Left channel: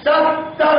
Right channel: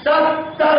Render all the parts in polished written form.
70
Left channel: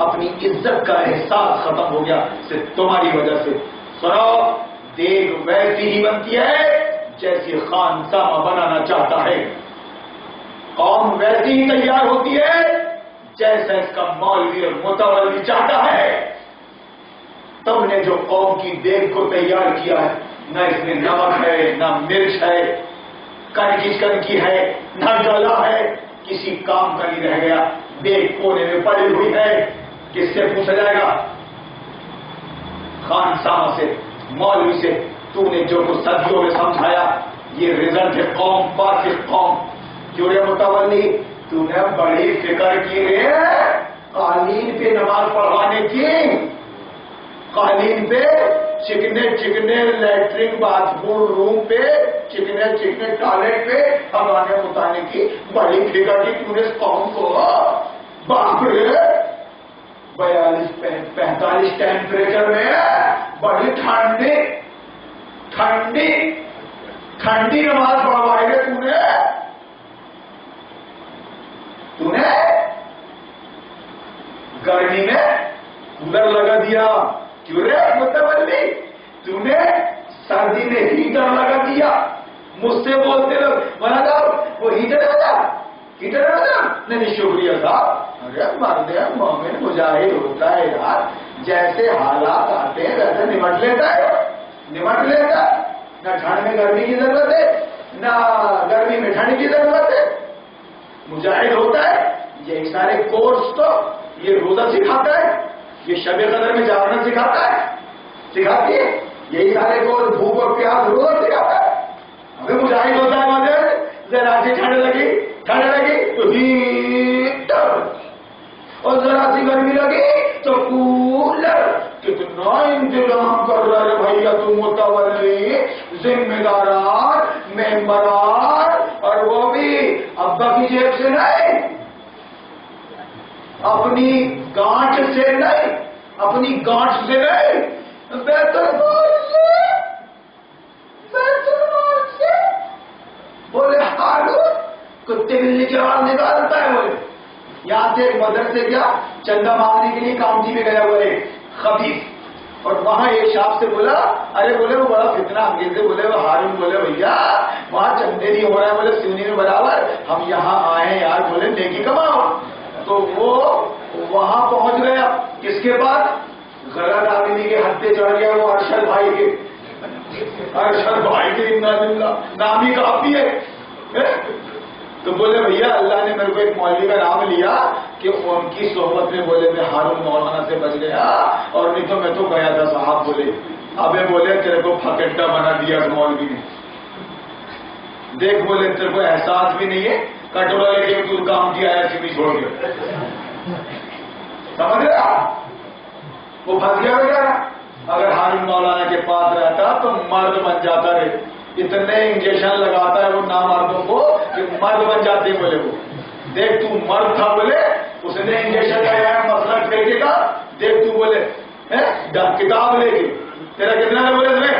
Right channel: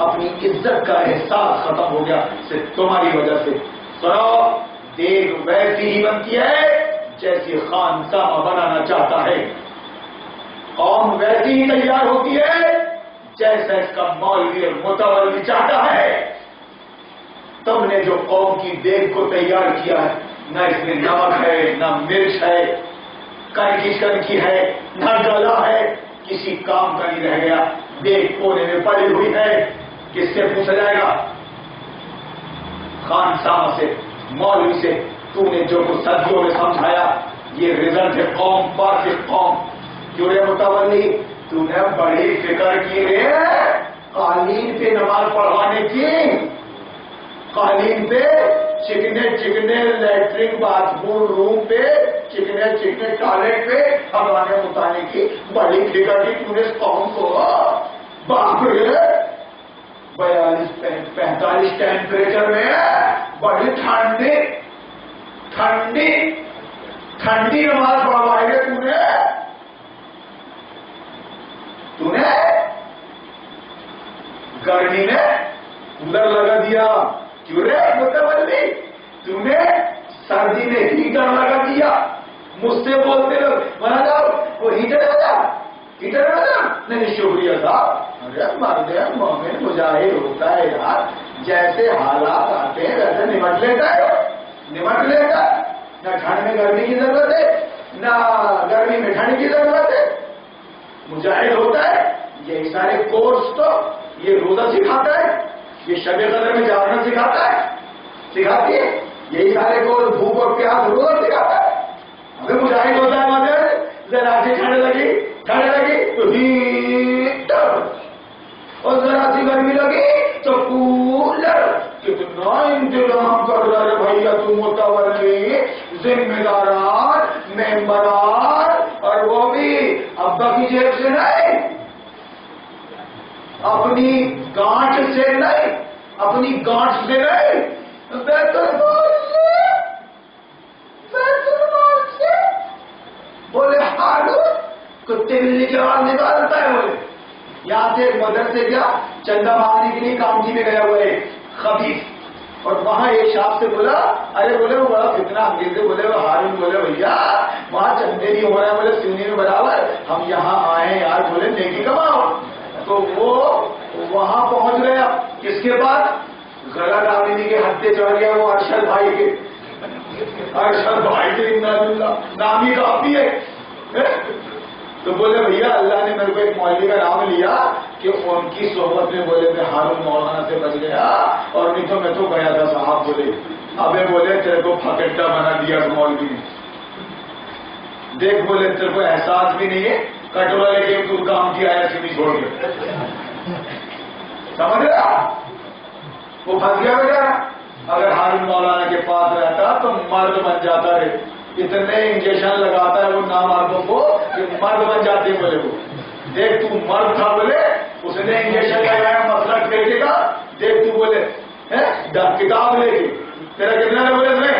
اپنی عزت کا احساس ختم ہو گیا صرف تمہاری وجہ سے. سنو، دیگ ویسی ہی بنتی ہے جیسی خانسامہ بنانا چاہتا ہے، قوم ویسی ہی تیار ہوتی ہے جیسا اس کا مولوی اور متولی چاہتا ہے. تم نے جو قوم کی دیگ کو تیار کیا ہے، نہ اس میں نمک ہے، نہ مرچ ہے، کنکی ہے، نہ گلا ہے، کسی کام کا نہیں رہ گیا. دیگ کونے میں پڑی ہوئی ہے. کس سے پوچھا جائے گا؟ خانسامہ سے، مولوی سے. تو نے جو کچھ صدیوں میں سمجھایا یہ رزلٹ ہے قوم، فاسق قوم. کیوں رے متولی، تو نے بڑی فکر کی ہے قالین پہ نماز پڑھوانے کی، قالین پہ چکنے لیٹرنگ باتھ روم پہ، چکنے ٹوائلٹ پہ ہوانے اتارنے کی بڑی فکر کی تم نے اس قوم کو. باپ رے، 42-45 ٹیمپریچر میں بڑی ٹھنڈی نماز پڑھوائے گے تو نے گرمی میں کولر لگا دیا. کیوں رے متولی، تو نے سردی میں ہیٹر لگا دیا. مجھ سے بولتے لوگ بنا جاؤ وہ ہیٹر لگا، نہیں شکریہ صاحب. ارے مرد مومن مجاہد ہوتا ہے یار، جیسے حالات آتے ہیں ویسے نمٹ لیتا ہے. نہ ٹھنڈ میں گرمی کی ضرورت ہے، نہ گرمی میں ٹھنڈ کی ضرورت ہے. مجاہد ہوتا ہے. یہی سارے کورس تو یہ روزہ سکھاتا ہے، یہ شب قدر میں جاگنا سکھاتی ہے. یہی سارے کورس بھوک اور پیاس روزہ سکھاتا ہے. ابھی مجاہد ہوتا ہے مجھے ذرا سی ٹھنڈ لگی تو ہیٹر، اور ذرا سی گرمی لگی تو کولر. کتنا انتظام کر رہا ہے بھیا تم متولی، ذمہ داران، ممبران، اور وہ بھی ابا کی جیب سے نہیں، اپنی گانٹ سے نہیں، بیت المال سے. بولے ہارون کتے بلی کی آواز نکالتا ہے. بولے یہاں سے ایک مدرسے کیا چندہ مانگنے کے لیے کاؤنٹی میں گیا ہوا ہے خبیث، اور وہاں ایک شاپ سے بولا، ارے بولے وہ بڑا فتنہ انگیز ہے. بولے وہ ہارون بولے بھیا وہاں چندے نہیں ہو رہا ہے، بولے سونی میں برابر، ہم یہاں آئے یار، بولے نیکی کماؤ. تو وہ وہاں پہنچ گیا. کس کے بعد؟ غلط آدمی کے ہتھے چڑھ گیا وہ ارشد بھائی کے. نام ہی کافی ہے. تو بولے بھیا اللہ نے میرے کو ایک مولوی کا نام لیا کہ ان کی صحبت میں، بولے میں ہارون مولانا سے بچ گیا، اور نہیں تو میں تو گیا تھا صاحب. بولے ابے بولے تیرے کو پھکٹا بنا دیا مولوی نے. دیکھ بولے تیرے کو احساس بھی نہیں ہے، کٹورا لے کے تو کام کیا ہے سیدھی چھوڑ کے. سمجھ رہا وہ پھنس گیا بیٹا. اگر ہارون مولانا کے پاس رہتا تو مرد بن جاتا ہے. اتنے انجیکشن لگاتا ہے وہ نامردوں کو کہ مرد بن جاتے. بولے وہ دیکھ تو مرد تھا، بولے اس نے انجیکشن لگایا مسئلہ ٹھیکے کا. دیکھ تو بولے کتاب لے کے تیرا کتنا ہے؟ بولے تمہیں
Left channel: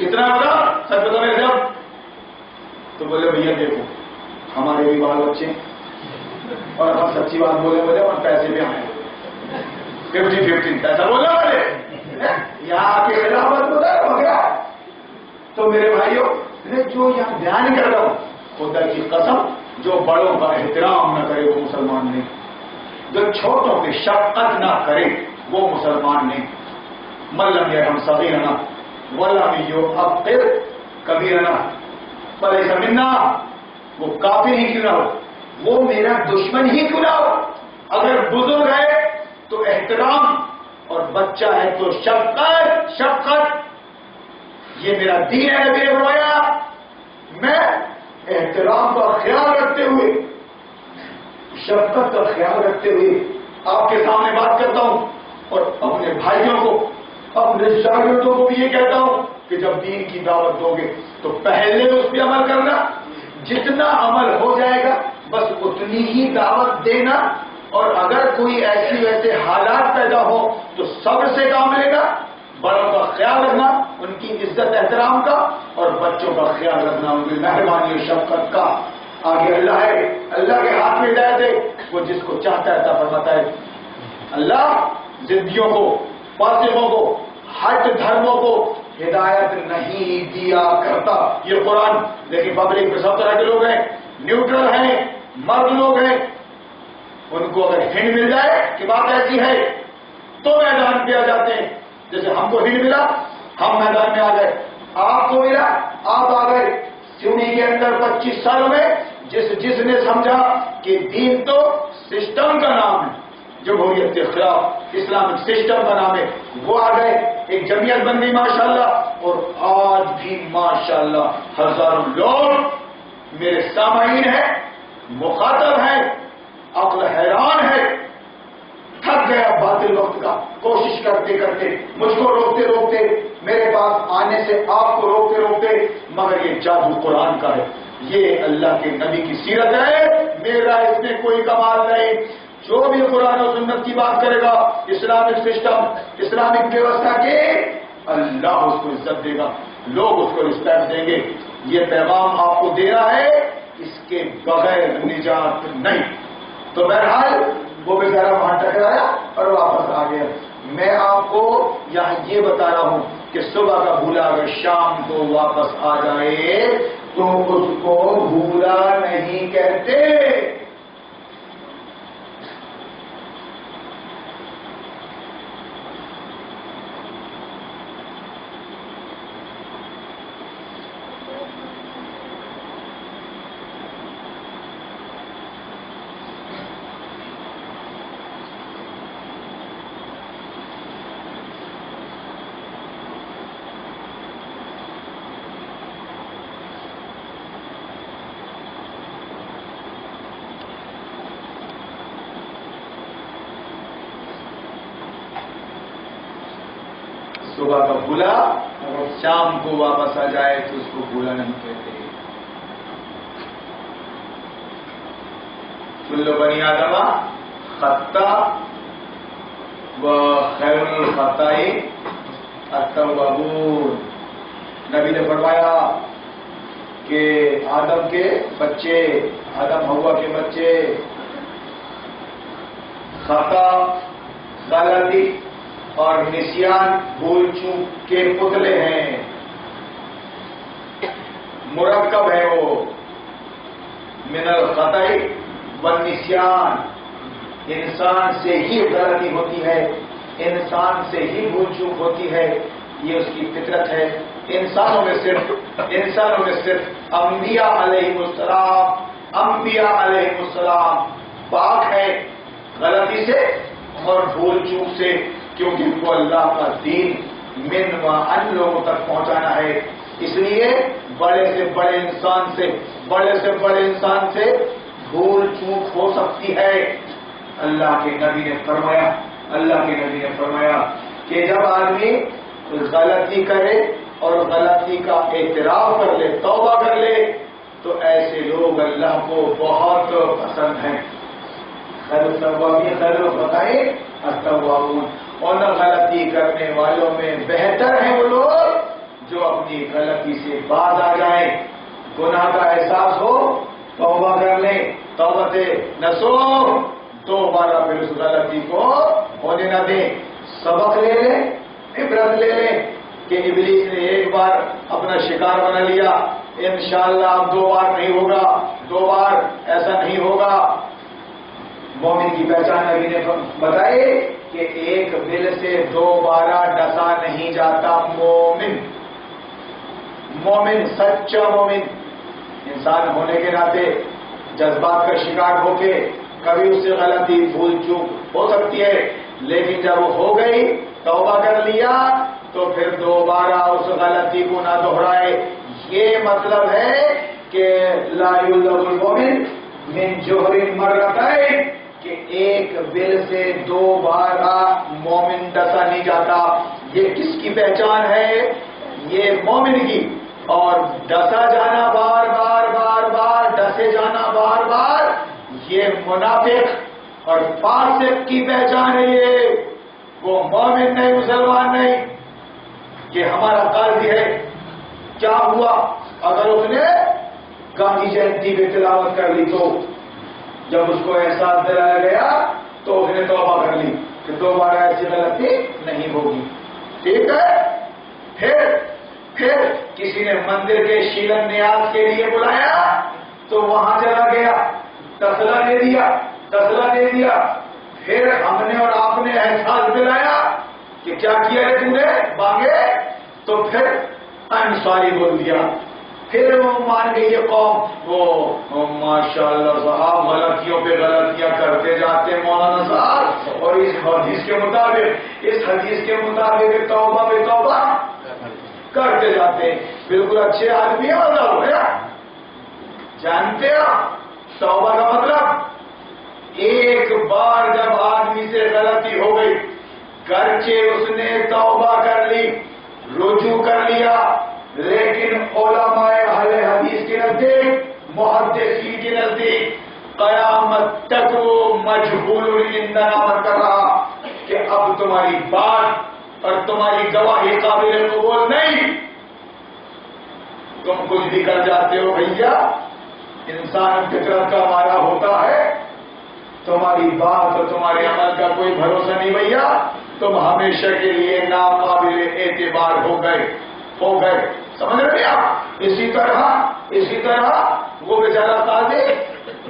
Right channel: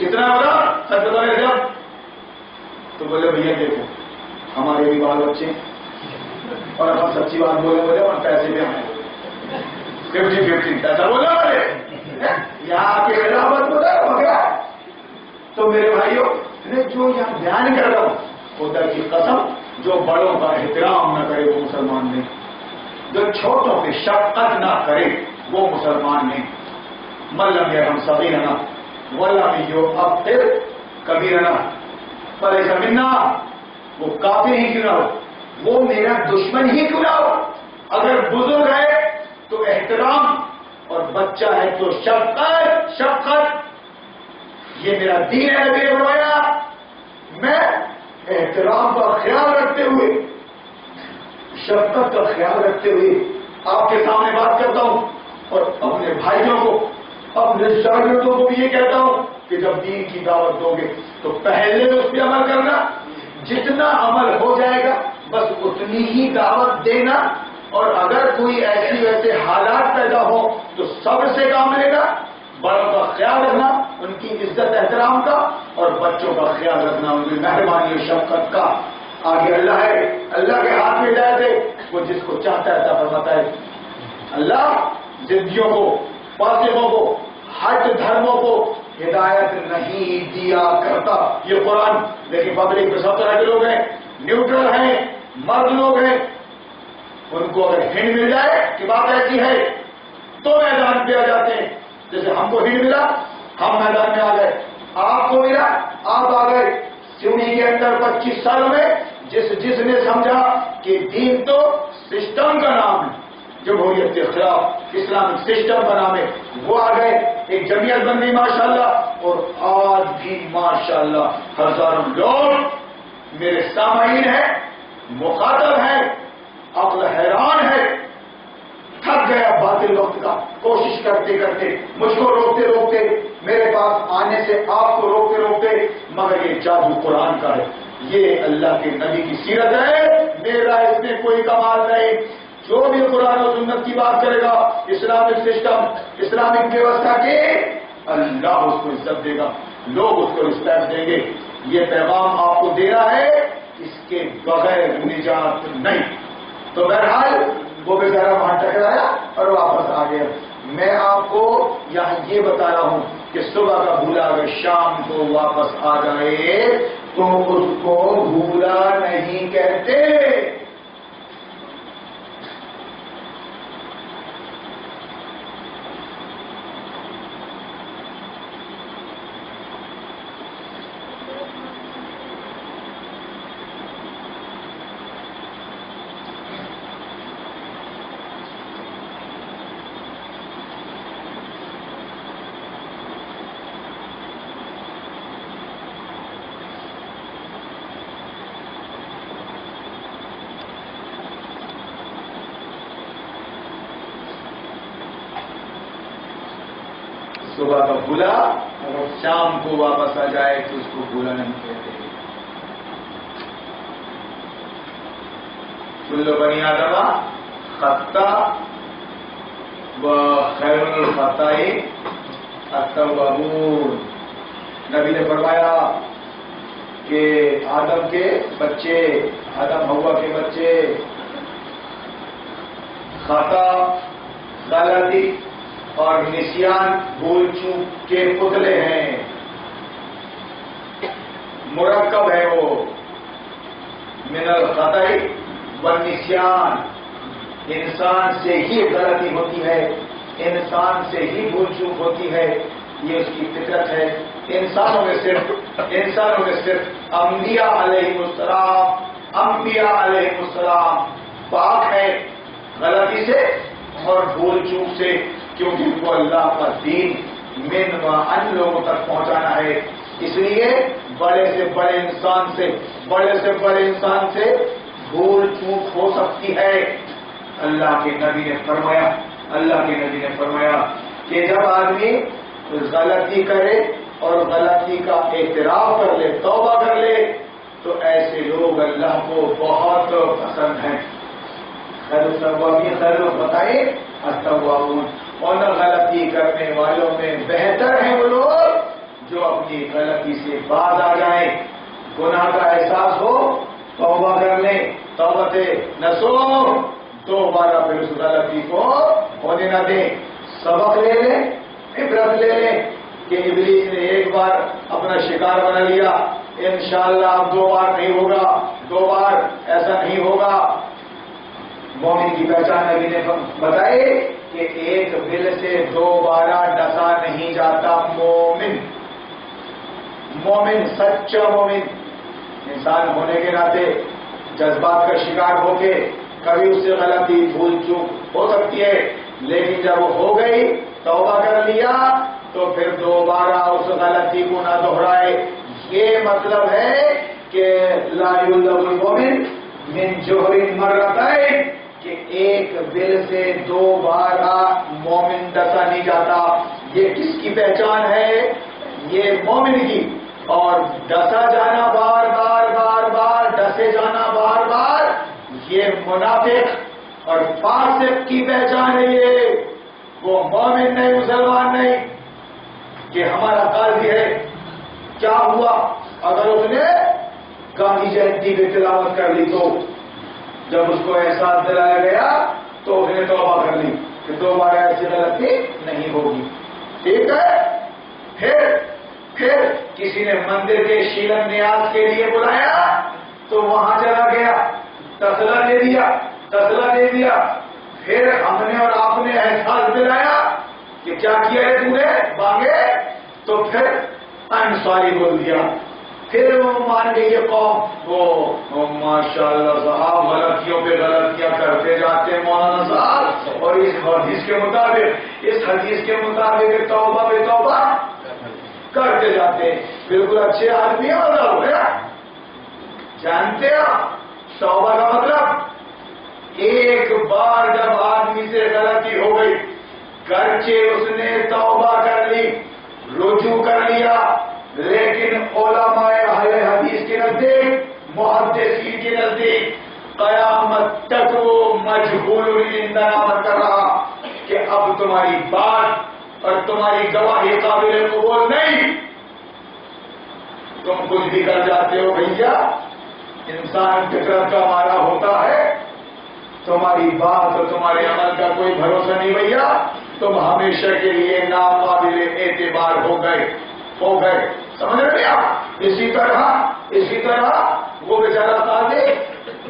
اتنا بتا سچ بتا میرے صاحب. تو بولے بھیا دیکھو ہمارے بھی بال بچے اور ہم سچی بات بولے اور پیسے بھی ہمیں 50-50 پیسہ بولا بولے یہاں آ کے خلافت بولا. تو میرے بھائیوں جو یہاں بیان کر رہا ہوں، خدا کی قسم جو بڑوں کا احترام نہ کرے وہ مسلمان نہیں، جو چھوٹوں پہ شفقت نہ کرے وہ مسلمان نہیں. ملم یرحم صغیرنا ولم یعقر کبیرنا فلیس منا. وہ کافر ہی کیوں نہ ہو، وہ میرا دشمن ہی کیوں نہ ہو. اگر بزرگ ہے تو احترام، اور بچہ ہے تو شفقت. یہ میرا دین ہے. نبی نے فرمایا میں احترام کا خیال رکھتے ہوئے، شفقت کا خیال رکھتے ہوئے آپ کے سامنے بات کرتا ہوں، اور اپنے بھائیوں کو، اپنے شاگردوں کو بھی یہ کہتا ہوں کہ جب دین کی دعوت دو گے تو پہلے اس پہ عمل کرنا. جتنا عمل ہو جائے گا بس اتنی ہی دعوت دینا، اور اگر کوئی ایسی ویسے حالات پیدا ہو تو صبر سے کام لینا. بڑوں کا خیال رکھنا، ان کی عزت احترام کا، اور بچوں کا خیال رکھنا ان کی مہربانی اور شفقت کا. آگے اللہ ہے، اللہ کے ہاتھ میں ہدایت ہے، وہ جس کو چاہتا ہے عطا فرماتا ہے. اللہ ضدیوں کو، فاسقوں کو، ہٹ دھرموں کو ہدایت نہیں دیا کرتا، یہ قرآن۔ لیکن پبلک میں سب طرح کے لوگ ہیں، نیوٹرل ہیں، مرد لوگ ہیں، ان کو اگر ہنٹ مل جائے کہ بات ایسی ہے تو میدان پہ آ جاتے ہیں۔ جیسے ہم کو ہنٹ ملا، ہم میدان میں آ گئے، آپ کو ملا، آپ آ گئے۔ سیونی کے اندر 25 سالوں میں جس نے سمجھا کہ دین تو سسٹم کا نام ہے، جمہوریت کے خلاف اسلامک سسٹم کا نام ہے، وہ آ گئے، ایک جمعیت بن گئی ماشاءاللہ، اور آج بھی ماشاءاللہ ہزاروں لوگ میرے سامعین ہیں، مخاطب ہیں، عقل حیران ہے، تھک گیا باطل وقت کا، کوشش کرتے کرتے، مجھ کو روکتے روکتے، میرے پاس آنے سے آپ کو روکتے روکتے، مگر یہ جادو قرآن کا ہے، یہ اللہ کے نبی کی سیرت ہے، میرا اس میں کوئی کمال نہیں۔ جو بھی قرآن و سنت کی بات کرے گا، اسلامک سسٹم، اسلامک ویوستھا کی، اللہ اس کو عزت دے گا، لوگ اس کو رسپیکٹ دیں گے۔ یہ پیغام آپ کو دے رہا ہے، اس کے بغیر نجات نہیں۔ تو بہرحال وہ بیچارہ وہاں ٹکرایا اور واپس آ گیا۔ میں آپ کو یہاں یہ بتا رہا ہوں کہ صبح کا بھولا اگر شام کو واپس آ جائے تو اس کو بھولا نہیں کہتے۔ صبح کا بھولا اگر شام کو واپس آ جائے تو اس کو بھولا نہیں کہتے۔ کل بنی آدم خطا و خیر الخطائی التوابون۔ نبی نے فرمایا کہ آدم کے بچے، آدم حوا کے بچے خطا، غلطی اور نسیان، بھول چوک کے پتلے ہیں، مرکب ہے وہ، من الخطأ والنسیان، انسان سے ہی غلطی ہوتی ہے، انسان سے ہی بھول چوک ہوتی ہے، یہ اس کی فطرت ہے۔ انسانوں میں صرف انبیاء علیہ السلام پاک ہے غلطی سے اور بھول چوک سے، کیونکہ ان کو اللہ کا دین من و ان لوگوں تک پہنچانا ہے۔ اس لیے بڑے سے بڑے انسان سے بھول چوک ہو سکتی ہے۔ اللہ کے نبی نے فرمایا کہ جب آدمی غلطی کرے اور غلطی کا اعتراف کر لے، توبہ کر لے، تو ایسے لوگ اللہ کو بہت پسند ہیں۔ خیر بتائے التوابون، اور غلطی کرنے والوں میں بہتر ہیں وہ لوگ جو اپنی غلطی سے باز آ جائیں، گناہ کا احساس ہو، توبہ کر لیں، توبت نصوح، دوبارہ پھر اس غلطی کو ہونے نہ دیں، سبق لے لیں، عبرت لے لیں کہ ابلیس نے ایک بار اپنا شکار بنا لیا، انشاءاللہ اب 2 بار نہیں ہوگا، 2 بار ایسا نہیں ہوگا۔ مومن کی پہچان نبی نے بتائے کہ ایک بل سے 2 بارہ ڈسا نہیں جاتا۔ مومن سچا مومن انسان ہونے کے ناطے جذبات کا شکار ہو کے کبھی اس سے غلطی بھول چوک ہو سکتی ہے، لیکن جب وہ ہو گئی، توبہ کر لیا، تو پھر دوبارہ اس غلطی کو نہ دہرائے۔ یہ مطلب ہے کہ لا یلدغ المؤمن من جوہر مرتين، کہ ایک بل سے 2 بارہ مومن ڈسا نہیں جاتا۔ یہ کس کی پہچان ہے؟ یہ مومن کی، اور ڈسا جانا بار بار بار بار، ڈسے جانا بار بار، یہ منافق اور فاسق کی پہچان ہے۔ یہ وہ مومن نہیں، مسلمان نہیں کہ ہمارا قاضی ہے۔ کیا ہوا اگر اس نے گاندھی جینتی پہ تلاوت کر لی تو جب اس کو احساس دلایا گیا تو اس نے توبہ کر لی، کہ دوبارہ ایسی غلطی نہیں ہوگی. ٹھیک ہے. پھر کسی نے مندر کے شیلن نیاز کے لیے بلایا تو وہاں چلا گیا, تسلا دے دیا. پھر ہم نے اور آپ نے احساس دلایا کہ کیا کیا ہے تم نے, مانگے تو پھر انصاری بول دیا. پھر وہ مان گئی یہ قوم. وہ ماشاءاللہ صاحب غلطیوں پہ غلطیاں کرتے جاتے ہیں مولانا صاحب, اور اس حدیث کے مطابق توبہ پہ توبہ کرتے جاتے ہیں. بالکل اچھے آدمی ہیں. اور جانتے ہو توبہ کا مطلب, ایک بار جب آدمی سے غلطی ہو گئی, گرچہ اس نے توبہ کر لی, رجوع کر لیا, لیکن علماء اہل حدیث کے نزدیک, محدثین کے نزدیک قیامت تک وہ مجہول عندنا کر رہا کہ اب تمہاری بات اور تمہاری گواہی قابل قبول نہیں. تم کچھ بھی کر جاتے ہو بھیا, انسان فطرت کا مارا ہوتا ہے. تمہاری بات اور تمہارے عمل کا کوئی بھروسہ نہیں بھیا, تم ہمیشہ کے لیے ناقابل اعتبار ہو گئے. سمجھ رہے آپ. اسی طرح وہ بیچارہ قاضی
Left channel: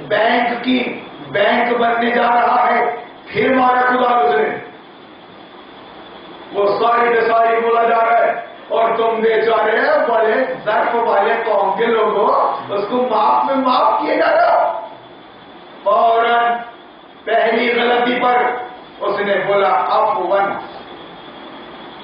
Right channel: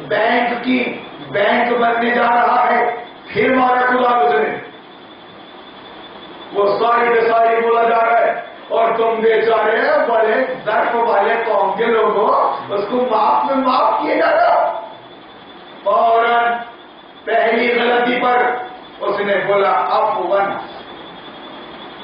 بینک بننے جا رہا ہے, پھر مارا خدا اس نے, وہ ساری کے ساری بولا جا رہا ہے, اور تم بیچارے بڑے ظرف والے قوم کے لوگوں اس کو معاف کیے جا رہے ہو. فوراً پہلی غلطی پر اس نے بولا عفواً,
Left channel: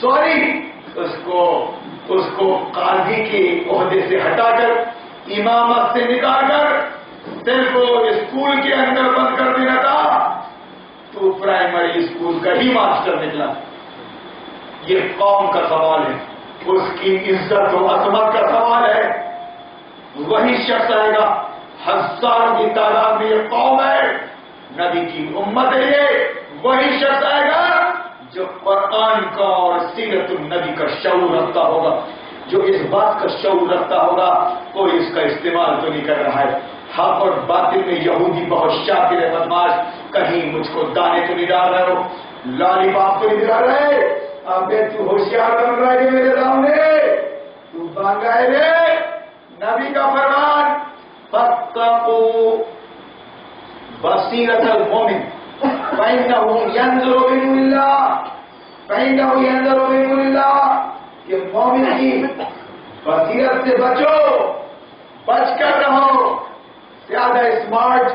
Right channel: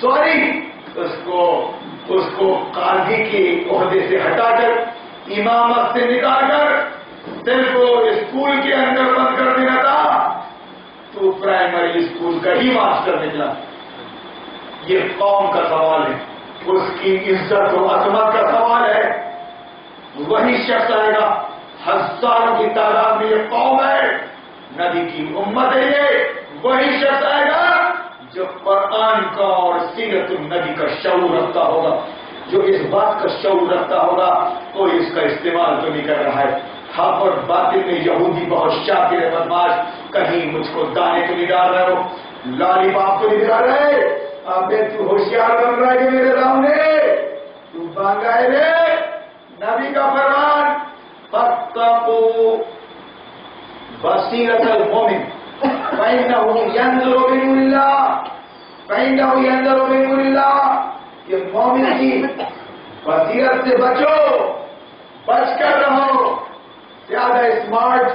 سوری. اس کو قاضی کے عہدے سے ہٹا کر, امامت سے نکال کر دل کو اسکول کے اندر بند کر دینا تھا. تو پرائمری اسکول کا ہی ماسٹر نکلا. یہ قوم کا سوال ہے, اس کی عزت و عظمت کا سوال ہے. وہی شخص آئے گا, ہزاروں کی تعداد میں یہ قوم ہے, نبی کی امت ہے یہ. وہی شخص آئے گا جو قرآن کا اور سیرت النبی کا شعور رکھتا ہوگا, جو اس بات کا شعور رکھتا ہوگا کوئی اس کا استعمال تو نہیں کر رہا ہے. حق اور باطل میں یہودی بہت شاطر ہے بدماش, کہیں مجھ کو دانے تو نہیں ڈال رہے ہو, لالی باپ کو نہیں ڈال رہے. اب تو ہوشیار بن رہا ہے کہ میرے سامنے تو بانگا ہے رے. نبی کا فرمان, فاتقوا بصیرۃ المؤمن فإنه ينظر بنور الله, کہ مومن کی بصیرت سے بچ کر رہو. زیادہ اسمارٹ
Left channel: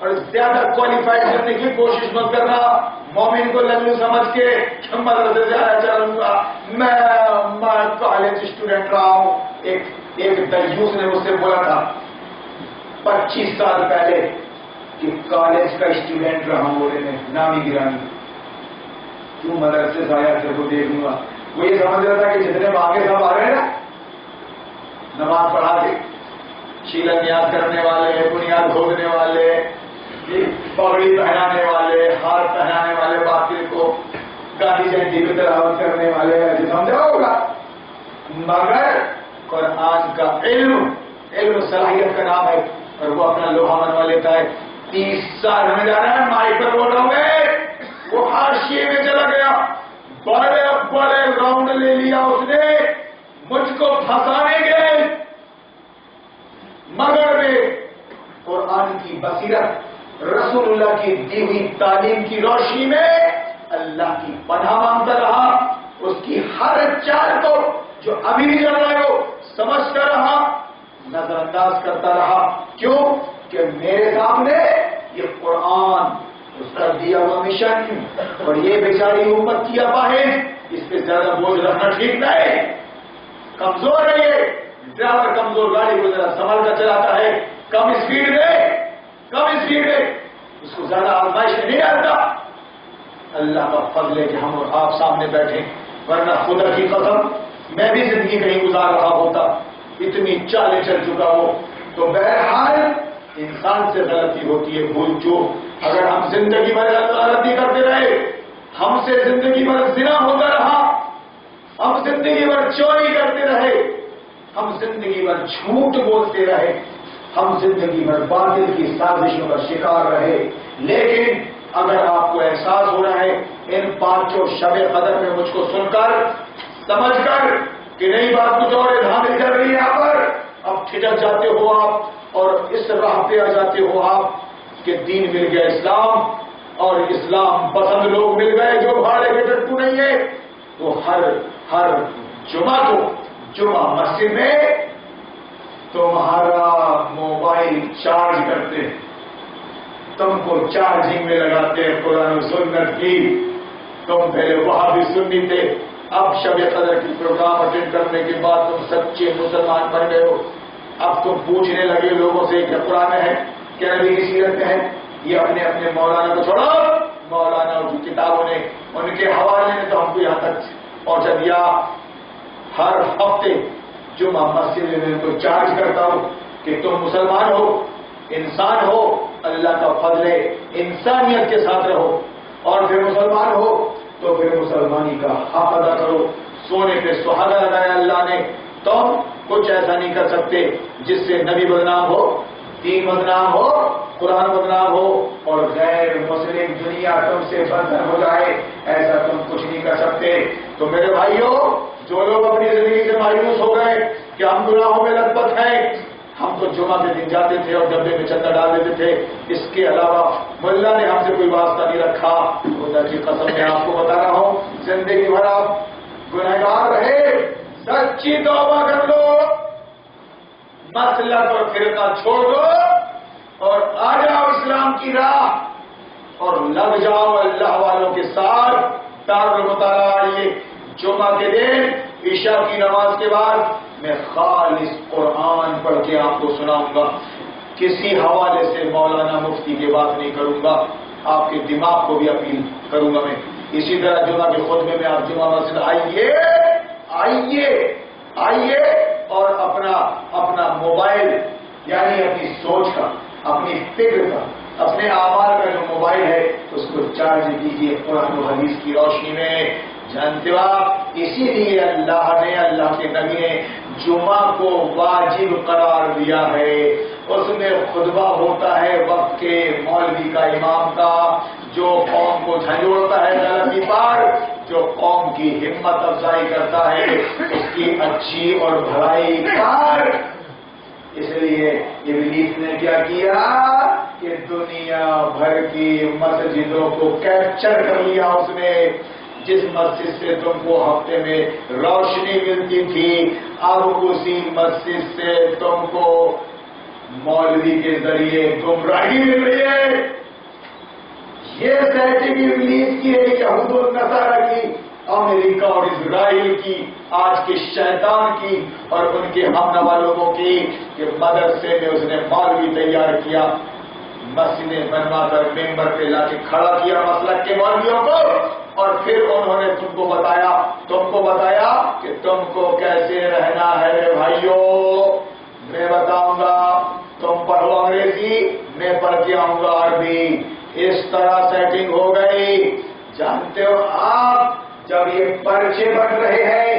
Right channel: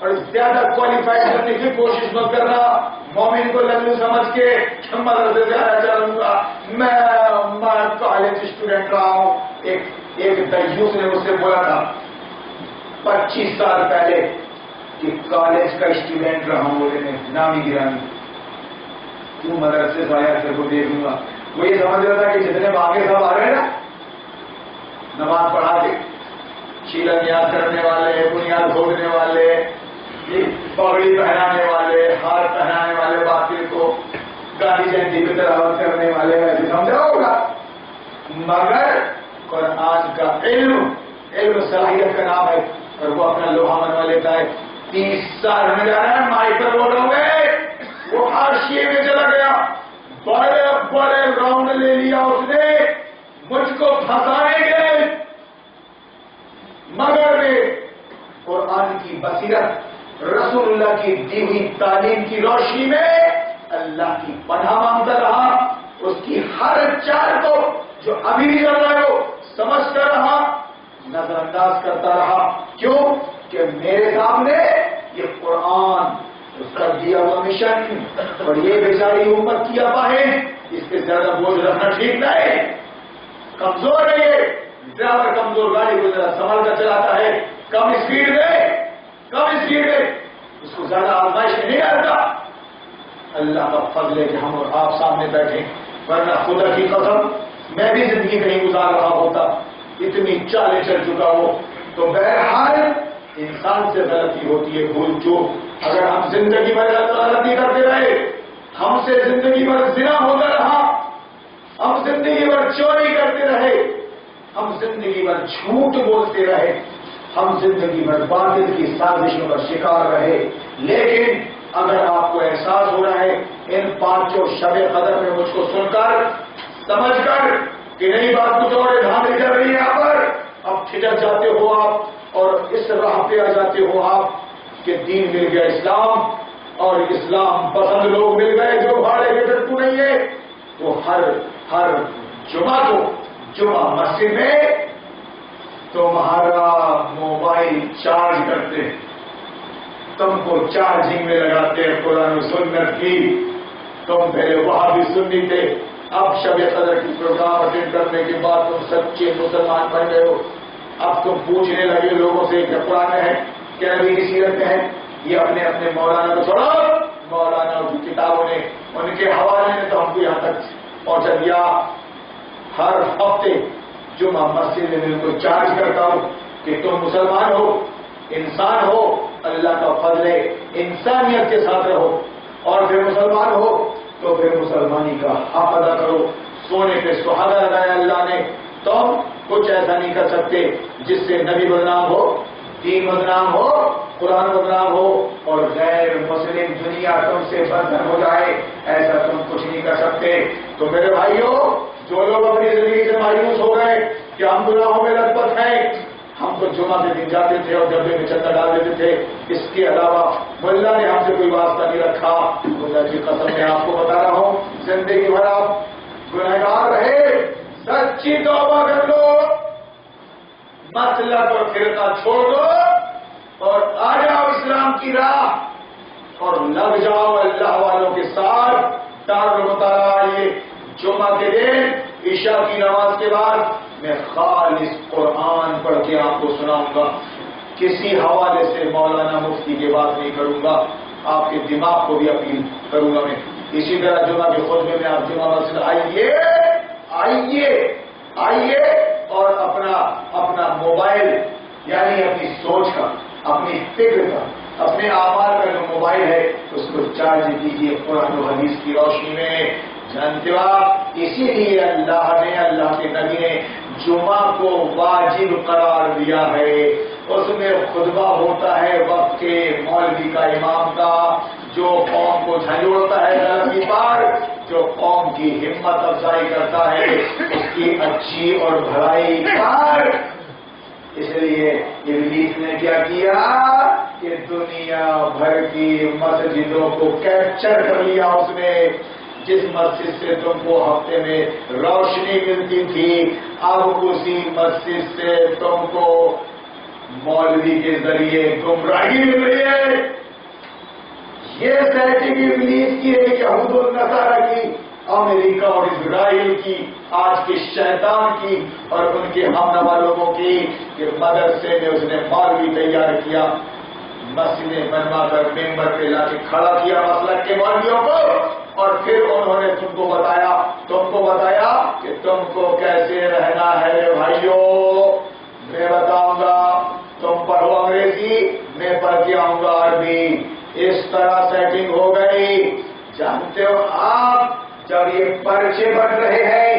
اور زیادہ کوالیفائی کرنے کی کوشش مت کرنا. مومن کو للو سمجھ کے مدرسے سے آیا چلوں گا, میں کالج اسٹوڈنٹ رہا ہوں. ایک دیوس نے مجھ سے بولا تھا 25 سال پہلے کہ کالج کا اسٹوڈنٹ رہا ہوں. بولے میں نامی گرانی, تم مدرسے سے آیا تیرے کو دیکھوں گا. وہ یہ سمجھ رہا تھا کہ جتنے مانگے سب آ رہے ہیں نا, نماز پڑھا کے شیلن یاد کرنے والے, بنیاد کھودنے والے, پگڑی پہنانے والے, ہار پہنانے والے, باقی کو گاندھی جینتی کی تلاوت کرنے والے, ایسے سمجھا ہوگا. مگر قرآن کا علم صلاحیت کا نام ہے, اور وہ اپنا لوہا منوا لیتا ہے. 30 سال ہونے جا رہا ہے, مائک پر بول رہا ہوں گے, وہ حاشیے میں چلا گیا, بڑے راؤنڈ لے لیا اس نے مجھ کو پھنسانے کے. مگر میں قرآن کی بصیرت, رسول اللہ کی دی ہوئی تعلیم کی روشنی میں اللہ کی پناہ مانگتا رہا. اس کی ہر چال کو جو ابھی بھی چل رہا ہے وہ سمجھتا رہا, نظر انداز کرتا رہا. کیوں کہ میرے سامنے یہ قرآن, اس کا دیا ہوا مشن, اور یہ بیچاری امت کی اباہیں, اس پہ زیادہ بوجھ رکھنا ٹھیک نہیں. کمزور ہے یہ, ڈرائیور کمزور گاڑی کو ذرا سنبھال کر چلاتا ہے, کم اسپیڈ میں اس کو زیادہ آزمائش نہیں ڈالتا. اللہ کا فضل ہے کہ ہم اور آپ سامنے بیٹھے, ورنہ خدا کی قسم میں بھی زندگی کہیں گزار رہا ہوتا, اتنی چالیں چل چکا ہو. تو بہرحال انسان سے غلطی ہوتی ہے, بھول چوک. اگر ہم زندگی بھر غلطی کرتے رہے, ہم سے زندگی بھر زنا ہوتا رہا, ہم زندگی بھر چوری کرتے رہے, ہم زندگی بھر جھوٹ بولتے رہے, ہم زندگی بھر باطل کی سازشوں کا شکار رہے, لیکن اگر آپ کو احساس ہو رہا ہے ان 5 شب قدر میں مجھ کو سن کر سمجھ کر کہ نئی بات کچھ اور دھاندلی چل رہی ہے یہاں پر، اب کھٹک جاتے ہو آپ اور اس راہ پہ آ جاتے ہو آپ کہ دین مل گیا اسلام، اور اسلام پسند لوگ مل گئے جو بھاڑے کے ٹٹو نہیں ہے، تو ہر جمعہ کو جمعہ مسجد میں تمہارا موبائل چارج کرتے ہیں، تم کو چارجنگ میں لگاتے ہیں قرآن و سنت کی. تم پہلے وہاں بھی سنی تھے، اب شب قدر کی پروگرام اٹینڈ کرنے کے بعد تم سچے مسلمان بن گئے ہو. اب تم پوچھنے لگے لوگوں سے کیا قرآن ہے، کیا نبی کی سیرت میں ہے. یہ اپنے مولانا کو چھوڑو، مولانا کی کتابوں نے ان کے حوالے نے تو ہم کو یہاں تک پہنچا دیا. ہر ہفتے جمعہ مسجد میں ان کو چارج کرتا ہوں کہ تم مسلمان ہو، انسان ہو، اللہ کا فضل ہے، انسانیت کے ساتھ رہو، اور پھر مسلمان ہو تو پھر مسلمانی کا حق ادا کرو. سونے پہ سہاگا لگایا اللہ نے، تم کچھ ایسا نہیں کر سکتے جس سے نبی بدنام ہو، دین بدنام ہو، قرآن بدنام ہو، اور غیر مسلم دنیا تم سے بدتر ہو جائے. ایسا تم کچھ نہیں کر سکتے. تو میرے بھائیوں، جو لوگ اپنی زندگی سے مایوس ہو گئے کہ ہم گناہوں میں لت پت ہیں، ہم تو جمعہ کے دن جاتے تھے اور ڈبے میں چندہ ڈال دیتے تھے، اس کے علاوہ ملا نے ہم سے کوئی واسطہ نہیں رکھا. خدا کی قسم میں آپ کو بتا رہا ہوں، زندگی بھر آپ گنہگار رہے، سچی توبہ کر لو، مسلک اور فرقہ چھوڑ دو اور آ جاؤ اسلام کی راہ اور لگ جاؤ اللہ والوں کے ساتھ. دارالمطالعہ آئیے جمعہ کے دن عشاء کی نماز کے بعد میں خالص قرآن پڑھ کے آپ کو سناؤں گا. کسی حوالے سے مولانا مفتی کی بات نہیں کروں گا، آپ کے دماغ کو بھی اپیل کروں گا میں. اسی طرح جمعہ کے خطبے میں آپ جمعہ مسجد آئیے اور اپنا موبائل یعنی اپنی سوچ کا، اپنی فکر کا، اپنے اعمال کا جو موبائل ہے اس کو چارج دیجیے قرآن و حدیث کی روشنی میں. جانتے ہو آپ، اسی لیے اللہ کے نبی نے جمعہ کو واجب قرار دیا ہے. اس میں خطبہ ہوتا ہے وقت کے مولوی کا، امام کا، جو قوم کو جھنجھوڑتا ہے غلطی پر، جو قوم کی ہمت افزائی کرتا ہے اس کی اچھی اور بھلائی پر. اس لیے ابلیس نے کیا کہ دنیا بھر کی مسجدوں کو کیپچر کر لیا اس نے. جس مسجد سے تم کو ہفتے میں روشنی ملتی تھی، اب اسی مسجد سے تم کو مولوی کے ذریعے گمراہی مل رہی ہے. یہ سیٹنگ ابلیس کی ہے، یہود و نصارہ کی، امریکہ اور اسرائیل کی، آج کے شیطان کی اور ان کے ہم نوا لوگوں کی، کہ مدرسے میں اس نے مولوی تیار کیا، مسجدیں بنوا کر ممبر پہ لا کے کھڑا کیا مسلک کے مولویوں کو، اور پھر انہوں نے تم کو بتایا کہ تم کو کیسے رہنا ہے. بھائیوں، میں بتاؤں گا، تم پڑھو انگریزی، میں پڑھ کے آؤں گا عربی. اس طرح سیٹنگ ہو گئی. جانتے ہو آپ، جب یہ پرچے بٹ رہے ہیں،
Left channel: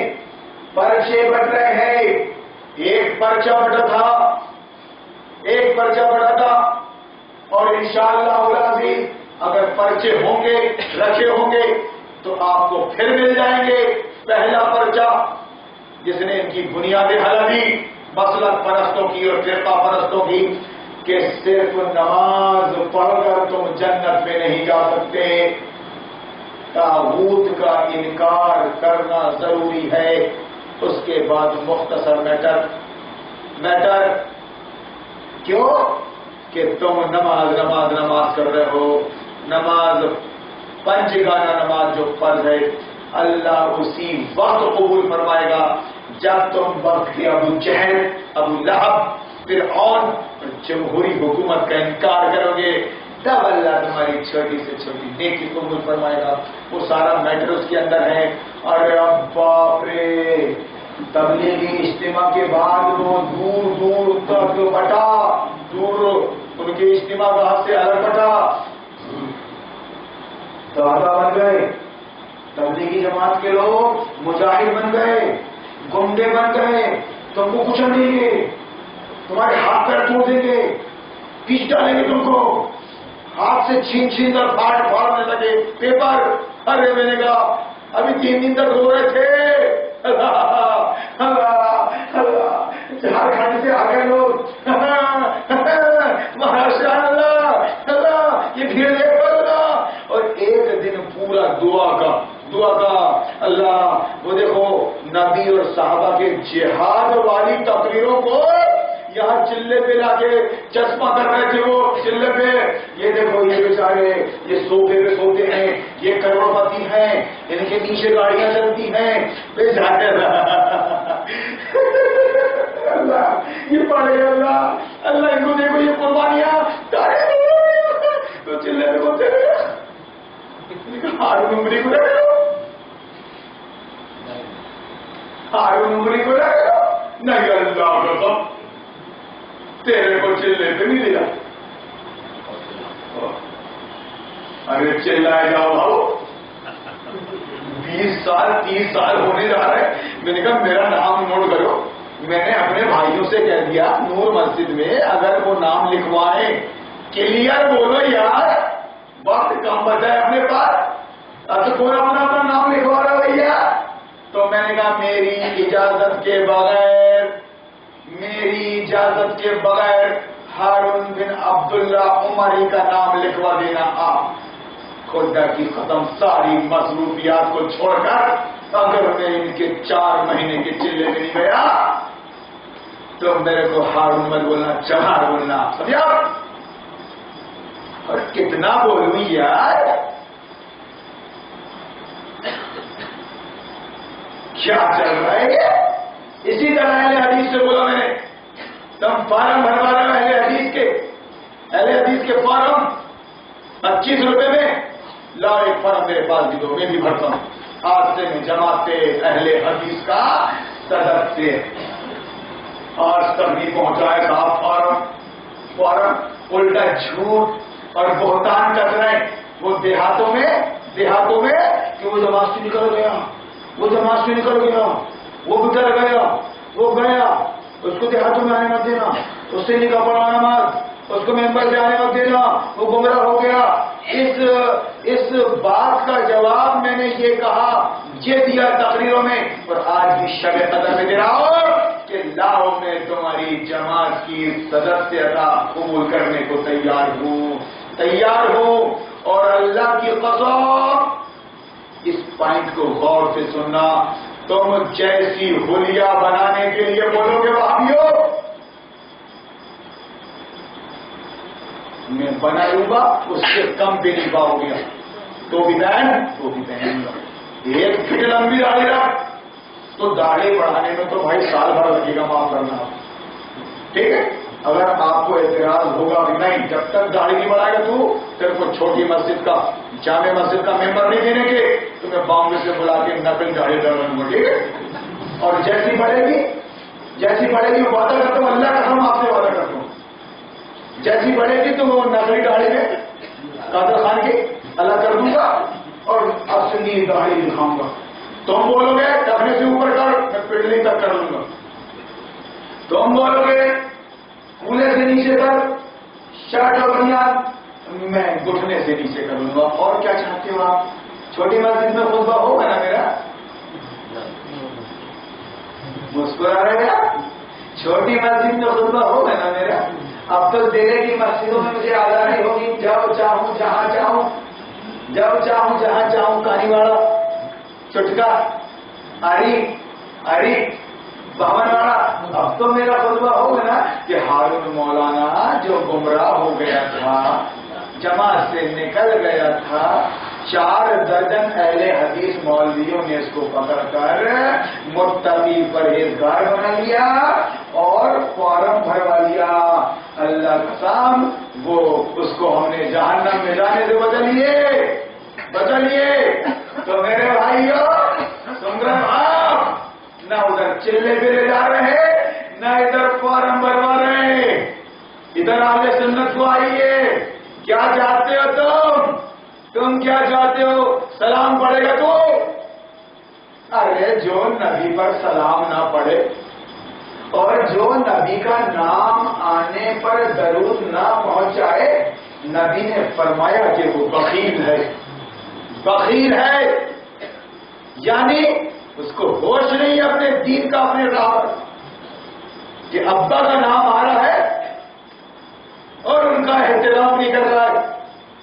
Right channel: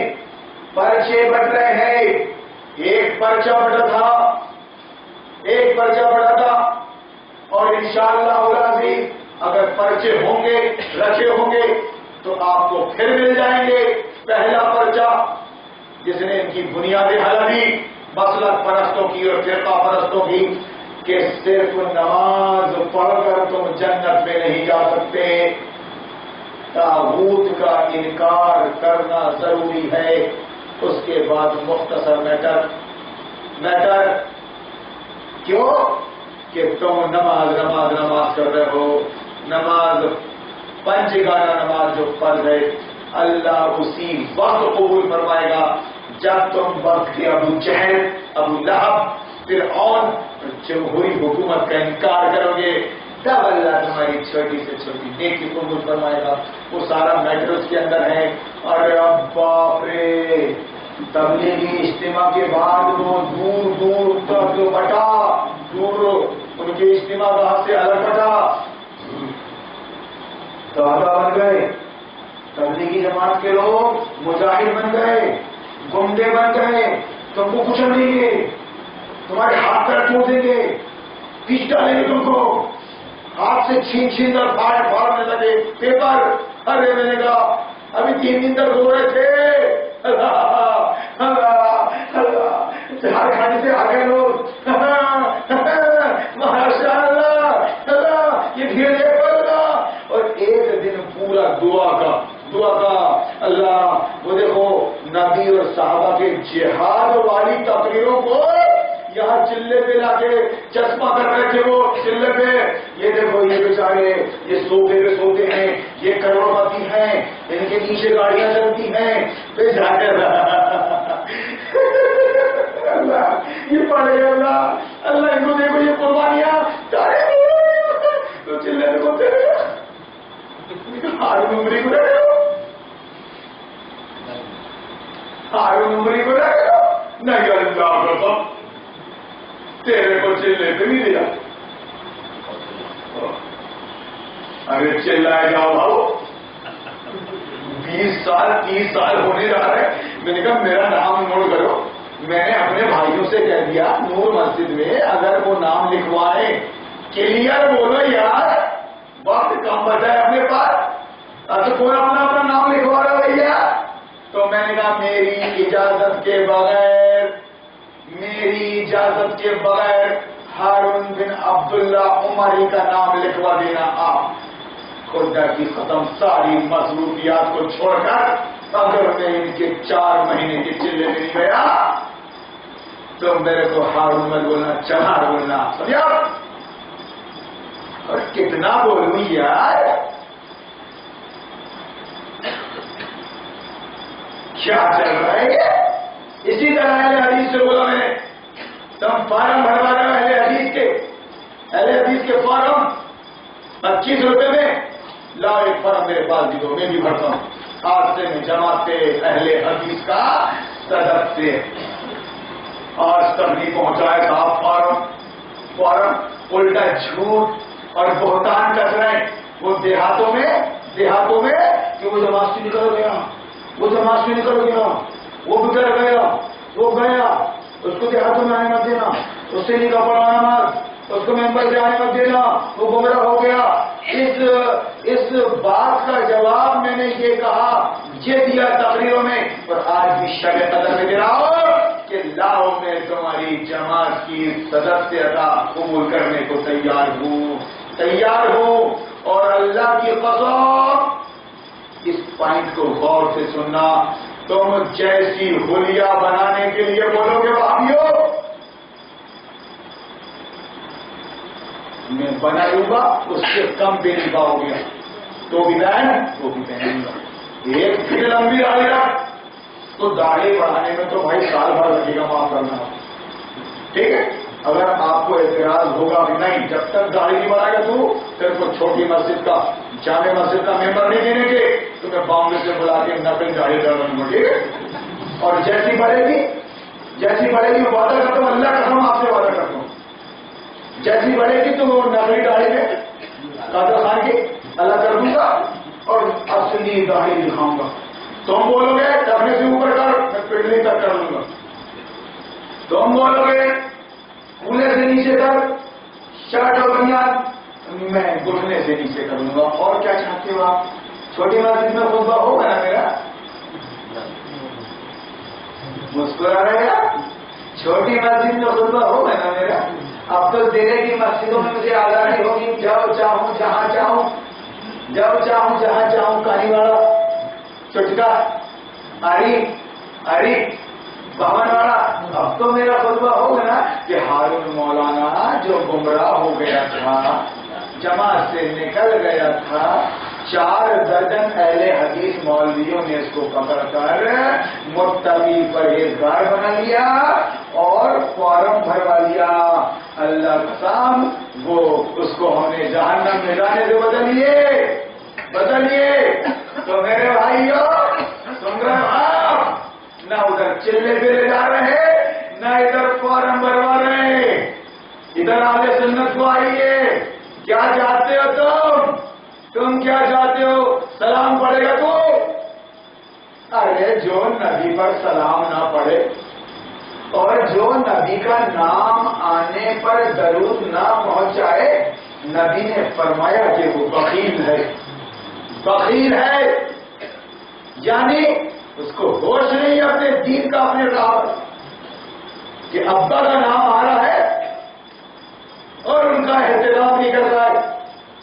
ایک پرچہ بٹا تھا اور انشاءاللہ العزیز اگر پرچے رکھے ہوں گے تو آپ کو پھر مل جائیں گے. پہلا پرچہ جس نے ان کی بنیادیں ہلا دی مسلک پرستوں کی اور فرقہ پرستوں کی، کہ صرف نماز پڑھ کر تم جنت میں نہیں جا سکتے، طاغوت کا انکار کرنا ضروری ہے. اس کے بعد مختصر میٹر کیوں کہ تم نماز کر رہے ہو. نماز پنجگانہ نماز جو فرض ہے اللہ اسی وقت قبول فرمائے گا جب تم وقت کے ابو جہل، ابو لہب، فرعون اور جمہوری حکومت کا انکار کرو گے، تب اللہ تمہاری چھوٹی سے چھوٹی نیکی قبول فرمائے گا. وہ سارا میٹر اس کے اندر ہے. ارے اب باپ رے، تبلیغی اجتماع کے بعد وہ دور تک بٹا، ان کے اجتماع گاہ سے الگ بٹا، دادا بن گئے، تبلیغی جماعت کے لوگ مجاہد بن گئے، گنڈے بن گئے، تم کو کچل دیں گے، تمہارے ہاتھ پیر توڑ دیں گے، پیچ ڈالیں گے تم کو. ہاتھ سے چھین چھین کر پھاڑنے لگے پیپر. ارے میں نے کہا ابھی 3 دن تک رو رہے تھے. جھارکھنڈ سے آ گئے لوگ. مہاراشٹر اللہ یہ بھیڑ دیکھ پڑا. اور ایک دن پورا دعا کا اللہ. وہ دیکھو نبی اور صحابہ کے جہاد والی تقریروں کو یہاں چلے پہ لا کے چشمہ کر رہے تھے. وہ چلے پہ یہ دیکھو یہ بیچارے یہ صوفے پہ سوتے ہیں, یہ کروڑپتی ہیں, ان کے نیچے گاڑیاں چلتی ہیں. پہ جا کر اللہ یہ پڑے اللہ ان کو دیکھو یہ قربانیاں تو چلے پہ بولتے ہارون عمری کو نہ کرو, ہارون عمری کو نہ کرو. نہیں اللہ قسم تیرے کو چلے پہ نہیں دیا. ارے چلائے جاؤ بھاؤ 20 سال 30 سال ہونے جا رہے. میں نے کہا میرا نام نوٹ کرو. میں نے اپنے بھائیوں سے کہہ دیا نور مسجد میں اگر وہ نام لکھوائے کلیئر بولو یار, وقت کم بچا ہے اپنے پاس. اب تو پورا اپنا نام لکھوا رہا بھیا. تو میں نے کہا میری اجازت کے بغیر ہارون بن عبداللہ عمری کا نام لکھوا دینا. آپ خدا کی ختم ساری مصروفیات کو چھوڑ کر اگر میں ان کے 4 مہینے کے چلے میں نہیں گیا تو میرے کو ہارون مت بولنا, چمار بولنا. سمجھا؟ اور کتنا بولوں یار, کیا چل رہا ہے. اسی طرح اہل حدیث سے بولا میں نے تم فارم بھروا رہے ہو اہل حدیث کے فارم 25 روپے میں لا. ایک فارم میرے پاس بھی دو, میں بھی بھرتا ہوں. آج سے میں جماعت اہل حدیث کا صدر سے آج تک نہیں پہنچائے صاحب. فارم الٹا جھوٹ اور بہتان کر رہے ہیں. وہ دیہاتوں میں کہ وہ جماعت سے نکل گیا, وہ گزر گیا, وہ گیا, اس کو دیہاتوں میں آنے مت دینا, اس سے نکاح پڑھوانا مت, اس کو ممبر سے آنے مت دینا, وہ گمراہ ہو گیا. اس بات کا جواب میں نے یہ کہا, یہ دیا تقریروں میں, اور آج بھی شب قدر میں دے رہا ہوں کہ لاؤ میں تمہاری جماعت کی سدسیتا قبول کرنے کو تیار ہوں. اور اللہ کی قسم اس پوائنٹ کو غور سے سننا, تم جیسی حلیہ بنانے کے لیے بولو گے بھائیو میں بناؤں گا اس سے کم بھی نہیں پاؤ گے. تو بھی بہن ایک پھر لمبی داڑھی رکھ تو داڑھی بڑھانے میں تو بھائی سال بھر لگے گا, معاف کرنا. ٹھیک ہے, اگر آپ کو اعتراض ہوگا بھی نہیں جب تک داڑھی نہیں بڑھائے گا تو پھر کو چھوٹی مسجد کا جامع مسجد کا ممبر نہیں دینے کے تو میں بامبے سے بلا کے نقل داڑھی ڈالوں گا. ٹھیک ہے, اور جیسی بڑھے گی وعدہ کرتا ہوں, اللہ کا ہم آپ سے وعدہ کرتا ہوں, جیسی بڑھے گی تو وہ نقلی داڑھی میں قادر خان کی اللہ کر دوں گا اور اصلی داڑھی دکھاؤں گا. تم بولو گے ڈھکنے سے اوپر کر, میں پنڈلی تک کر لوں گا. تم بولو گے کولے سے نیچے کر, شرٹ اور بنیان, میں گھٹنے سے نیچے کر لوں گا. اور کیا چاہتے ہو آپ؟ چھوٹی مسجد میں خطبہ ہوگا نا میرا, مسکرا رہے گا. چھوٹی مسجد میں خطبہ ہوگا نا میرا. اب تو دہلی کی مسجدوں میں مجھے آزادی ہوگی, جاؤ چاہوں جہاں چاہوں, کہانی والا, چٹکا, ہری بہن والا. اب تو میرا خطبہ ہوگا نا کہ ہارون مولانا جو گمراہ ہو گیا تھا, جماعت سے نکل گیا تھا, 4 درجن اہل حدیث مولویوں نے اس کو پکڑ کر متقی پرہیزگار بنا لیا اور فارم بھروا لیا. اللہ قسم وہ اس کو ہم نے جہنم میں جانے سے بدلیے. تو میرے بھائیو سن رہے آپ, نہ ادھر چلے پہ لے جا رہے ہیں نہ ادھر فارم بھروا رہے ہیں. ادھر اہل سنت کو آئیے. کیا چاہتے ہو تم کیا چاہتے ہو؟ سلام پڑے گا تو ارے جو نبی پر سلام نہ پڑے اور جو نبی کا نام آنے پر درود نہ پہنچائے نبی نے فرمایا کہ وہ بخیل ہے، بخیل ہے، یعنی اس کو ہوش نہیں ہے اپنے دین کا، اپنے راہ پر، کہ ابا کا نام آ رہا ہے اور ان کا احترام نہیں کر رہا ہے،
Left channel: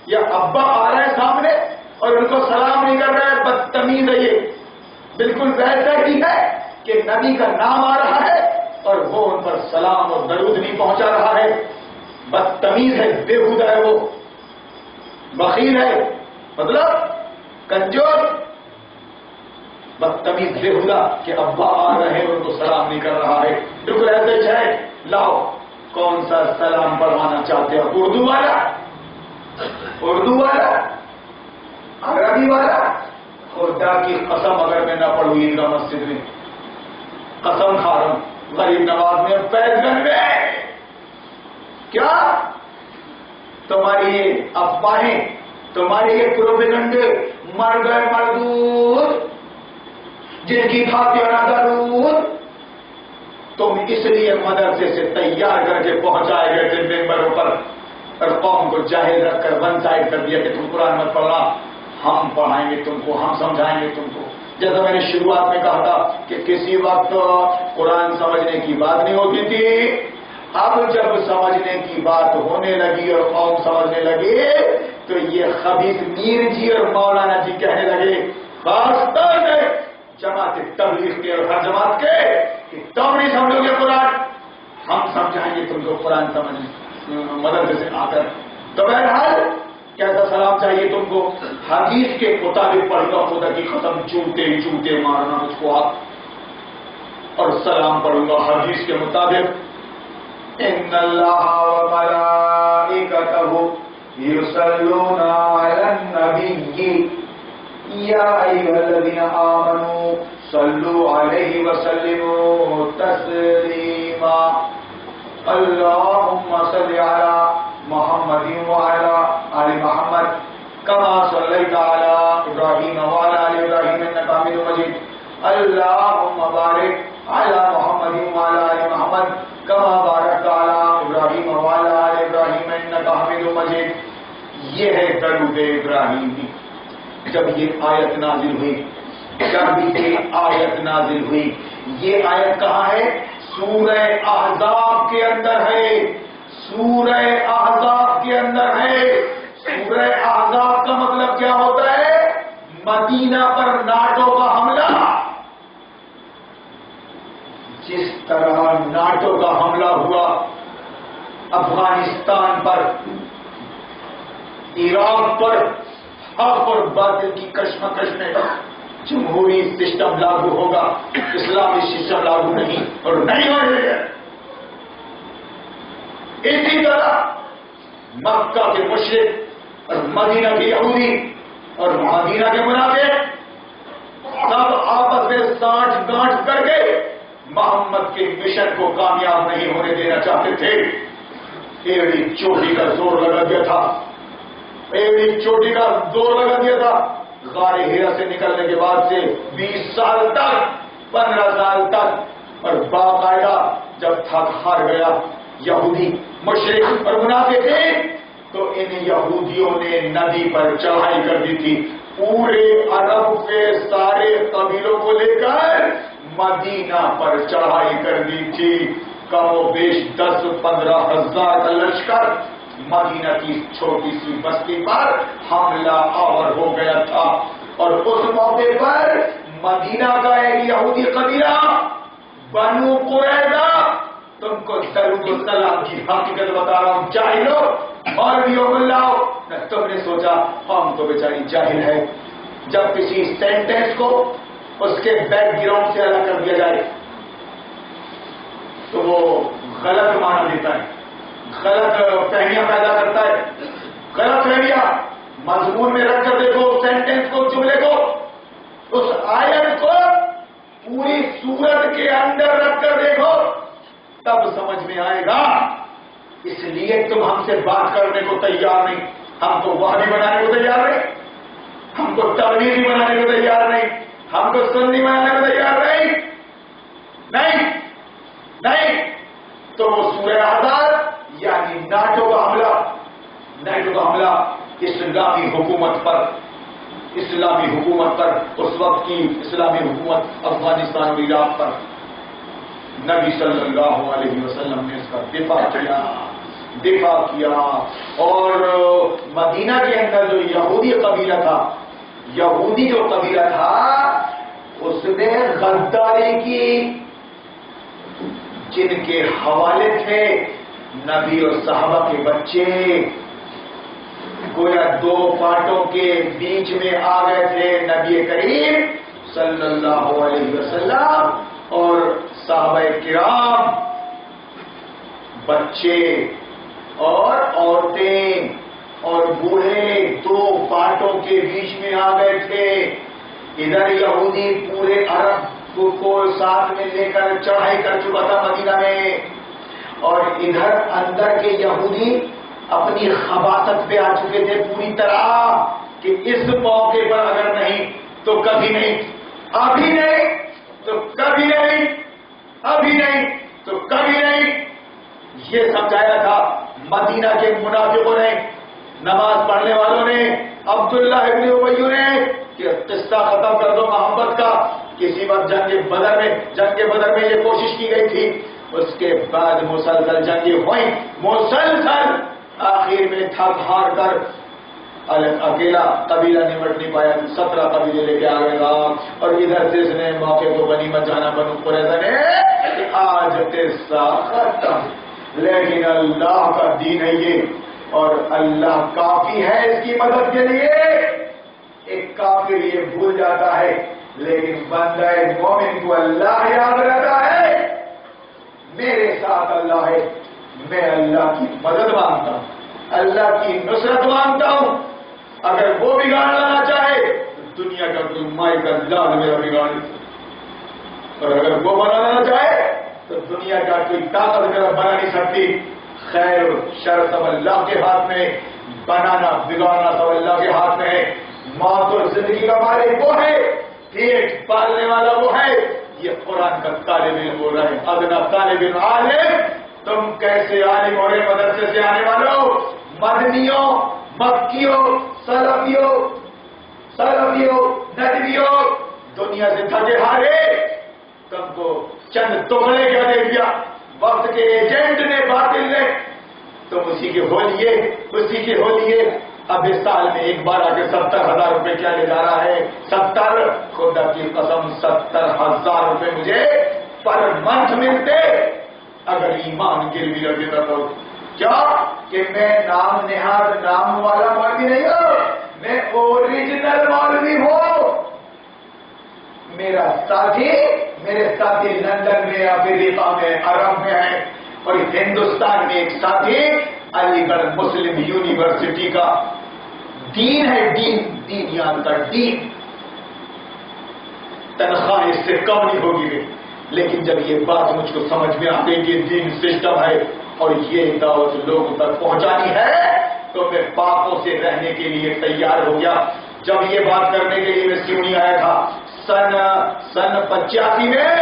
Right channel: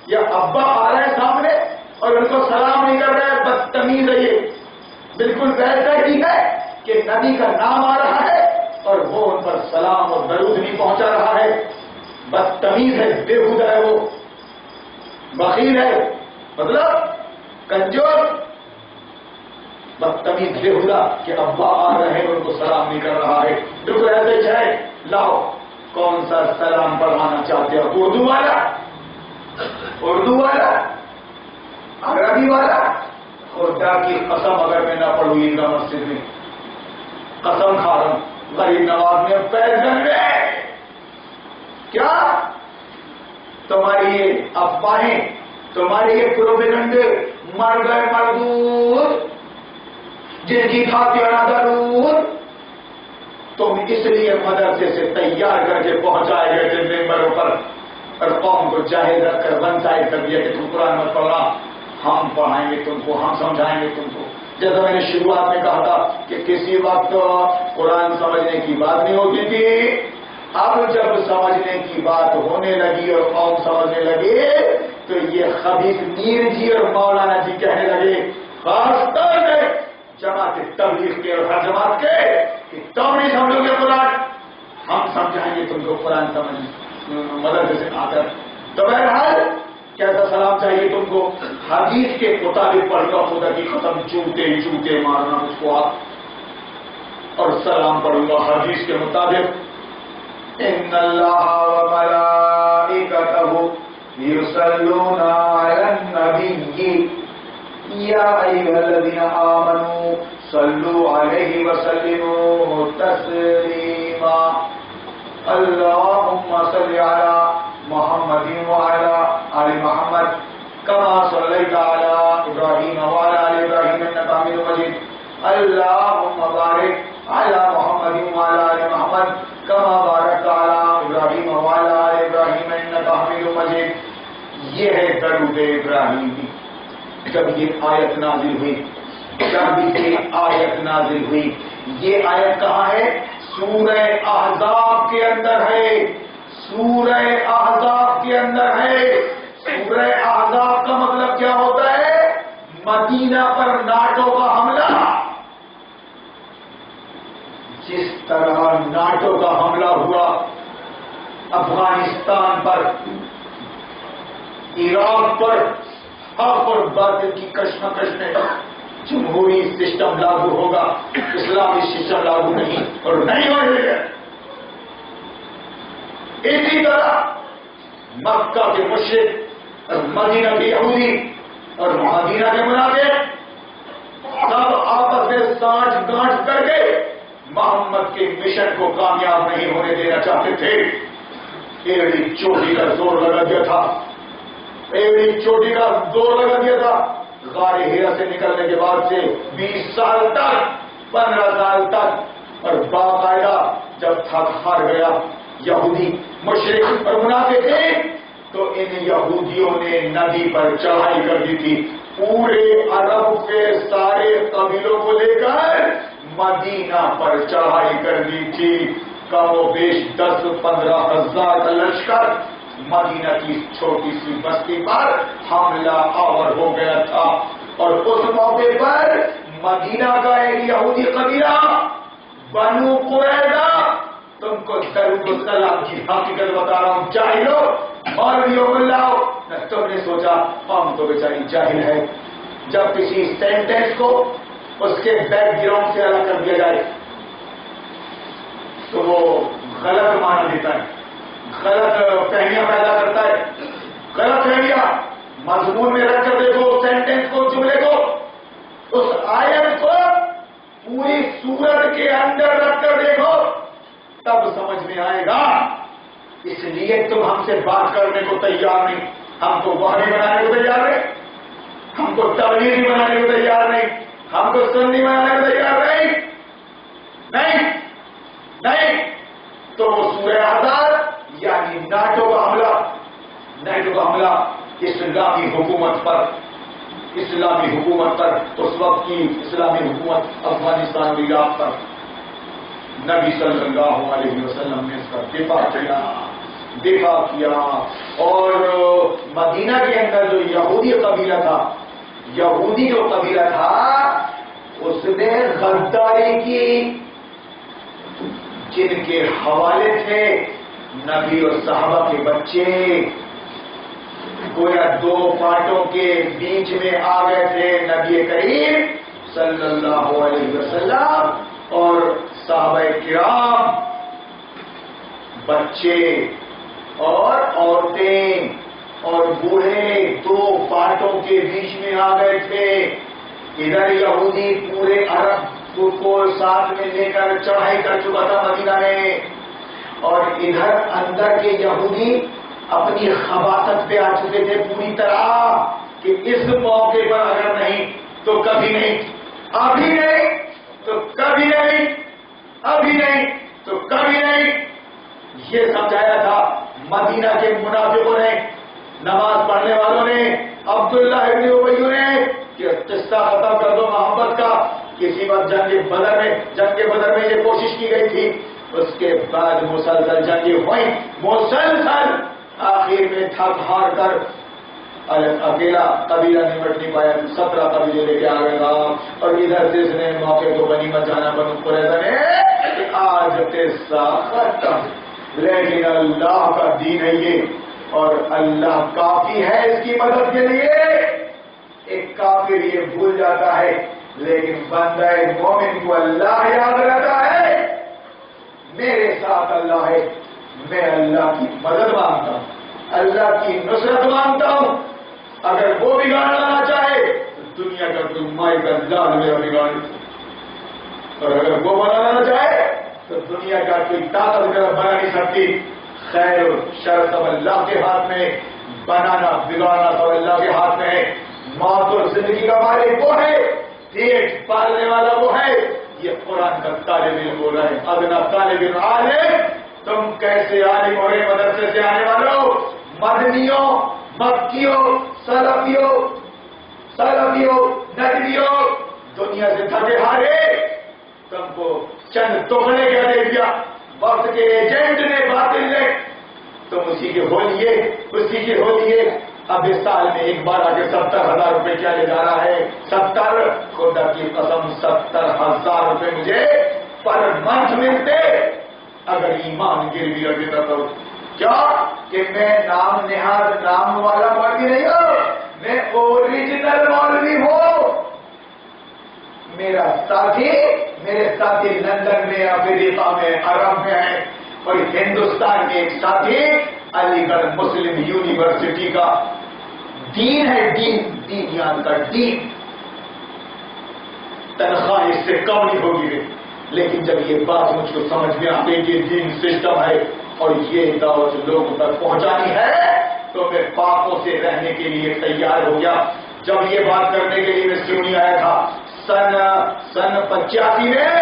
یا ابا آ رہا ہے سامنے اور ان کو سلام نہیں کر رہا ہے، بدتمیز ہے یہ۔ بالکل ویسا ہی ہے کہ نبی کا نام آ رہا ہے اور وہ ان پر سلام اور درود نہیں پہنچا رہا ہے، بدتمیز ہے، بےہودہ ہے، وہ بخیل ہے، مطلب کنجور، بدتمیز، بےہودہ، کہ ابا آ رہے ہیں اور ان کو سلام نہیں کر رہا ہے۔ بالکل ایسے ہی ہے۔ لاؤ کون سا سلام پڑھوانا چاہتے ہو؟ اردو والا، اردو والا، عربی والا؟ خدا کی قسم اگر میں نہ پڑھوں عیدگاہ مسجد میں، قسم کھا رہا ہوں، غریب نواز میں پیر گن میں، کیا تمہاری یہ افواہیں، تمہاری یہ پروپیگنڈے مر گئے مردود، جن کی کھاتیاں نہ درود، تم اس لیے مدرسے سے تیار کر کے پہنچائے گئے تھے ممبروں پر، اور قوم کو جاہل رکھ کر ون سائڈ کر دیا کہ تم قرآن مت پڑھنا، ہم پڑھائیں گے تم کو، ہم سمجھائیں گے تم کو۔ جیسا میں نے شروعات میں کہا تھا کہ کسی وقت قرآن سمجھنے کی بات نہیں ہوتی تھی، اب جب سمجھنے کی بات ہونے لگی اور قوم سمجھنے لگی تو یہ خبیث میر جی اور مولانا جی کہنے لگے، خاص طور پہ جماعت تبلیغ کے اور ہر جماعت کے، کہ تم نہیں سمجھو گے قرآن، ہم سمجھائیں گے تم کو قرآن سمجھنے مدرسے سے آ کر۔ تو بہرحال کیسا سلام چاہیے تم کو؟ حدیث کے مطابق پڑھ کر خدا کی قسم چوٹے چوٹے مارنا مجھ کو آپ، اور سلام پڑھوں گا حدیث کے مطابق، ان اللہ وملائکتہ یصلون علی النبی یا ایھا الذین آمنوا صلوا علیہ وسلموا تسلیما، اللہم صل علی محمد وعلى آل محمد كما صليت على إبراهيم وعلى آل إبراهيم إنك حميد مجيد، اللهم بارك على محمد وعلى آل محمد كما باركت على إبراهيم وعلى آل إبراهيم إنك حميد مجيد۔ یہ ہے درود ابراہیمی۔ جب یہ آیت نازل ہوئی، جب یہ آیت نازل ہوئی، یہ آیت کہاں ہے؟ سورہ احزاب کے اندر ہے، سورہ احزاب کے اندر ہے۔ سورہ احزاب کا مطلب کیا ہوتا ہے؟ مدینہ پر ناٹو کا حملہ۔ جس طرح ناٹو کا حملہ ہوا افغانستان پر، عراق پر، حق اور باطل کی کشمکش میں جمہوری سسٹم لاگو ہوگا، اسلامی سسٹم لاگو نہیں، اور نہیں ہوئے گا۔ اسی طرح مکہ کے مشرک اور مدینہ کے یہودی اور مدینہ کے منافق سب آپس میں سانٹھ گانٹھ کر کے محمد کے مشن کو کامیاب نہیں ہونے دینا چاہتے تھے۔ ایڑی چوٹی کا زور لگا دیا تھا، ایڑی چوٹی کا زور لگا دیا تھا۔ غار ہیرا سے نکلنے کے بعد سے 20 سال تک، 15 سال تک، اور باقاعدہ جب تھک ہار گیا یہودی مشرک اور منافق تھے تو ان یہودیوں نے نبی پر چڑھائی کر دی تھی، پورے عرب کے سارے قبیلوں کو لے کر مدینہ پر چڑھائی کر دی تھی۔ کم و بیش 10-15 ہزار کا لشکر مدینہ کی چھوٹی سی بستی پر حملہ آور ہو گیا تھا، اور اس موقع پر مدینہ کا ایک یہودی قبیلہ بنو قریظہ، تم کو درود و سلام کی حقیقت بتا رہا ہوں جاہلو، اور بھی لاؤ نہ، تم نے سوچا ہم تو بیچاری جاہل ہے۔ جب کسی سینٹینس کو اس کے بیک گراؤنڈ سے الگ کر دیا جائے تو وہ غلط معنی دیتا ہے، غلط فہمیاں پیدا کرتا ہے۔ غلط فہمیاں مضمون میں رکھ کر دیکھو، سینٹینس کو، جملے کو، اس آیت کو پوری سورت کے اندر رکھ کر دیکھو، تب سمجھ میں آئے گا۔ اس لیے تم ہم سے بات کرنے کو تیار نہیں، ہم تو وہابی بنانے کو تیار نہیں، ہم کو تبلیغی بنانے کو تیار نہیں، ہم کو سنی بنانے کو تیار نہیں، نہیں نہیں۔ تو وہ سورہ احزاب یعنی ناٹو کا حملہ، نیٹو کا حملہ اسلامی حکومت پر اس وقت کی اسلامی حکومت افغانستان اور عراق پر، نبی صلی اللہ علیہ وسلم نے اس کا دفاع کیا اور مدینہ کے اندر جو یہودی قبیلہ تھا اس نے غداری کی، جن کے حوالے تھے نبی اور صحابہ کے بچے، گویا دو پارٹوں کے بیچ میں آ گئے تھے نبی کریم صلی اللہ علیہ وسلم اور صحابہ کرام، بچے اور عورتیں اور بوڑھے دو پارٹوں کے بیچ میں آ گئے تھے۔ ادھر یہودی پورے عرب کو ساتھ میں لے کر چڑھائی کر چکا تھا مدینہ میں، اور ادھر اندر کے یہودی اپنی خباثت پہ آ چکے تھے پوری طرح کہ اس موقع پر اگر نہیں تو کبھی نہیں، ابھی نہیں تو کبھی نہیں، ابھی نہیں تو کبھی نہیں، یہ سمجھایا تھا مدینہ کے منافقوں نے، نماز پڑھنے والوں نے، عبداللہ ابن ابی نے، کہ قصہ ختم کر دو محبت کا۔ کسی وقت جنگ بدر میں یہ کوشش کی گئی تھی، اس کے بعد مسلسل جنگیں ہوئیں، مسلسل، آخر میں تھک ہار کر اکیلا قبیلہ نمٹ نہیں پایا، 17 قبیلے لے کے آ گئے گا، اور ادھر سے اس نے موقع کو غنیمت جانا بنو قریظہ نے کہ آج قصہ ختم، لیکن اللہ کا دین ہے یہ، اور اللہ کافی ہے اس کی مدد کے لیے۔ ایک کافر یہ بھول جاتا ہے لیکن بندہ مومن کو اللہ یاد رہتا ہے، میرے ساتھ اللہ ہے، میں اللہ کی مدد مانگتا ہوں، اللہ کی نصرت مانگتا ہوں۔ اگر وہ بگاڑنا نہ چاہے تو دنیا کا کوئی مائی کا لال میرا بگاڑ نہیں سکتا، اور اگر وہ بنانا نہ چاہے تو دنیا کا کوئی طاقت میرا بنا نہیں سکتی۔ خیر و شر سب اللہ کے ہاتھ میں، بنانا بگاڑنا سب اللہ کے ہاتھ میں ہے۔ موت اور زندگی کا مالک وہ ہے، پیٹ پالنے والا وہ ہے۔ یہ قرآن کا طالب علم بول رہا ہے، ادنا طالب علم عالم، تم کیسے عالم ہو رہے مدرسے سے آنے والوں، مدنیوں، مکیوں، سلفیوں، ندویوں، دنیا سے تھکے ہارے، تم کو چند تغلے کیا دے دیا وقت کے ایجنٹ نے، باطل نے، تم اسی کے ہو لیے۔ اب اس سال میں ایک بار آ کے 70,000 روپے کیا لے جا رہا ہے؟ 70، خدا کی قسم 70,000 روپے مجھے پر منتھ ملتے اگر ایمان گروی رکھ دیتا تو۔ کیا کہ میں نام نہاد نام والا مولوی نہیں ہوں، میں اوریجنل مولوی ہوں۔ میرے ساتھی لندن میں، افریقہ میں، عرب میں ہے، اور ہندوستان میں ایک ساتھی علی گڑھ مسلم یونیورسٹی کا دین ہے، دین یاد کر، دین تنخواہ اس سے کم نہیں ہوگی، لیکن جب یہ بات مجھ کو سمجھ میں آ گئی کہ دین سسٹم ہے اور یہ دعوت لوگوں تک پہنچانی ہے تو میں پاپوں سے رہنے کے لیے تیار ہو گیا۔ جب یہ بات کرنے کے لیے میں سیونی آیا تھا سن 85 میں،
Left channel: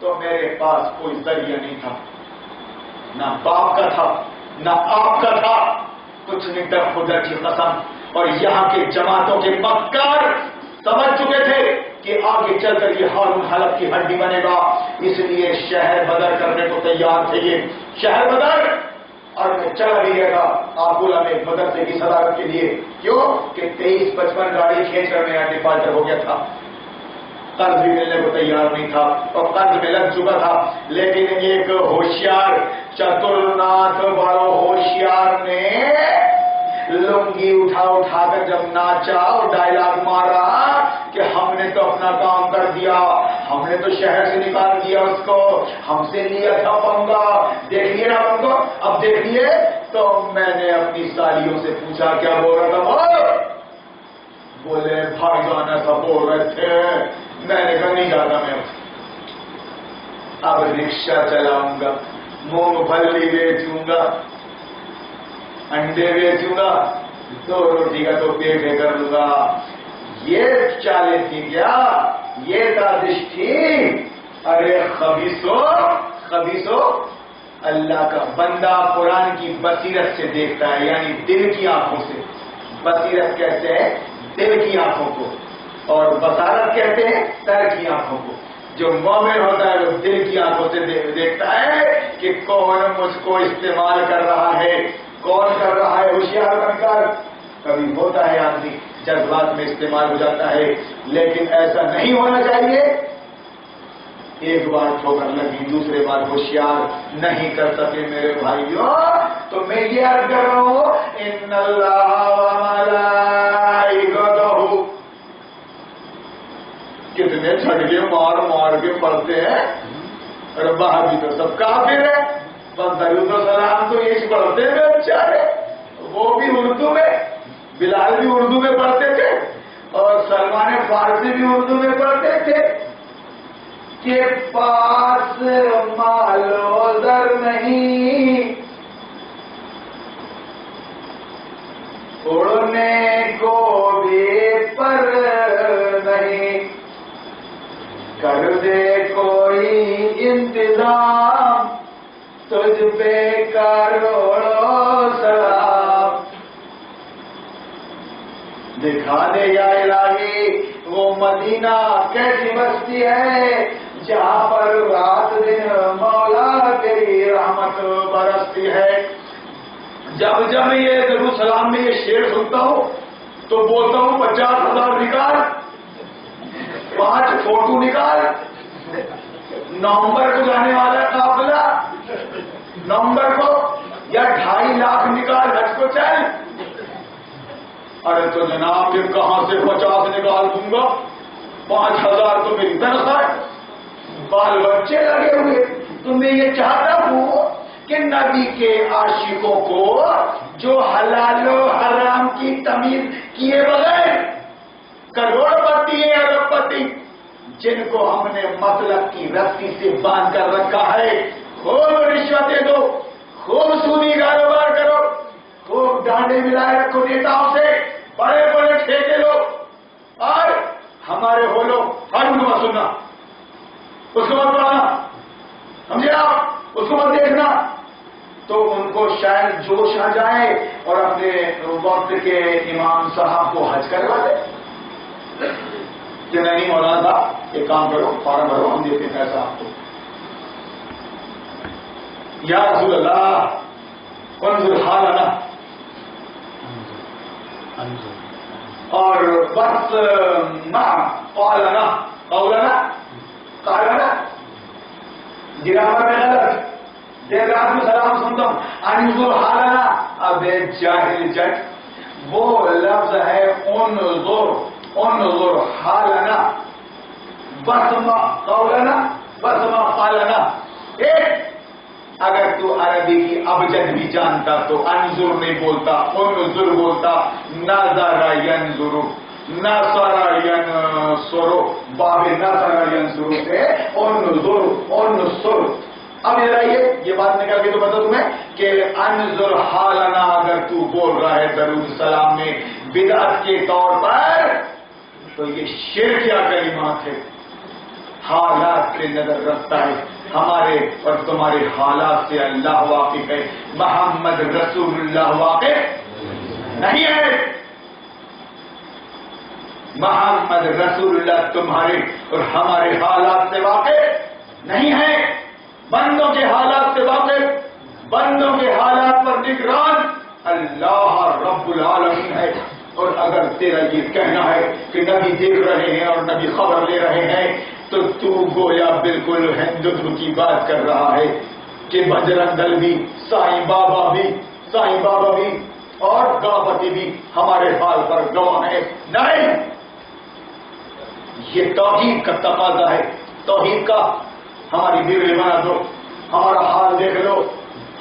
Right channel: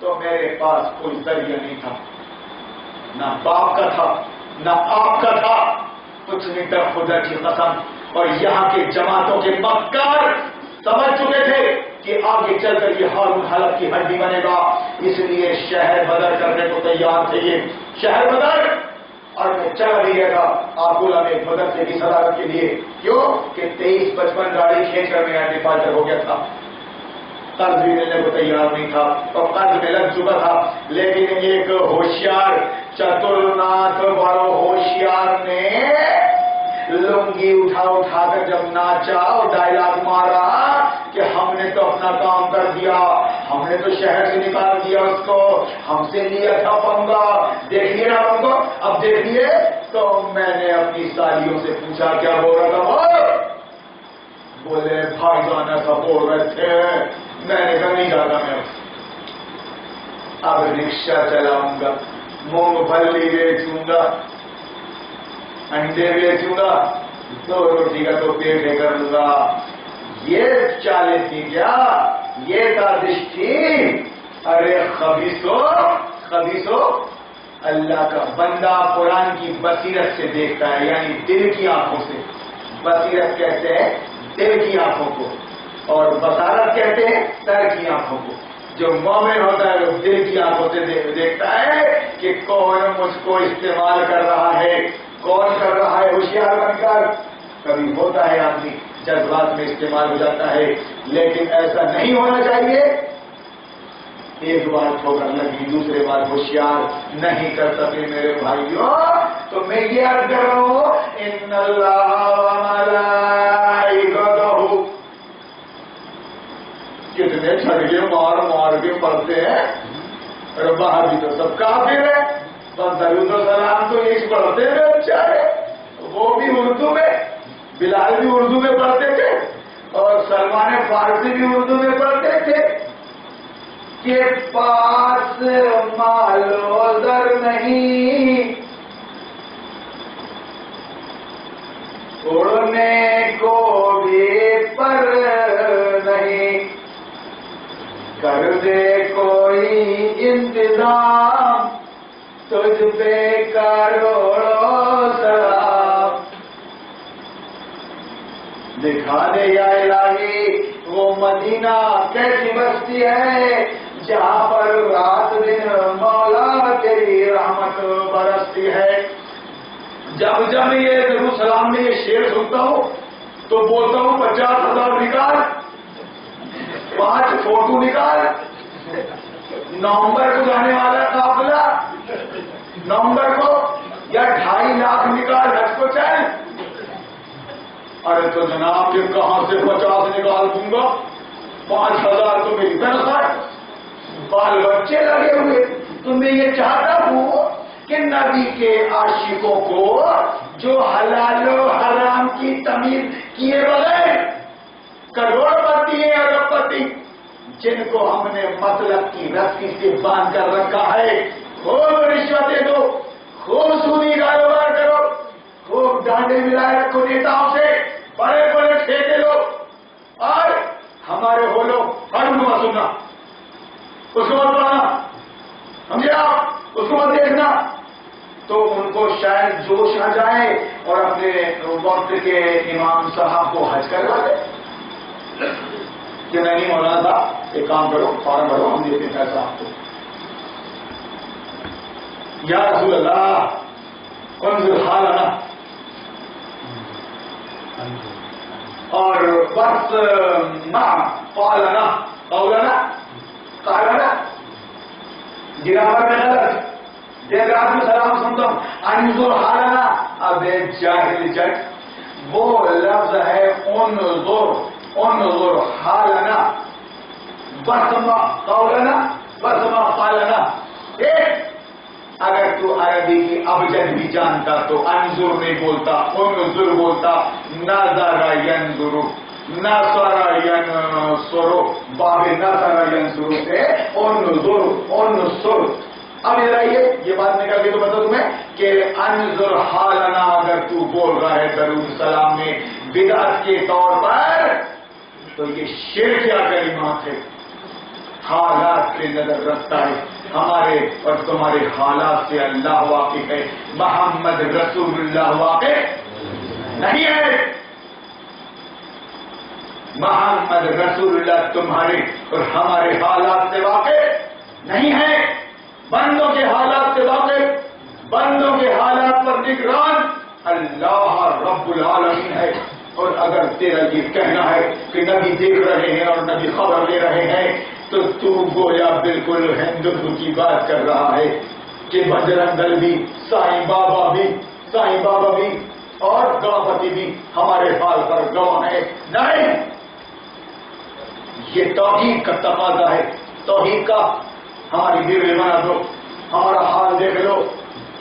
تو میرے پاس کوئی ذریعہ نہیں تھا، نہ باپ کا تھا نہ آپ کا تھا، کچھ نہیں تھا، خدا کی قسم۔ اور یہاں کے جماعتوں کے مکار سمجھ چکے تھے کہ آگے چل کر یہ ہارون حلب کی ہڈی بنے گا، اس لیے شہر بدر کرنے کو تیار تھے، یہ شہر بدر، اور میں چلا بھی گیا تھا آبولا میں مدرسے کی صدارت کے لیے۔ کیوں کہ 23-55 گاڑی کھینچ کر میرا ڈیفالٹر ہو گیا تھا، قرض بھی ملنے کو تیار نہیں تھا اور قرض میں لگ چکا تھا، لیکن ایک ہوشیار چتر ناتھ والوں ہوشیار نے لنگی اٹھا کر جب ناچا اور ڈائلاگ مارا کہ ہم نے تو اپنا کام کر دیا، ہم نے تو شہر سے نکال دیا اس کو، ہم سے لیا تھا پنگا، دیکھیے نا پنگا، اب دیکھیے۔ تو میں نے اپنی سالیوں سے پوچھا کیا بول رہا تھا وہ؟ بولے بھائی جان ایسا بول رہے تھے۔ میں نے کہا نہیں جاتا میں اب رکشہ چلاؤں گا، مونگ پھلی بیچوں گا، انڈے بیچوں گا، 2 روٹی کا تو پیٹ کر لوں گا۔ یہ چالیں تھی کیا؟ یہ سازش تھی؟ ارے خبیثو، اللہ کا بندہ قرآن کی بصیرت سے دیکھتا ہے، یعنی دل کی آنکھوں سے. بصیرت کہتے ہیں دل کی آنکھوں کو، اور بصارت کہتے ہیں سر کی آنکھوں کو. جو مومن ہوتا ہے وہ دل کی آنکھوں سے دیکھتا ہے کہ کون مجھ کو استعمال کر رہا ہے، کون کر رہا ہے ہوشیار بن کر. کبھی ہوتا ہے آدمی جذبات میں استعمال ہو جاتا ہے، لیکن ایسا نہیں ہونا چاہیے. ایک بار ٹھوکر لگی، دوسرے بار ہوشیار نہیں کر سکے میرے بھائیوں. تو میں یہ عرض کر رہا ہوں ان اللہ وملائکتہ، کتنے چھڑکے مار مار کے پڑھتے ہیں. اور باہر بھی تو سب کافر ہے، بس درود و سلام تو یہ پڑھتے ہیں بیچارے، وہ بھی اردو میں. بلال بھی اردو میں پڑھتے تھے اور سلمان فارسی بھی اردو میں پڑھتے تھے. کے پاس مال و زر نہیں، اڑنے کو بھی پر نہیں، کر دے کوئی انتظام تجھ پہ کروڑوں سلام. دکھا دے یا الہی وہ مدینہ کیسی بستی ہے جہاں پر رات دن مولا تیری رحمت برستی ہے. جب جب یہ درود سلام میں یہ شعر سنتا ہوں تو بولتا ہوں 50,000 نکال، 5 فوٹو نکال، نومبر کو جانے والا قافلہ نومبر کو، یا 2.5 لاکھ نکال حج کو چل. ارے تو جناب کہ کہاں سے 50 نکال دوں گا، 5,000 تو میری تنخواہ، بال بچے لگے ہوئے. تو میں یہ چاہتا ہوں کہ نبی کے عاشقوں کو جو حلال و حرام کی تمیز کیے بغیر کروڑ پتی ہے ارب پتی، جن کو ہم نے مطلب کی رسی سے باندھ کر رکھا ہے، خوب رشوتیں دو، خوب سودی کاروبار کرو، خوب ڈانڈے ملائے رکھو نیتاؤں سے، بڑے بڑے ٹھیکے لو، اور ہمارے ہولو ہر مت سننا، اس کو مت پڑھنا، سمجھے آپ، اس کو مت دیکھنا. تو ان کو شاید جوش آ جائے اور اپنے وقت کے امام صاحب کو حج کروا دے کہ نہیں مولانا صاحب ایک کام کرو، فارم بھرو، ہم دیتے پیسہ آپ کو. یا رسول اللہ انظر حالنا، اور بس قالنا گرامر میں غلط، دیر رات میں سلام سنتا ہوں انظر حالنا. اب جاہل جٹ، وہ لفظ ہے انظر حالنا، بسما قولنا بسما قالنا. اگر تو عربی کی ابجد بھی جانتا تو انظر نہیں بولتا، انظر بولتا. نظر ینظر، نصر ینصر، باب نصر ینصر سے انظر. اب ذرا یہ بات نکل کے تو بتا تمہیں کہ انظر حالنا اگر تو بول رہا ہے درود سلام میں بدعت کے طور پر، تو یہ شرکیہ کلمات ہے. حالات پہ نظر رکھتا ہے، ہمارے اور تمہارے حالات سے اللہ واقف ہے، محمد رسول اللہ واقف نہیں ہے. محمد رسول اللہ تمہارے اور ہمارے حالات سے واقف نہیں ہے. بندوں کے حالات سے واقف، بندوں کے حالات پر نگران اللہ رب العالمین ہے. اور اگر تیرا یہ کہنا ہے کہ نبی دیکھ رہے ہیں اور نبی خبر لے رہے ہیں تو تو گویا بالکل ہندوتو کی بات کر رہا ہے کہ بجرنگ دل بھی، سائیں بابا بھی اور گاپتی بھی ہمارے حال پر گواہ ہے. نہیں، یہ توحید کا تقاضا ہے، توحید کا. ہماری ویڈیو بنا دو، ہمارا حال دیکھ لو،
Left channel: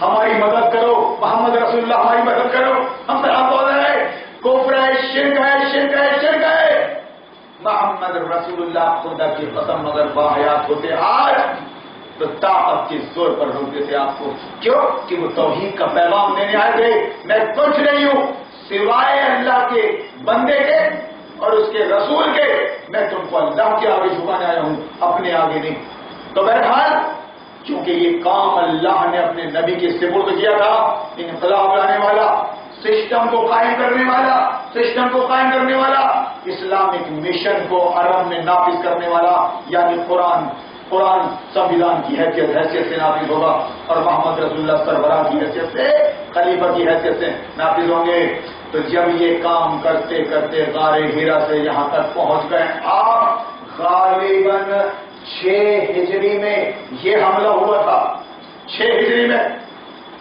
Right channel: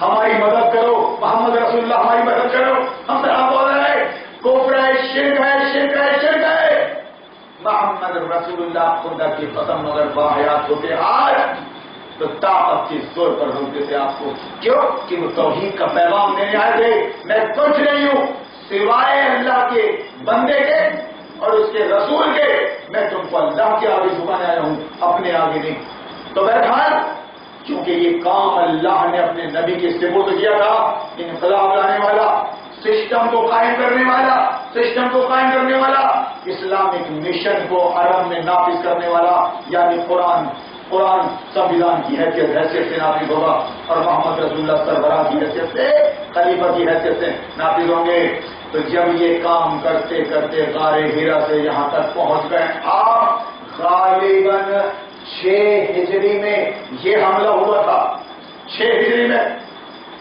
ہماری مدد کرو، محمد رسول اللہ ہماری مدد کرو. ہم سے آپ بول رہے ہیں کفر ہے، شرک ہے، شرک ہے، شرک ہے. محمد رسول اللہ خدا کی قسم اگر باحیات ہوتے آج تو طاقت کے زور پر روکتے تھے آپ کو. کیوں کہ وہ توحید کا پیغام دینے آئے تھے. میں کچھ نہیں ہوں سوائے اللہ کے بندے کے اور اس کے رسول کے. میں تم کو اللہ کے آگے جھکانے آیا ہوں، اپنے آگے نہیں. تو بہرحال کیونکہ یہ کام اللہ نے اپنے نبی کے سپرد کیا تھا، انقلاب لانے والا، سسٹم کو قائم کرنے والا، سسٹم کو قائم کرنے والا، اسلامک مشن کو عرب میں نافذ کرنے والا، یعنی قرآن سنویدھان کی حیثیت سے نافذ ہوگا اور محمد رسول اللہ سربراہ کی حیثیت سے، خلیفہ کی حیثیت سے نافذ ہوں گے۔ تو جب یہ کام کرتے کرتے غار ہیرا سے یہاں تک پہنچ گئے، آپ غالباً 6 ہجری میں یہ حملہ ہوا تھا، 6 ہجری میں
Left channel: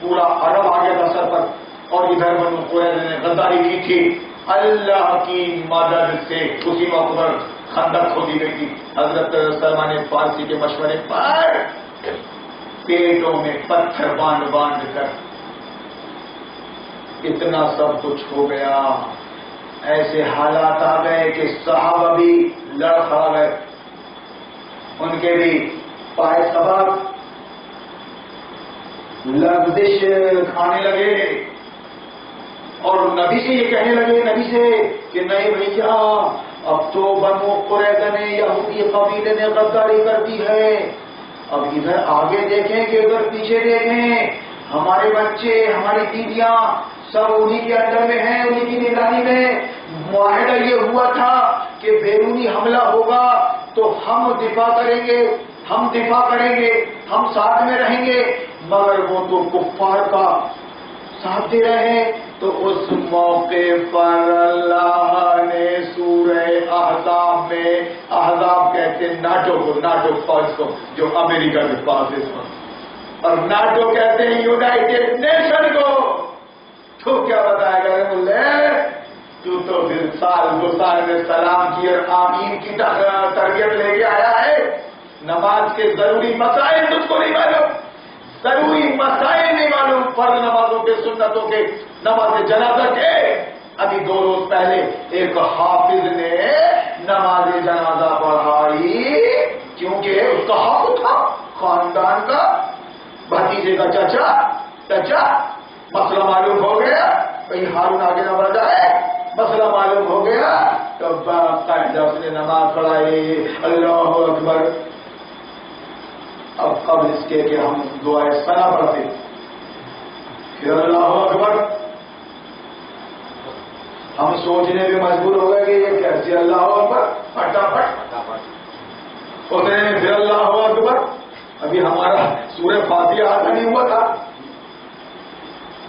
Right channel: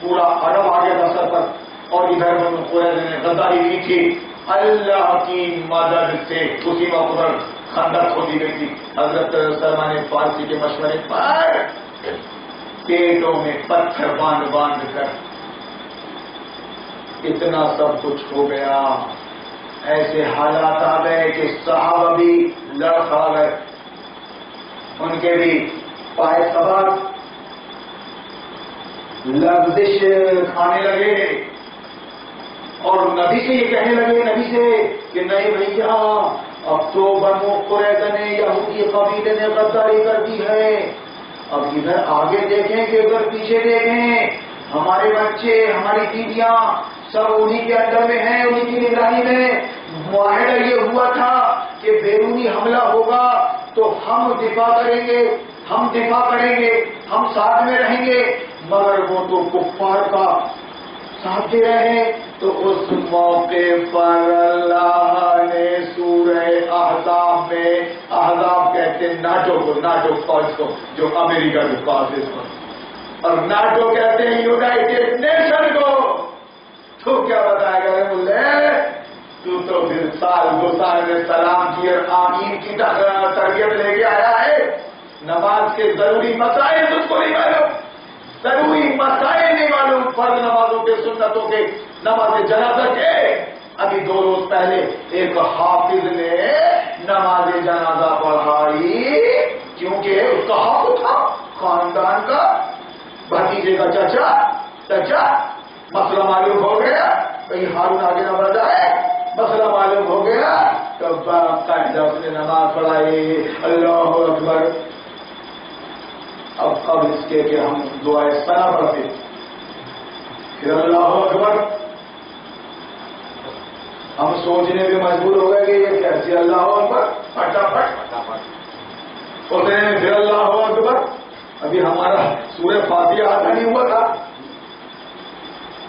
پورا عرب آ گیا تھا سر پر، اور ادھر بنو قریظہ نے غداری کی تھی، اللہ کی مدد سے اسی وقت پر خندق کھودی گئی تھی۔ حضرت سلمان فارسی کے مشورے پر پیٹوں میں پتھر باندھ باندھ کر اتنا سب کچھ ہو گیا، ایسے حالات آ گئے کہ صحابہ بھی لڑکھڑا گئے، ان کے بھی پائے سبق لغزش کھانے لگے، اور نبی سے یہ کہنے لگے، نبی سے کہ نہیں بھیا اب تو بنو قریظہ نے، یہودی قبیلے نے غداری کر دی ہے، اب ادھر آگے دیکھیں کہ ادھر پیچھے دیکھیں، ہمارے بچے ہماری بیویاں سب انہی کے اندر میں ہیں، انہی کی نگرانی میں۔ معاہدہ یہ ہوا تھا کہ بیرونی حملہ ہوگا تو ہم دفاع کریں گے، ہم دفاع کریں گے، ہم ساتھ میں رہیں گے، مگر وہ تو کفار کا ساتھ دے رہے ہیں۔ تو اس موقع پر اللہ نے سورہ احزاب میں، احزاب کہتے ہیں ناٹو کو، ناٹو فوج کو جو امریکہ کے پاس ہے، اور ناٹو کہتے ہیں یونائٹڈ نیشن کو۔ تو کیا بتایا گیا ملے، تو پھر سال 2 سال میں سلام کی اور آمین کی تربیت لے کے آیا ہے، نماز کے ضروری مسائل تجھ کو نہیں معلوم، ضروری مسائل نہیں معلوم، فرض نمازوں کے، سنتوں کے، نماز جنازہ کے۔ ابھی 2 روز پہلے ایک حافظ نے نماز جنازہ پڑھائی، کیونکہ اس کا حق تھا، خاندان کا، بھتیجے کا چچا، مسئلہ معلوم ہو گیا، کہیں ہارون آگے نہ بڑھ جائے، مسئلہ معلوم ہو گیا تو باقاعدہ اس نے نماز پڑھائی، اللہ اکبر۔ اب قبل اس کے کہ ہم دعائے ثنا پڑھتے، پھر اللہ اکبر، ہم سوچنے بھی مجبور ہو گئے کہ یہ کیسے اللہ اکبر، پھٹافٹ اتنے میں پھر اللہ اکبر۔ ابھی ہمارا سورہ فاتحہ آتا نہیں ہوا تھا،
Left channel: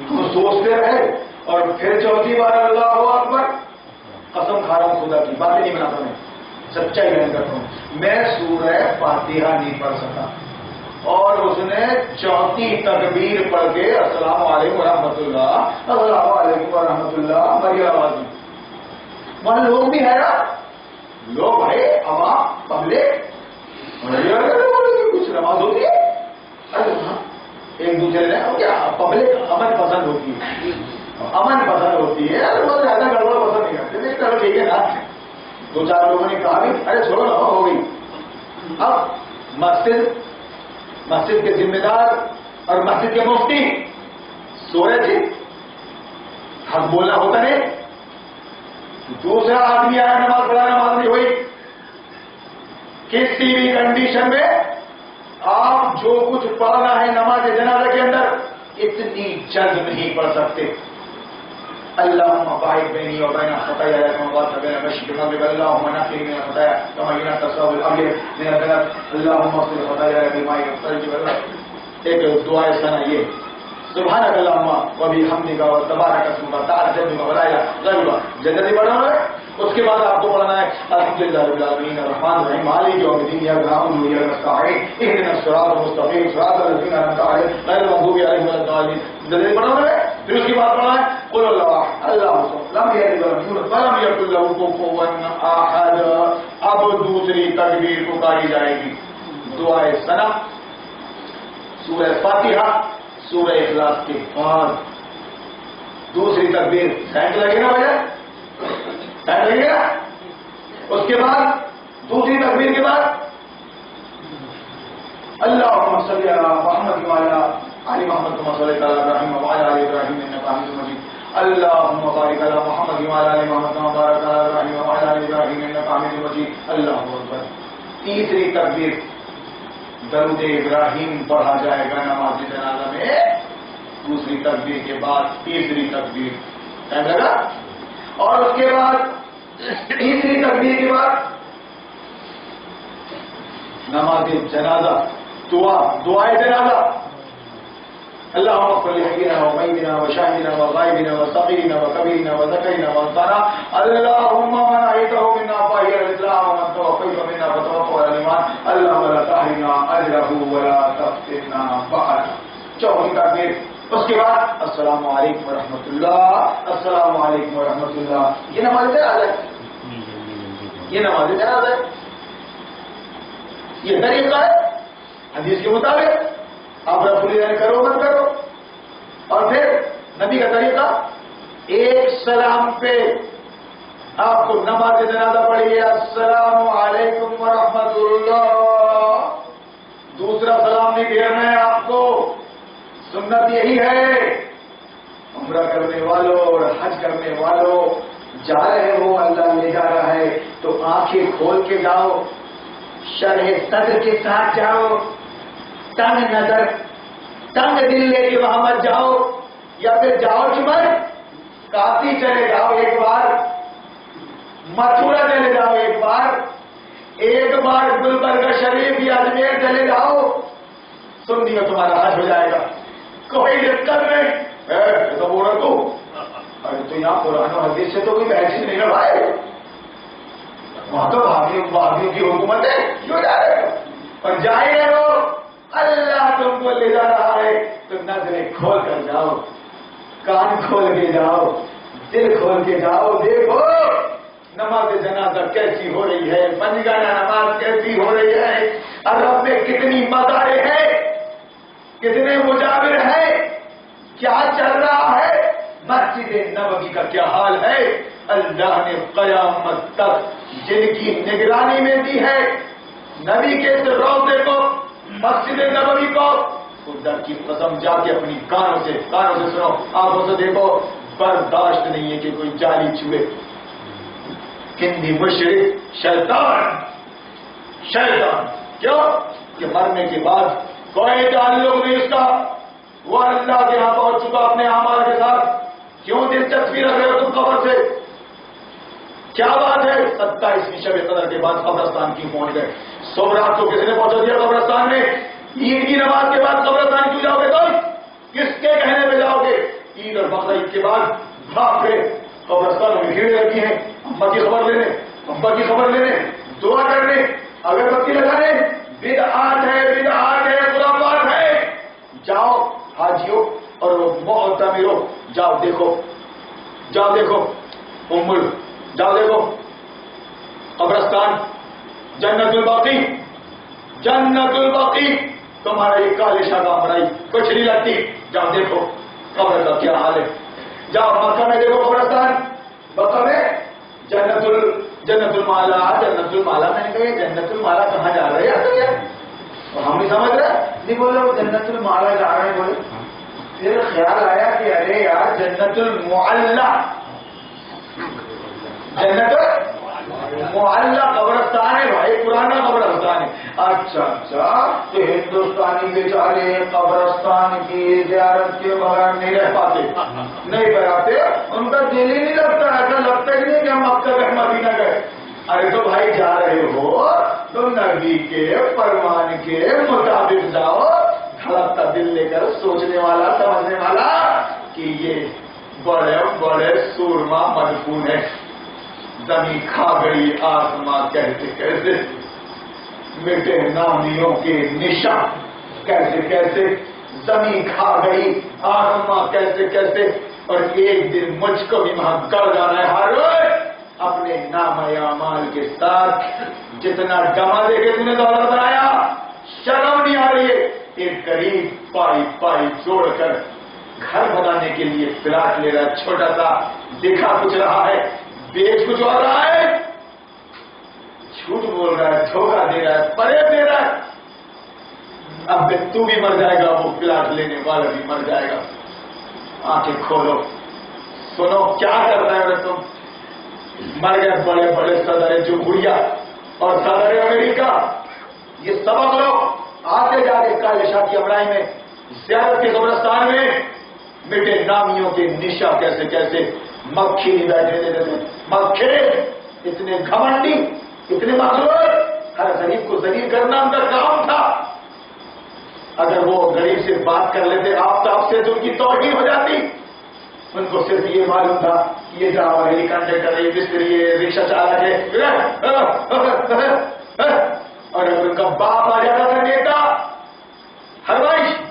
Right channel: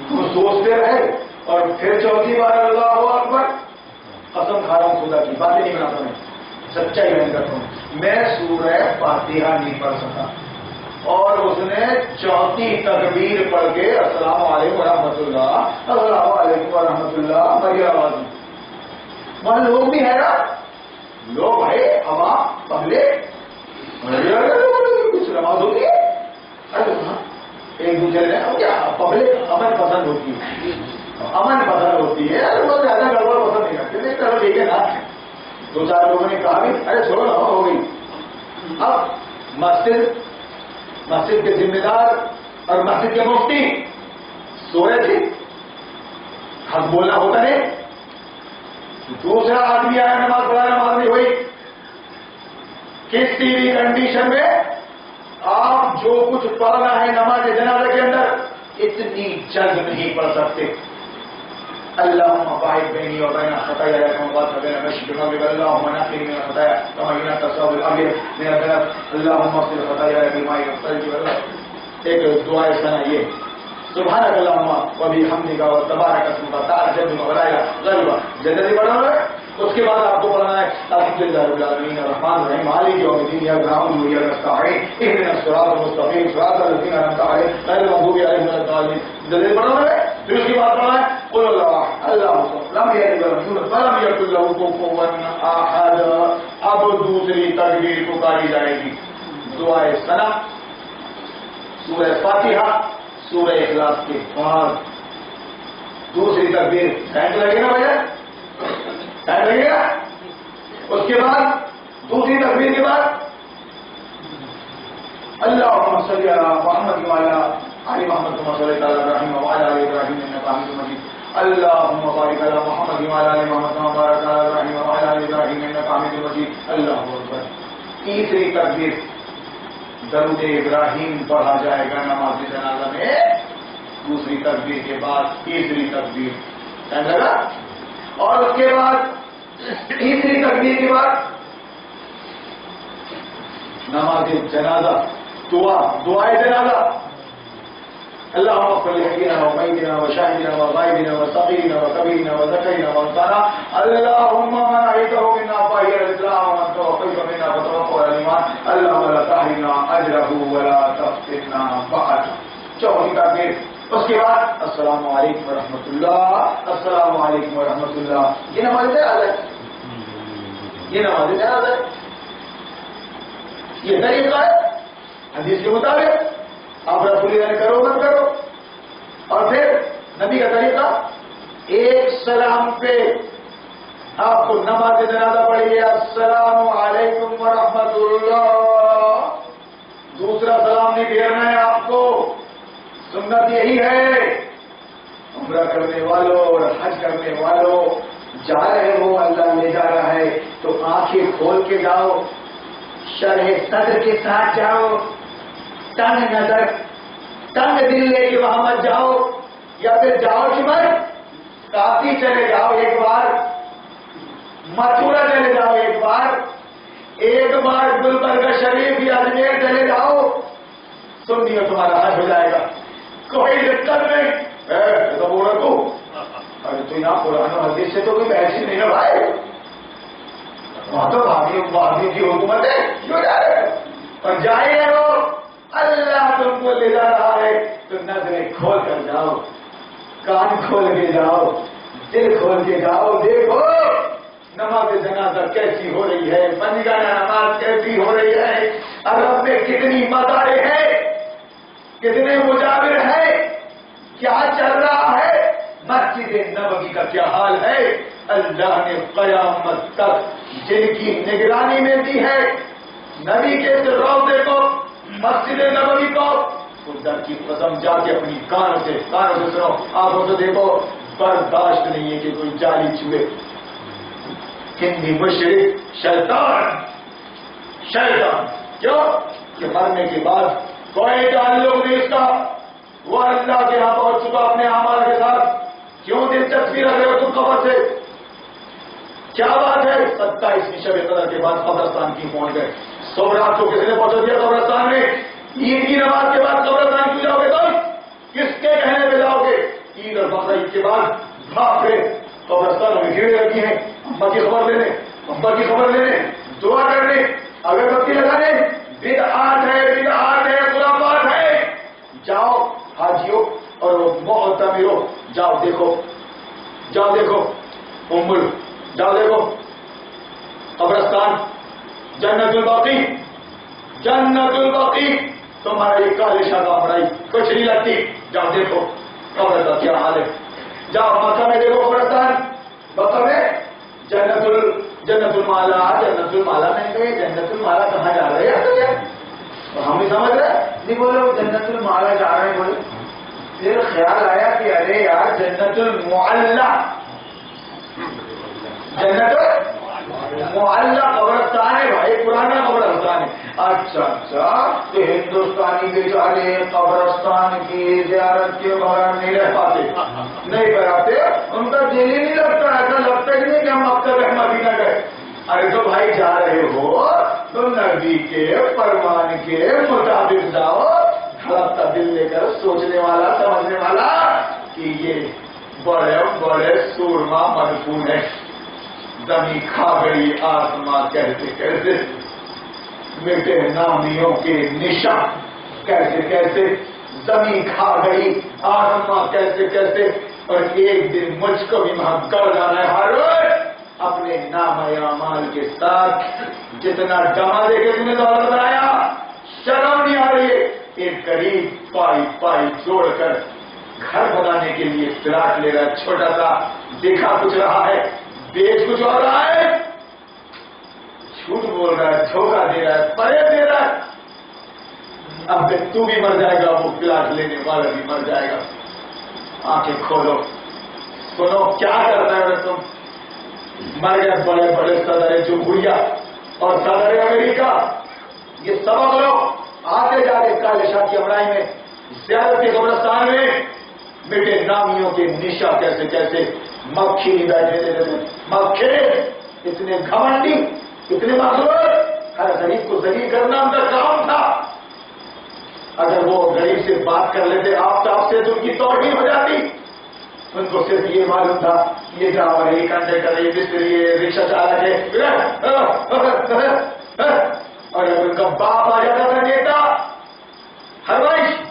ہم سوچتے رہے، اور پھر 4تھی بار اللہ اکبر۔ قسم کھا رہا ہوں خدا کی، باتیں نہیں بناتا میں، سچائی بیان کرتا ہوں، میں سورہ فاتحہ نہیں پڑھ سکا، اور اس نے 4تھی تکبیر پڑھ کے السلام علیکم ورحمۃ اللہ، السلام علیکم ورحمۃ اللہ، بڑی آواز میں، وہاں لوگ بھی حیران، لوگ بھائی عوام پبلک، کچھ نماز ہوتی ہے، ایک دوسرے نے کیا پبلک امن پسند ہوتی ہے، امن پسند ہوتی ہے، زیادہ گڑبڑ پسند نہیں کرتے، نہیں کرو ٹھیک ہے نا۔ 2-4 لوگوں نے کہا بھی ارے چھوڑو نا، ہو گئی۔ اب مسجد کے ذمہ دار اور مسجد کے مفتی سو رہے تھے، حق بولنا ہوتا ہے، دوسرا آدمی آیا نماز پڑھا، نماز نہیں ہوئی۔ کسی بھی کنڈیشن میں آپ جو کچھ پڑھنا ہے نماز جنازہ کے اندر اتنی جلد نہیں پڑھ سکتے۔ اللہم باعث بینی و بین خطایا کما باعث بین المشرق والمغرب، اللہم نقنی من الخطایا کما ينقى الثوب الابيض من الدنس، اللہم اغسل خطایا بالماء والثلج والبرد۔ ایک دعا ثنا یہ سبحانک اللہم وبحمدک وتبارک اسمک وتعالى جدک ولا الہ غیرک، جنتی پڑھنا ہے۔ اس کے بعد آپ کو پڑھنا ہے الحمدللہ رب العالمین الرحمن الرحیم مالک یوم الدین ایاک نعبد و ایاک نستعین اهدنا الصراط المستقیم صراط الذین انعمت علیہم غیر المغضوب علیہم ولا الضالین، جنتی پڑھنا ہے۔ پھر اس کے بعد پڑھنا ہے قل اللہ اللہ لم یلد ولم یولد ولم یکن له کفوا احد۔ اب دوسری تکبیر پکاری جائے گی، دعائے ثنا، سورہ فاتحہ، سورہ اخلاص کے بعد دوسری تکبیر، ٹائم لگے گا بھائی، ٹائم لگے گا۔ اس کے بعد دوسری تکبیر کے بعد اللہم صلی علی محمد وعلی آل محمد کما صلیت علی ابراہیم وعلی آل ابراہیم انک حمید مجید، اللہم بارک علی محمد وعلی آل محمد کما بارکت علی ابراہیم وعلی آل ابراہیم انک حمید مجید، اللہ اکبر۔ تیسری تکبیر درود ابراہیم پڑھا جائے گا نماز جنازہ میں، دوسری تکبیر کے بعد تیسری تکبیر ٹائم لگا، اور اس کے بعد تیسری تکبیر کے بعد نماز جنازہ دعائے جنازہ، اللهم اغفر لحينا وميتنا وشاهدنا وغائبنا وصغيرنا وكبيرنا وذكرنا وانثانا، اللهم من احييته منا فاحيه الاسلام ومن توفيته منا فتوفه على الايمان، اللهم لا تحرمنا اجره ولا تفتنا بعده. چوتھی تکبیر، اس کے بعد السلام علیکم ورحمۃ اللہ، السلام علیکم ورحمۃ اللہ. یہ نماز جنازہ ہے، یہ نماز جنازہ ہے، یہ طریقہ ہے حدیث کے مطابق. آپ رسول اللہ کرو مت کرو. اور پھر نبی کا طریقہ، ایک سلام پہ آپ کو نماز جنازہ پڑھیے السلام علیکم ورحمۃ اللہ، دوسرا سلام نہیں پھیرنا ہے آپ کو. سنت یہی ہے. عمرہ کرنے والوں اور حج کرنے والوں جا رہے ہو، اللہ لے جا رہا ہے تو آنکھیں کھول کے جاؤ، شرح صدر کے ساتھ جاؤ، تنگ نظر تنگ دل لے کے وہاں مت جاؤ. یا پھر جاؤ کہ مت کافی چلے جاؤ، ایک بار متھرا چلے جاؤ، ایک بار گلبرگہ شریف یا اجمیر چلے جاؤ، سن دیا تمہارا حج ہو جائے گا، کوئی دقت نہیں. تو بول رہا تو ارے تو یہاں قرآن و حدیث سے تو کوئی بحث ہی نہیں لگائے، وہاں تو بھاگیوں کی حکومت ہے، کیوں جا رہے ہو؟ اور جائے ہو، اللہ تم کو لے جا رہا ہے تو نظریں کھول کر جاؤ، کان کھول کے جاؤ، دل کھول کے جاؤ. دیکھو نماز جنازہ کیسی ہو رہی ہے، پنجگانہ نماز کیسی ہو رہی ہے، عرب میں کتنی مزاریں ہیں، کتنے مجاور ہیں، کیا چل رہا ہے، مسجد نبوی کا کیا حال ہے. اللہ نے قیامت تک جن کی نگرانی میں دی ہے نبی کے اس روضے کو، مسجد نبوی کو، خدا کی قسم جا کے اپنی کانوں سے سنو، آنکھوں سے دیکھو، برداشت نہیں ہے کہ کوئی جالی چوہے ہندی مشرک شیطان کیوں کہ مرنے کے بعد کوئی تعلق نہیں اس کا، وہ اللہ کے یہاں پہنچ چکا اپنے اعمال کے ساتھ. کیوں دلچسپی رکھ رہے ہو تم قبر سے؟ کیا بات ہے 27ویں شب قدر کے بعد قبرستان کی پہنچ گئے؟ صبح کو کس نے پہنچا دیا قبرستان میں؟ عید کی نماز کے بعد قبرستان کیوں جاؤ گے تم؟ کس کے کہنے پہ جاؤ گے؟ عید اور بقرہ عید کے بعد بھاگ گئے قبرستان میں، بھیڑ لگی ہے اماں کی خبر لینے، ابا کی خبر لینے، دعا کرنے، اگربتی لگانے. بدعات ہے خرافات ہے. جاؤ حاجیوں اور معتمروں، جاؤ دیکھو جاؤ دیکھو قبرستان جنت الباقی تمہارا یہ کالے شاہ کا ہمرائی کچھ نہیں لگتی. جاؤ دیکھو قبر کا کیا حال ہے. جاؤ مکہ میں دیکھو قبرستان، مکہ میں جنت المالا میں نے کہا جنت المالا کہاں جا رہے ہیں؟ ہم بھی سمجھ رہے نہیں، بولے وہ جنت المالا جا رہے ہیں. بولے پھر خیال آیا کہ ارے یار جنت المعلا قبرستان ہے بھائی، پرانا قبرستان ہے. اچھا تو ہندوستانی بیچارے قبرستان کی زیارت کے بغیر نہیں رہ پاتے، نہیں کراتے، ان کا دل ہی نہیں لگتا. ایسا لگتا ہی نہیں کہ ہم مکہ مدینہ گئے. ارے تو بھائی جا رہے ہو تو نبی کے فرمان کے مطابق جاؤ، دھڑکتا دل لے کر، سوچنے والا سمجھنے والا کہ یہ بڑے بڑے سورما مدفون ہے. زمین کھا گئی آسمان کیسے کیسے، بیٹے نامیوں کے نشان کیسے کیسے، زمین کھا گئی آسمان کیسے کیسے. اور ایک دن مجھ کو بھی وہاں گڑ جانا ہے. ہر روز اپنے نام اعمال کے ساتھ جتنا جمع دے کے تم نے دولت بنایا، شرم نہیں آ رہی ہے. ایک غریب پائی جوڑ کر گھر بنانے کے لیے پلاٹ لے رہا ہے، چھوٹا سا، دکھا کچھ رہا ہے، بیچ کچھ ہو رہا ہے، جھوٹ بول رہا ہے، دھوکہ دے رہا ہے، فریب دے رہا ہے. اب تو بھی مر جائے گا، وہ پلاٹ لینے والا بھی مر جائے گا. آنکھیں کھولو، سنو کیا کرتا ہے. تم مر گئے بڑے بڑے صدر جمہوریہ اور صدر امریکہ، یہ سبق لو آتے جاتے کالے شاہ کی امرائی میں زیارت کے قبرستان میں مٹے نامیوں کے نشا کیسے کیسے مکھی نہیں بیٹھے تھے، مکھے اتنے گھمنڈی اتنے مغرور، ہر غریب کو ذلیل کرنا ان کا کام تھا. اگر وہ غریب سے بات کر لیتے آپ سے تو ان کی توہین ہو جاتی. ان کو صرف یہ معلوم تھا یہ ڈرائیور ہے، یہ کنڈکٹر ہے، یہ مستری ہے، رکشہ چالک ہے. اور اگر ان کا باپ آ جاتا تھا نیتا ہروش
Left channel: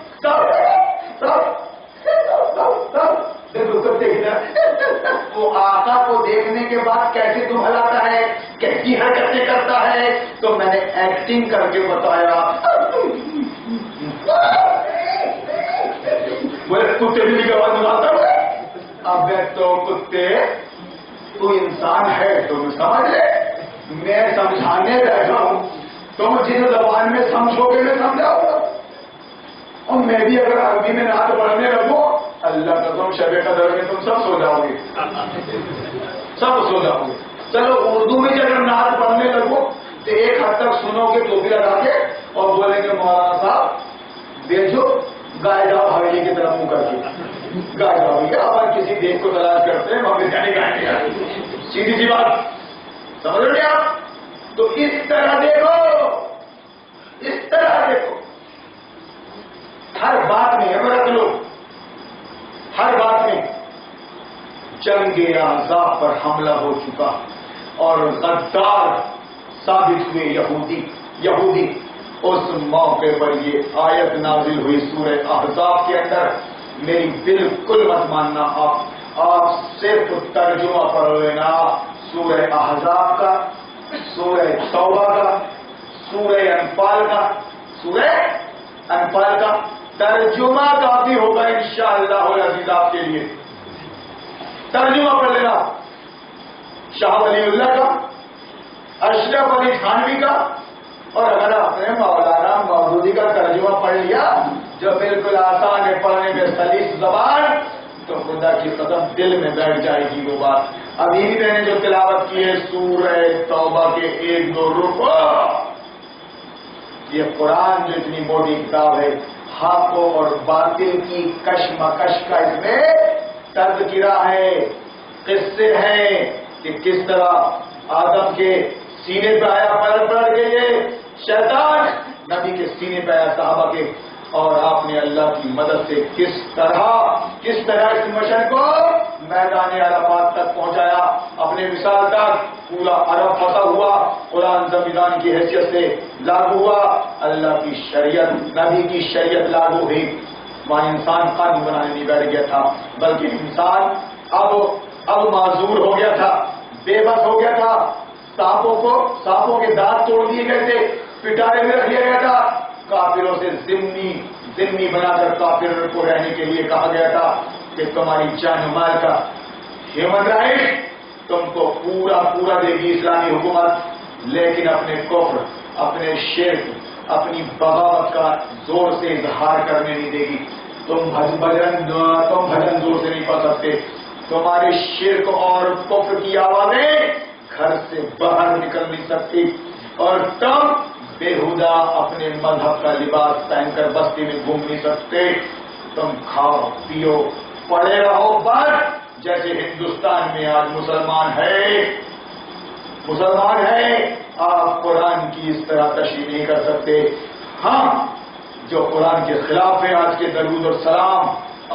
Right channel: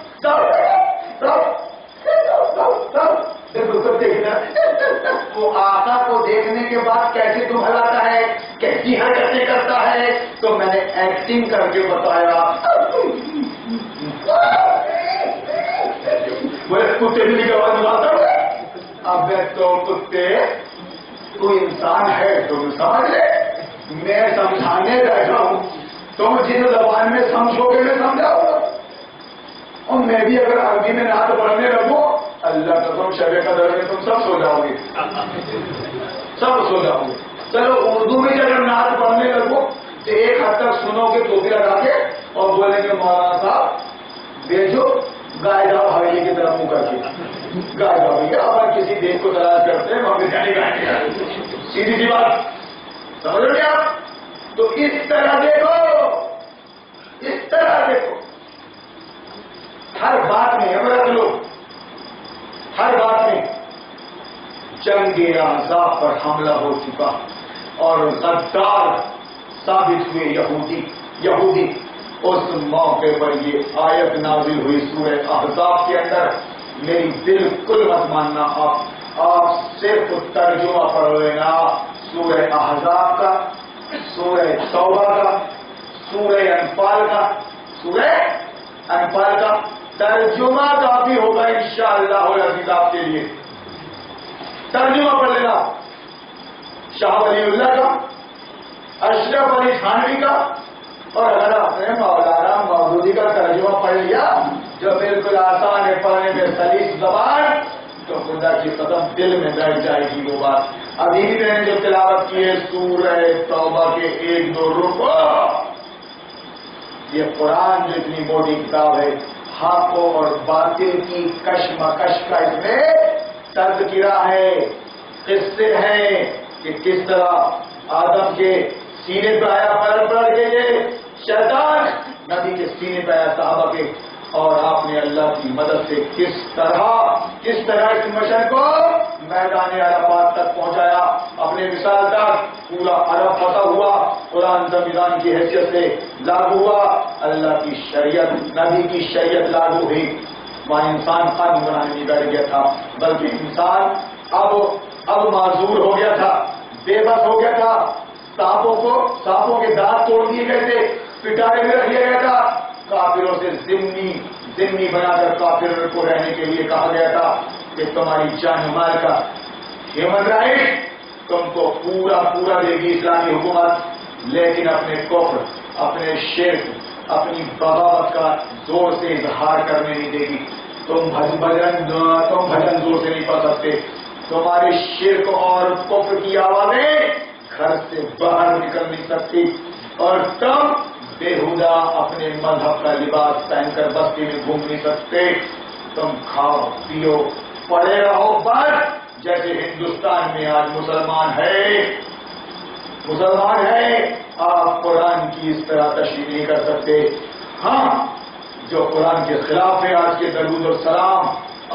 بالکل کتے کی طرح، وہ آقا کو دیکھنے کے بعد کیسے تم ہلاتا ہے، کیسی حرکتیں کرتا ہے، تو میں نے ایکٹنگ کر کے بتایا. وہ کتے بھی کی آواز بناتا ہوں. اب تو کتے تو انسان ہے تم سمجھ لے، میں سمجھانے بیٹھا ہوں، تم جن زبان میں سمجھو گے میں سمجھاؤں گا. اور میں بھی اگر عربی میں نعت پڑھنے لگوں اللہ کا تم شب قدر میں تم سب سو جاؤ گے، سب سو جاؤ گے. چلو اردو میں اگر نعت پڑھنے لگو تو ایک حد تک سنو گے ٹوپی لگا کے اور بولیں گے مولانا صاحب بیچو گائے جاؤ حویلی کی طرف منہ کر کے گائے جاؤ بھیا. اگر کسی دیش کو تلاش کرتے ہیں وہاں بریانی گائے گے، سیدھی سی بات سمجھ رہے آپ. تو اس طرح دیکھو، اس طرح دیکھو، ہر بات میں عبرت لو، ہر بات میں. جنگ احزاب پر حملہ ہو چکا اور غدار ثابت ہوئے یہودی. اس موقع پر یہ آیت نازل ہوئی سورہ احزاب کے اندر. میری بالکل مت ماننا، آپ صرف ترجمہ پڑھ لینا سورہ احزاب کا، سورہ توبہ کا، سورہ انفال کا. سورہ انفال کا ترجمہ کافی ہوگا انشاءاللہ العزیز آپ کے لیے. ترجمہ پڑھ لینا شاہ ولی اللہ کا، اشرف علی تھانوی کا، اور اگر آپ نے مولانا مودودی کا ترجمہ پڑھ لیا جو بالکل آسان ہے پڑھنے میں سلیس زبان، تو خدا کی قدم دل میں بیٹھ جائے گی وہ بات. ابھی بھی میں نے جو تلاوت کی ہے سورہ توبہ کے 1-2 رکوع، یہ قرآن جو اتنی موٹی کتاب ہے، حق اور باطل کی کشمکش کا اس میں تذکرہ ہے، قصے ہیں کہ کس طرح آدم کے سینے پہ آیا پلٹ کے یہ شیطان، نبی کے سینے پہ آیا صحابہ کے، اور آپ نے اللہ کی مدد سے کس طرح اس مشن کو میدان عرفات تک پہنچایا، اپنے وصال تک پورا عرب فتح ہوا، قرآن سنویدھان کی حیثیت سے لاگو ہوا، اللہ کی شریعت نبی کی شریعت لاگو ہوئی. وہاں انسان قانون بنانے نہیں بیٹھ گیا تھا، بلکہ انسان اب معذور ہو گیا تھا، بے بس ہو گیا تھا. سانپوں کے دانت توڑ دیے گئے تھے، پٹارے میں رکھ لیا گیا تھا. کافروں سے ذمہ بنا کر کافروں کو رہنے کے لیے کہا گیا تھا کہ تمہاری جان و مال کا ہیومن رائٹ تم کو پورا دے گی اسلامی حکومت، لیکن اپنے کفر، اپنے شرک، اپنی بغاوت کا زور سے اظہار کرنے نہیں دے گی. تم بھجن زور سے نہیں پڑھ سکتے، تمہارے شرک اور کفر کی آوازیں گھر سے باہر نکل نہیں سکتی، اور تم بےہودہ اپنے مذہب کا لباس پہن کر بستی میں گھوم نہیں سکتے. تم کھاؤ پیو پڑے رہو بس، جیسے ہندوستان میں آج مسلمان ہے. آپ قرآن کی اس طرح تشریح نہیں کر سکتے. ہاں جو قرآن کے خلاف ہے، آج کے درود اور سلام،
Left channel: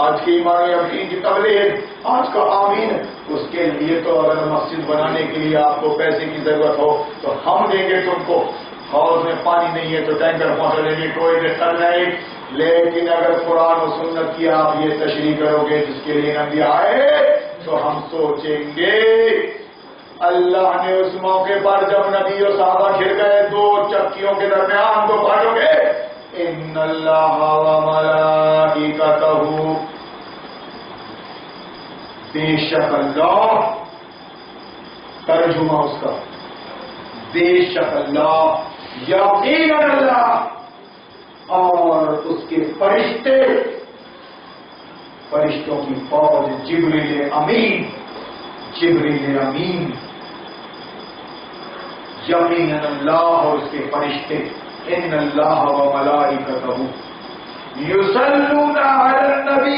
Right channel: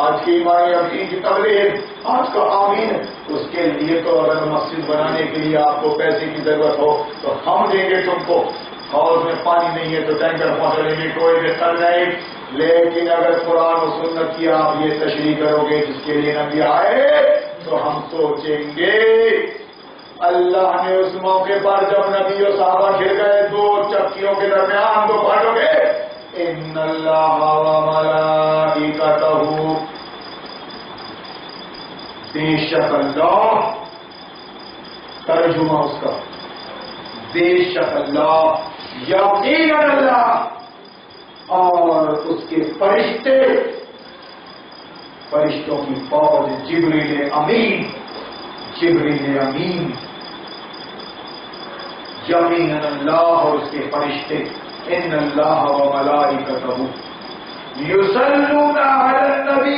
آج کی ایمان کی تبلیغ، آج کا آمین، اس کے لیے تو اگر مسجد بنانے کے لیے آپ کو پیسے کی ضرورت ہو تو ہم دیں گے تم کو. ہاؤس میں پانی نہیں ہے تو ٹینکر پہنچا لیں گے، کوئی دقت نہیں. لیکن اگر قرآن و سنت کی آپ یہ تشریح کرو گے جس کے لیے نبی آئے، تو ہم سوچیں گے. اللہ نے اس موقع پر جب نبی و صحابہ گر گئے 2 چکیوں کے درمیان تو پڑھو گے ان اللہ و ملائکتہ، بے شک اللہ، ترجمہ اس کا بے شک اللہ، یقیناً اللہ اور اس کے فرشتوں کی فوج، جبریل امین، یقیناً اللہ اور اس کے فرشتے ان اللہ و ملائکتہ یصلون علی النبی،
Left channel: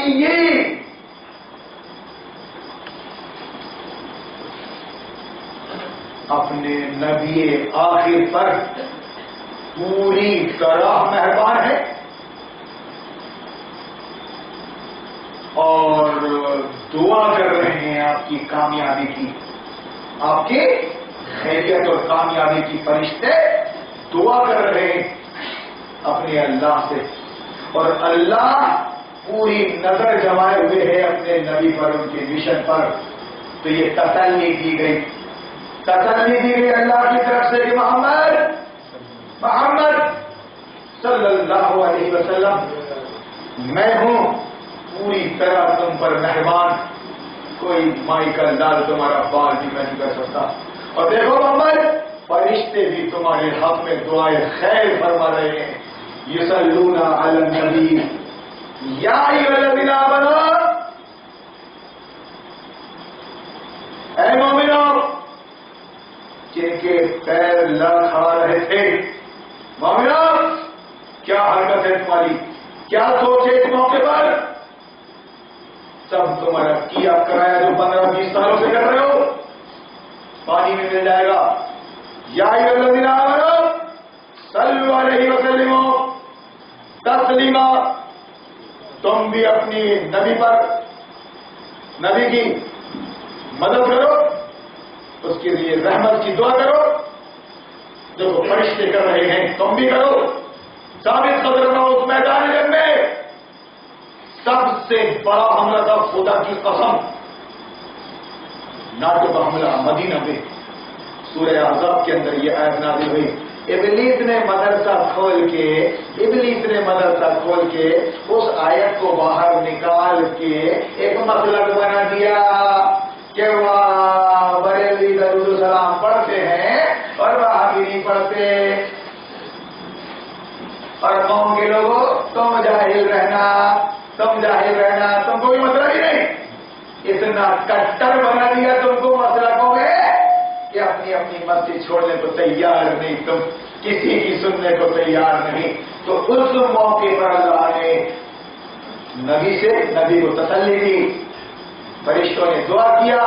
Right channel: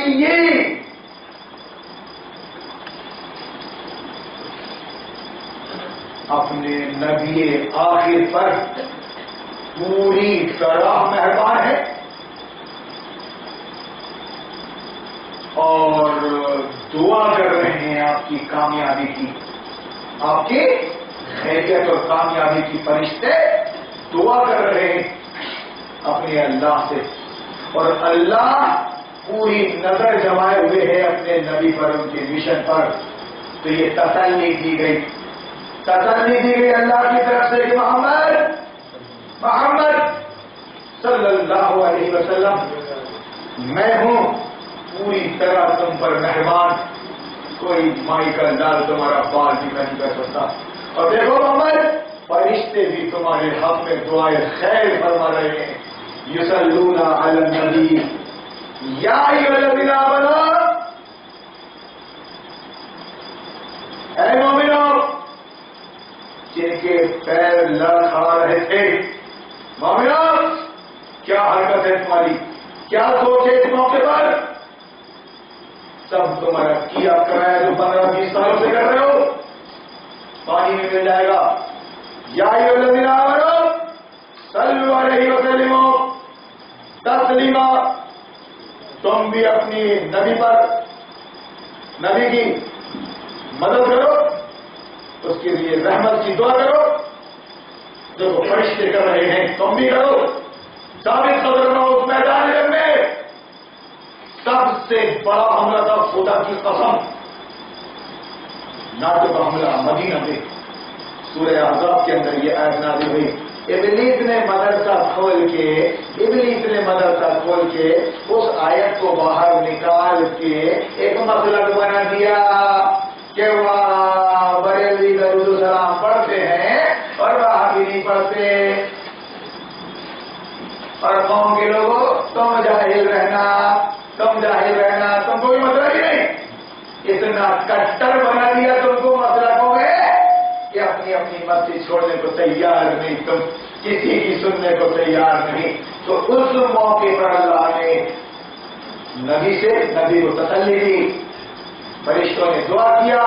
اپنے نبی آخر پر پوری طرح مہربان ہے اور دعا کر رہے ہیں آپ کی کامیابی کی، آپ کی خیریت اور کامیابی کی فرشتے دعا کر رہے ہیں اپنے اللہ سے، اور اللہ پوری نظر جمائے ہوئے ہے اپنے نبی پر، ان کے مشن پر. تو یہ تسلی دی گئی اللہ کی طرف سے کہ محمد صلی اللہ علیہ وسلم میں ہوں پوری طرح تم پر مہربان، کوئی مائی کا لال تمہارا بال بھی نہیں کر سکتا. اور دیکھو محمد، فرشتے بھی تمہارے حق میں دعائیں خیر فرما رہے ہیں. یصلون علی النبی یا ایھا الذین آمنوا، اے مومنو جن کے پیر لڑکھڑا رہے تھے، مومنو کیا حرکت ہے تمہاری، کیا سوچ ہے اس موقع پر، سب تمہارا کیا کرایا جو 15-20 سالوں سے کر رہے ہو پانی میں مل جائے گا. یا ایھا الذین آمنوا صلوا علیہ وسلم تسلیما، تم بھی اپنی نبی پر، نبی کی مدد کرو، اس کے لیے رحمت کی دعا کرو، جو فرشتے کر رہے ہیں تم بھی کرو. ثابت قدر نہ اس میدان جنگ میں سب سے بڑا حملہ تھا خدا کی قسم ناٹک حملہ مدینہ میں. سورہ احزاب کے اندر یہ آیت نازل ہوئی. ابلیس نے مدرسہ کھول کے اس آیت کو باہر نکال کے ایک مسلک بنا دیا کہ وہاں بریلوی درود و سلام پڑھتے ہیں اور وہاں بھی نہیں پڑھتے، اور قوم کے لوگوں تم جاہل رہنا تم کوئی مسئلہ ہی نہیں. اتنا کٹر بنا دیا تم کو مسلکوں میں کہ اپنی مسجد چھوڑنے کو تیار نہیں، تم کسی کی سننے کو تیار نہیں. تو اس موقع پر اللہ نے نبی کو تسلی دی، فرشتوں نے دعا کیا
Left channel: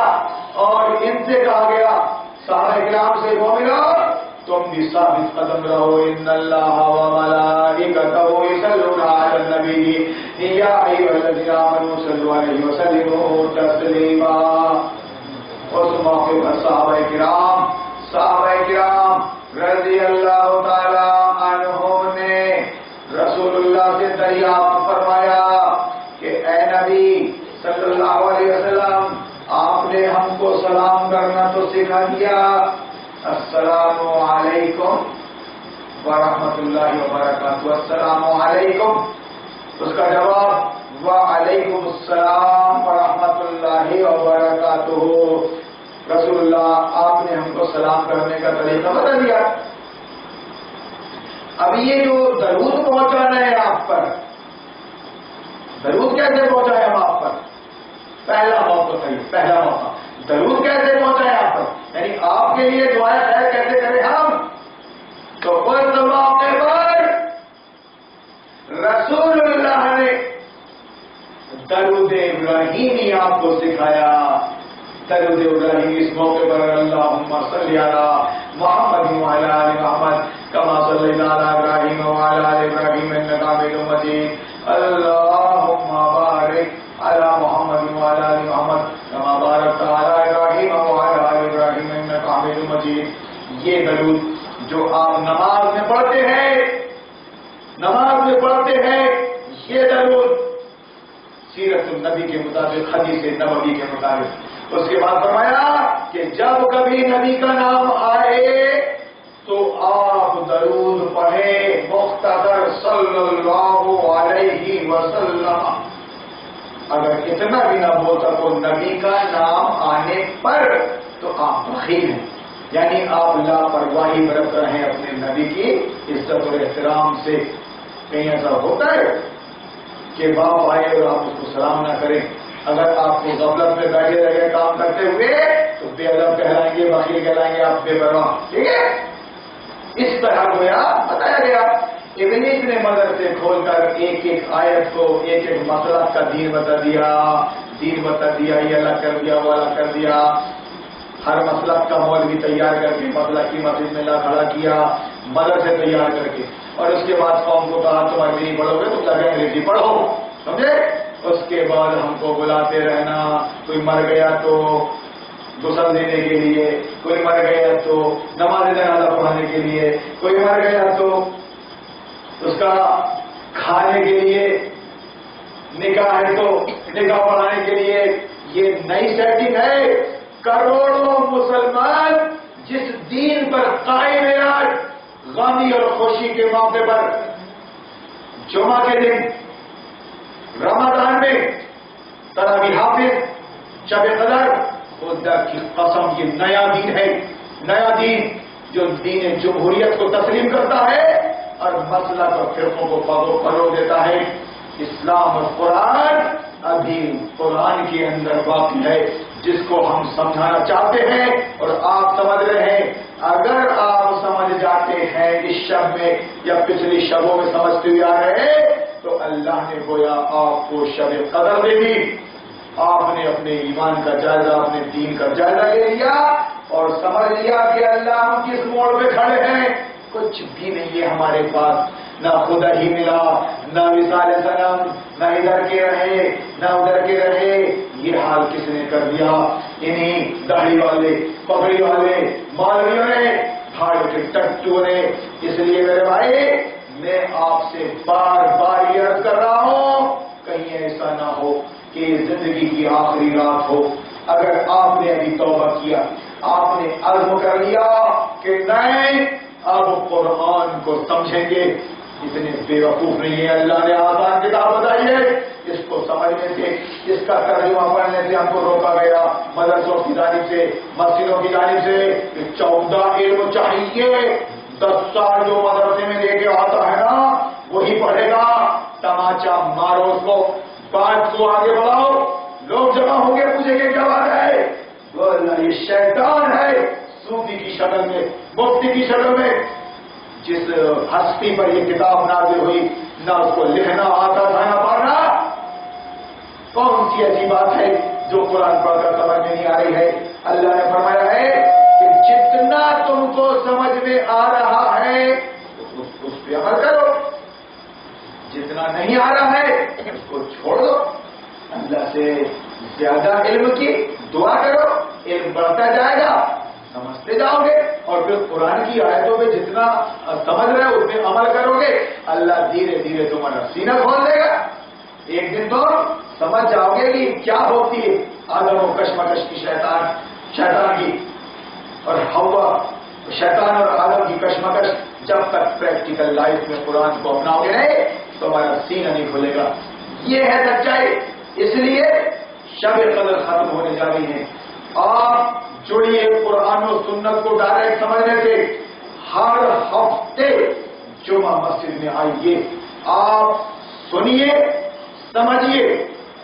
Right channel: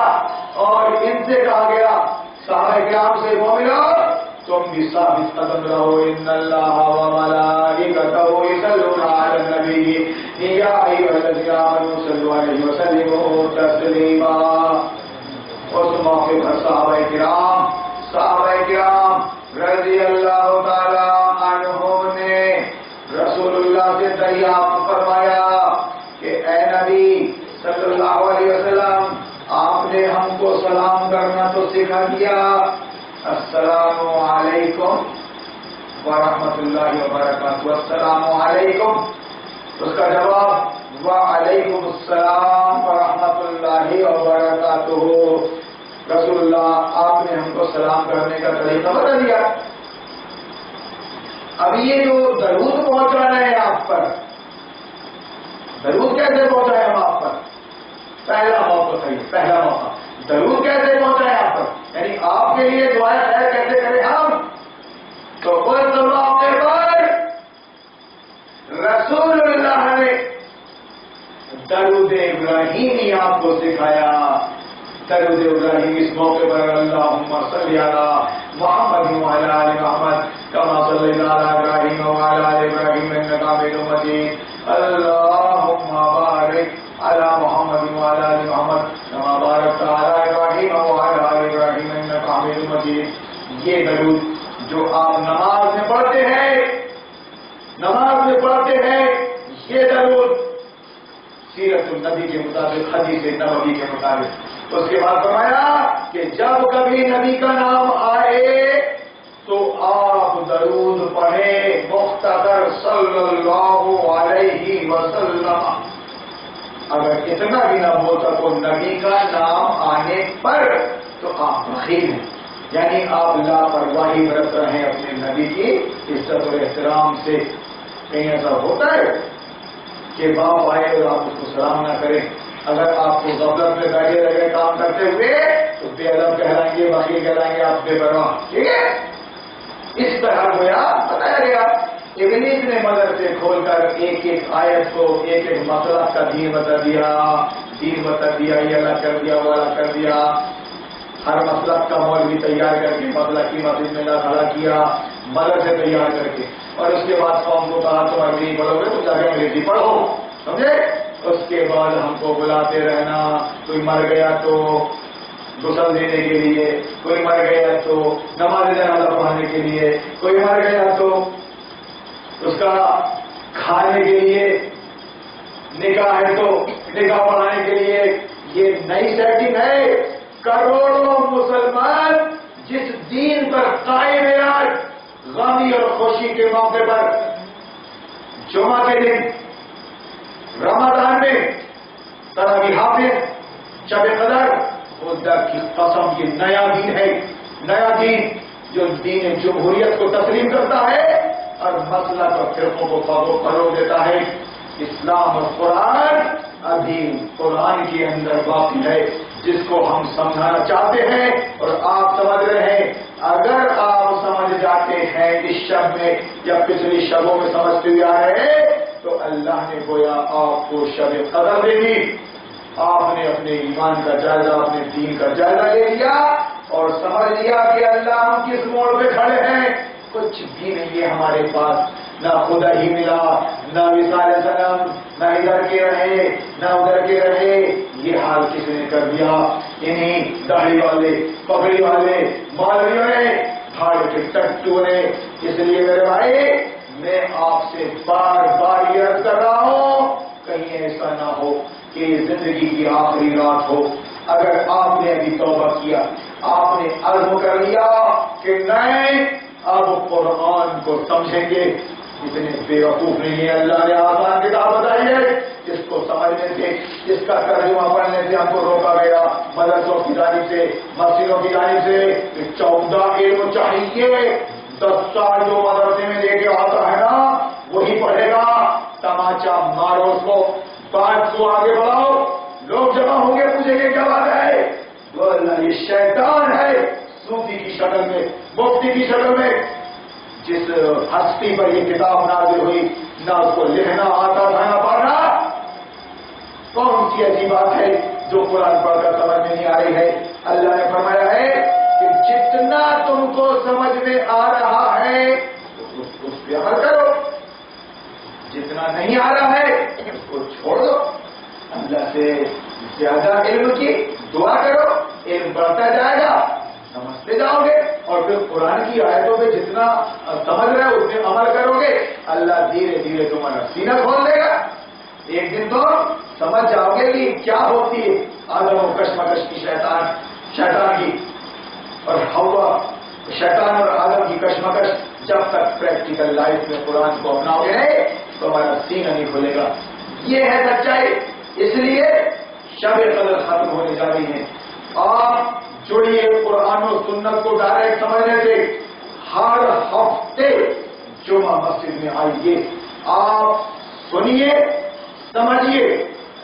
اور ان سے کہا گیا صحابہ کرام سے، مومنو تم بھی ثابت قدم رہو. ان اللہ و ملائکتہ یصلون علی النبی یا ایھا الذین آمنوا صلوا علیہ وسلموا تسلیما. اس موقع پر صحابہ کرام رضی اللہ تعالی عنہم نے رسول اللہ سے دریافت فرمایا کہ اے نبی صلی اللہ علیہ وسلم، آپ نے ہم کو سلام کرنا تو سکھا دیا، السلام علیکم ورحمۃ اللہ وبرکاتہ. السلام علیکم، اس کا جواب وعلیکم السلام ورحمۃ اللہ وبرکاتہ. رسول اللہ آپ نے ہم کو سلام کرنے کا طریقہ بتا دیا. اب یہ جو درود پہنچانا ہے آپ پر، درود کیسے پہنچائے ہم آپ پر؟ پہلا موقع درود کیسے پہنچائے آپ پر، یعنی آپ کے لیے دعائیں خیر کیسے کریں ہم. تو اس موقع پر رسول اللہ نے درود ابراہیمی آپ کو سکھایا. درود ابراہیم اس موقع پر اللہم صلی علی محمد وعلی آل محمد کما صلیت علی ابراہیم وعلی آل ابراہیم انک حمید مجید. اللہم بارک علی محمد وعلی آل محمد کما بارکت علی ابراہیم وعلی آل ابراہیم انک حمید مجید. یہ درود جو آپ نماز میں پڑھتے ہیں یہ درود سیرت النبی کے مطابق، حدیث نبوی کے مطابق. اس کے بعد فرمایا کہ جب کبھی نبی کا نام آئے تو آپ درود پڑھیں مختصر صلی اللہ علیہ وسلم. اگر اتنا بھی نہ ہو سکو نبی کا نام آنے پر تو آپ بخیل ہیں، یعنی آپ لاپرواہی برت رہے ہیں اپنے نبی کی عزت اور احترام سے. کہیں ایسا ہوتا ہے کہ باپ آئے اور آپ اس کو سلام نہ کریں. اگر آپ کو غفلت میں بیٹھے رہے کام کرتے ہوئے تو بے ادب کہلائیں گے، بخیل کہلائیں گے، آپ بے پرواہ. ٹھیک ہے، اس طرح گویا بتایا گیا ابلیس نے مدرسے کھول کر ایک ایک آیت کو ایک ایک مسئلہ کا دین بتا دیا، یہ الگ کر دیا، وہ الگ کر دیا، ہر مسلک کا مولوی تیار کر کے مسلک کی مسجد میں لا کھڑا کیا، مدرسے تیار کر کے، اور اس کے بعد قوم کو کہا تم عربی پڑھو گے تو جگہ انگریزی پڑھو، سمجھے؟ اس کے بعد ہم کو بلاتے رہنا، کوئی مر گیا تو غسل دینے کے لیے، کوئی مر گیا تو نماز جنازہ پڑھانے کے لیے، کوئی مر گیا تو اس کا کھانے کے لیے، نکاح ہے تو نکاح پڑھانے کے لیے۔ یہ نئی سیٹنگ ہے۔ کروڑوں مسلمان جس دین پر قائم ہے آج، غمی اور خوشی کے موقع پر، جمعہ کے دن، رمضان میں تراویح حافظ، شب قدر، خدا کی قسم یہ نیا دین ہے، نیا دین جو دین جمہوریت کو تسلیم کرتا ہے اور مسلک اور فرقوں کو فروغ دیتا ہے۔ اسلام اور قرآن ابھی قرآن کے اندر باقی ہے، جس کو ہم سمجھانا چاہتے ہیں اور آپ سمجھ رہے ہیں۔ اگر آپ سمجھ جاتے ہیں اس شب میں یا پچھلی شبوں میں سمجھتے ہوئے آ رہے ہیں تو اللہ نے گویا آپ کو شب قدر دے دی۔ آپ نے اپنے ایمان کا جائزہ، اپنے دین کا جائزہ لے لیا اور سمجھ لیا کہ اللہ ہم کس موڑ پہ کھڑے ہیں۔ کچھ بھی نہیں ہے ہمارے پاس، نہ خدا ہی ملا، نہ مثال سلام، نہ ادھر کے رہے نہ ادھر کے رہے۔ یہ حال کس نے کر دیا؟ انہیں داڑھی والے، پگڑی والے مولویوں نے، بھاڑ کے ٹٹو نے۔ اس لیے میرے بھائی میں آپ سے بار بار یہ عرض کر رہا ہوں، کہیں ایسا نہ ہو کہ زندگی کی آخری رات ہو، اگر آپ نے ابھی توبہ کیا، آپ نے عزم کر لیا کہ نہیں اب قرآن کو سمجھیں گے، اتنے بیوقوف نہیں ہے۔ اللہ نے آسان کتاب بتائی ہے، اس کو سمجھنے سے، اس کا ترجمہ پڑھنے سے ہم کو روکا گیا مدرسوں کی جانب سے، مسجدوں کی جانب سے۔ 14 علم چاہیے، 10 سال جو مدرسے میں لے کے آتا ہے نا وہی پڑھے گا۔ تماچا مارو اس کو، بات کو آگے بڑھاؤ، لوگ جمع ہوں گے پوچھیں گے کیا بات ہے، وہ اللہ یہ شیطان ہے، صوفی کی شکل میں، مفتی کی شکل میں۔ جس ہستی پر یہ کتاب نازل ہوئی نہ اس کو لکھنا آتا تھا نہ پڑھنا، کون سی ایسی بات ہے جو قرآن پڑھ کر سمجھ میں نہیں آ رہی ہے؟ اللہ نے فرمایا ہے کہ جتنا تم کو سمجھ میں آ رہا ہے اس پہ عمل کرو، جتنا نہیں آ رہا ہے اس کو چھوڑ دو۔ اللہ سے زیادہ علم کی دعا کرو، علم بڑھتا جائے گا، سمجھتے جاؤ گے، اور پھر قرآن کی آیتوں پہ جتنا سمجھ رہے ہو اس پہ عمل کرو گے، اللہ دھیرے دھیرے تمہارا سینہ کھول دے گا۔ ایک دن تو سمجھ جاؤ گے کہ کیا ہوتی ہے آدم و کشمکش کی، شیطان کی اور ہوا، شیطان اور آدم کی کشمکش۔ جب تک پریکٹیکل لائف میں قرآن کو اپناؤ گے نہیں تو ہمارا سینہ نہیں کھلے گا۔ یہ ہے سچائی۔ اس لیے شب قدر ختم ہونے جا رہی ہیں، آپ جڑیے قرآن و سنت کو ڈائریکٹ سمجھنے سے۔ ہر ہفتے جمعہ مسجد میں آئیے، آپ سنیے، سمجھیے،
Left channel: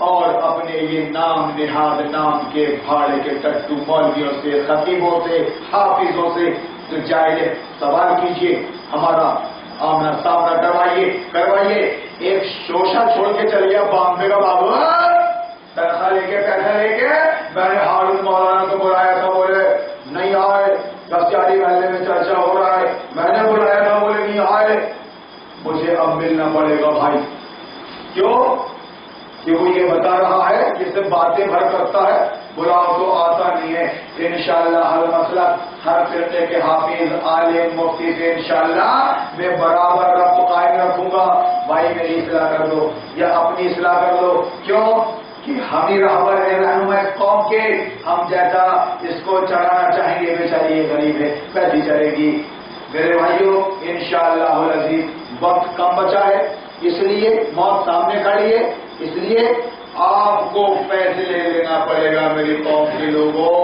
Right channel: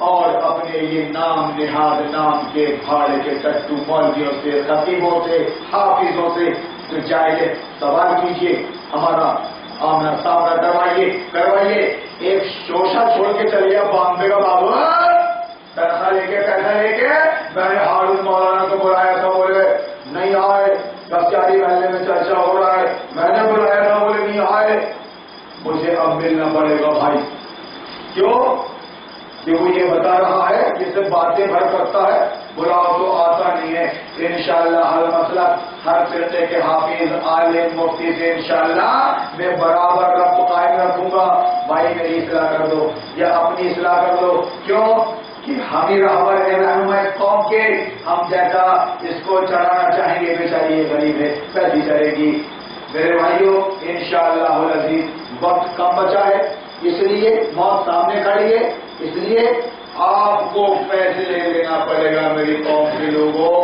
اور اپنے یہ نام نہاد نام کے بھاڑ کے ٹٹو مولویوں سے، خطیبوں سے، حافظوں سے تو جائے سوال کیجیے، ہمارا آمنا سامنا کروائیے۔ ایک شوشہ چھوڑ کے چلے بامبے کا بابو تنخواہ لے کے پیسہ لے کے، میں نے ہارون مولانا کو بلایا تھا، بولے نہیں آئے، دستیاری محلے میں چرچا ہو رہا ہے، میں نے بلایا تھا، بولے نہیں آئے، مجھے اب ملنا پڑے گا بھائی۔ کیوں کہ وہ یہ بتا رہا ہے جس سے باتیں بھر کرتا ہے، بلاؤ تو آتا نہیں ہے۔ انشاءاللہ ہر مسئلہ، ہر فرقے کے حافظ، عالم، مفتی سے انشاءاللہ میں برابر ربط قائم رکھوں گا۔ بھائی میری اصلاح کر دو یا اپنی اصلاح کر دو۔ کیوں کہ ہم ہی رہبر ہیں، رہنما اس قوم کے، ہم جیسا اس کو چڑھانا چاہیں گے، بیچاری یہ غریب ہے کیسی چڑھے گی؟ میرے بھائیوں انشاءاللہ العزیز وقت کم بچا ہے، اس لیے موت سامنے کھڑی ہے، اس لیے آپ کو فیصلے لینا پڑے گا میری قوم کے لوگوں۔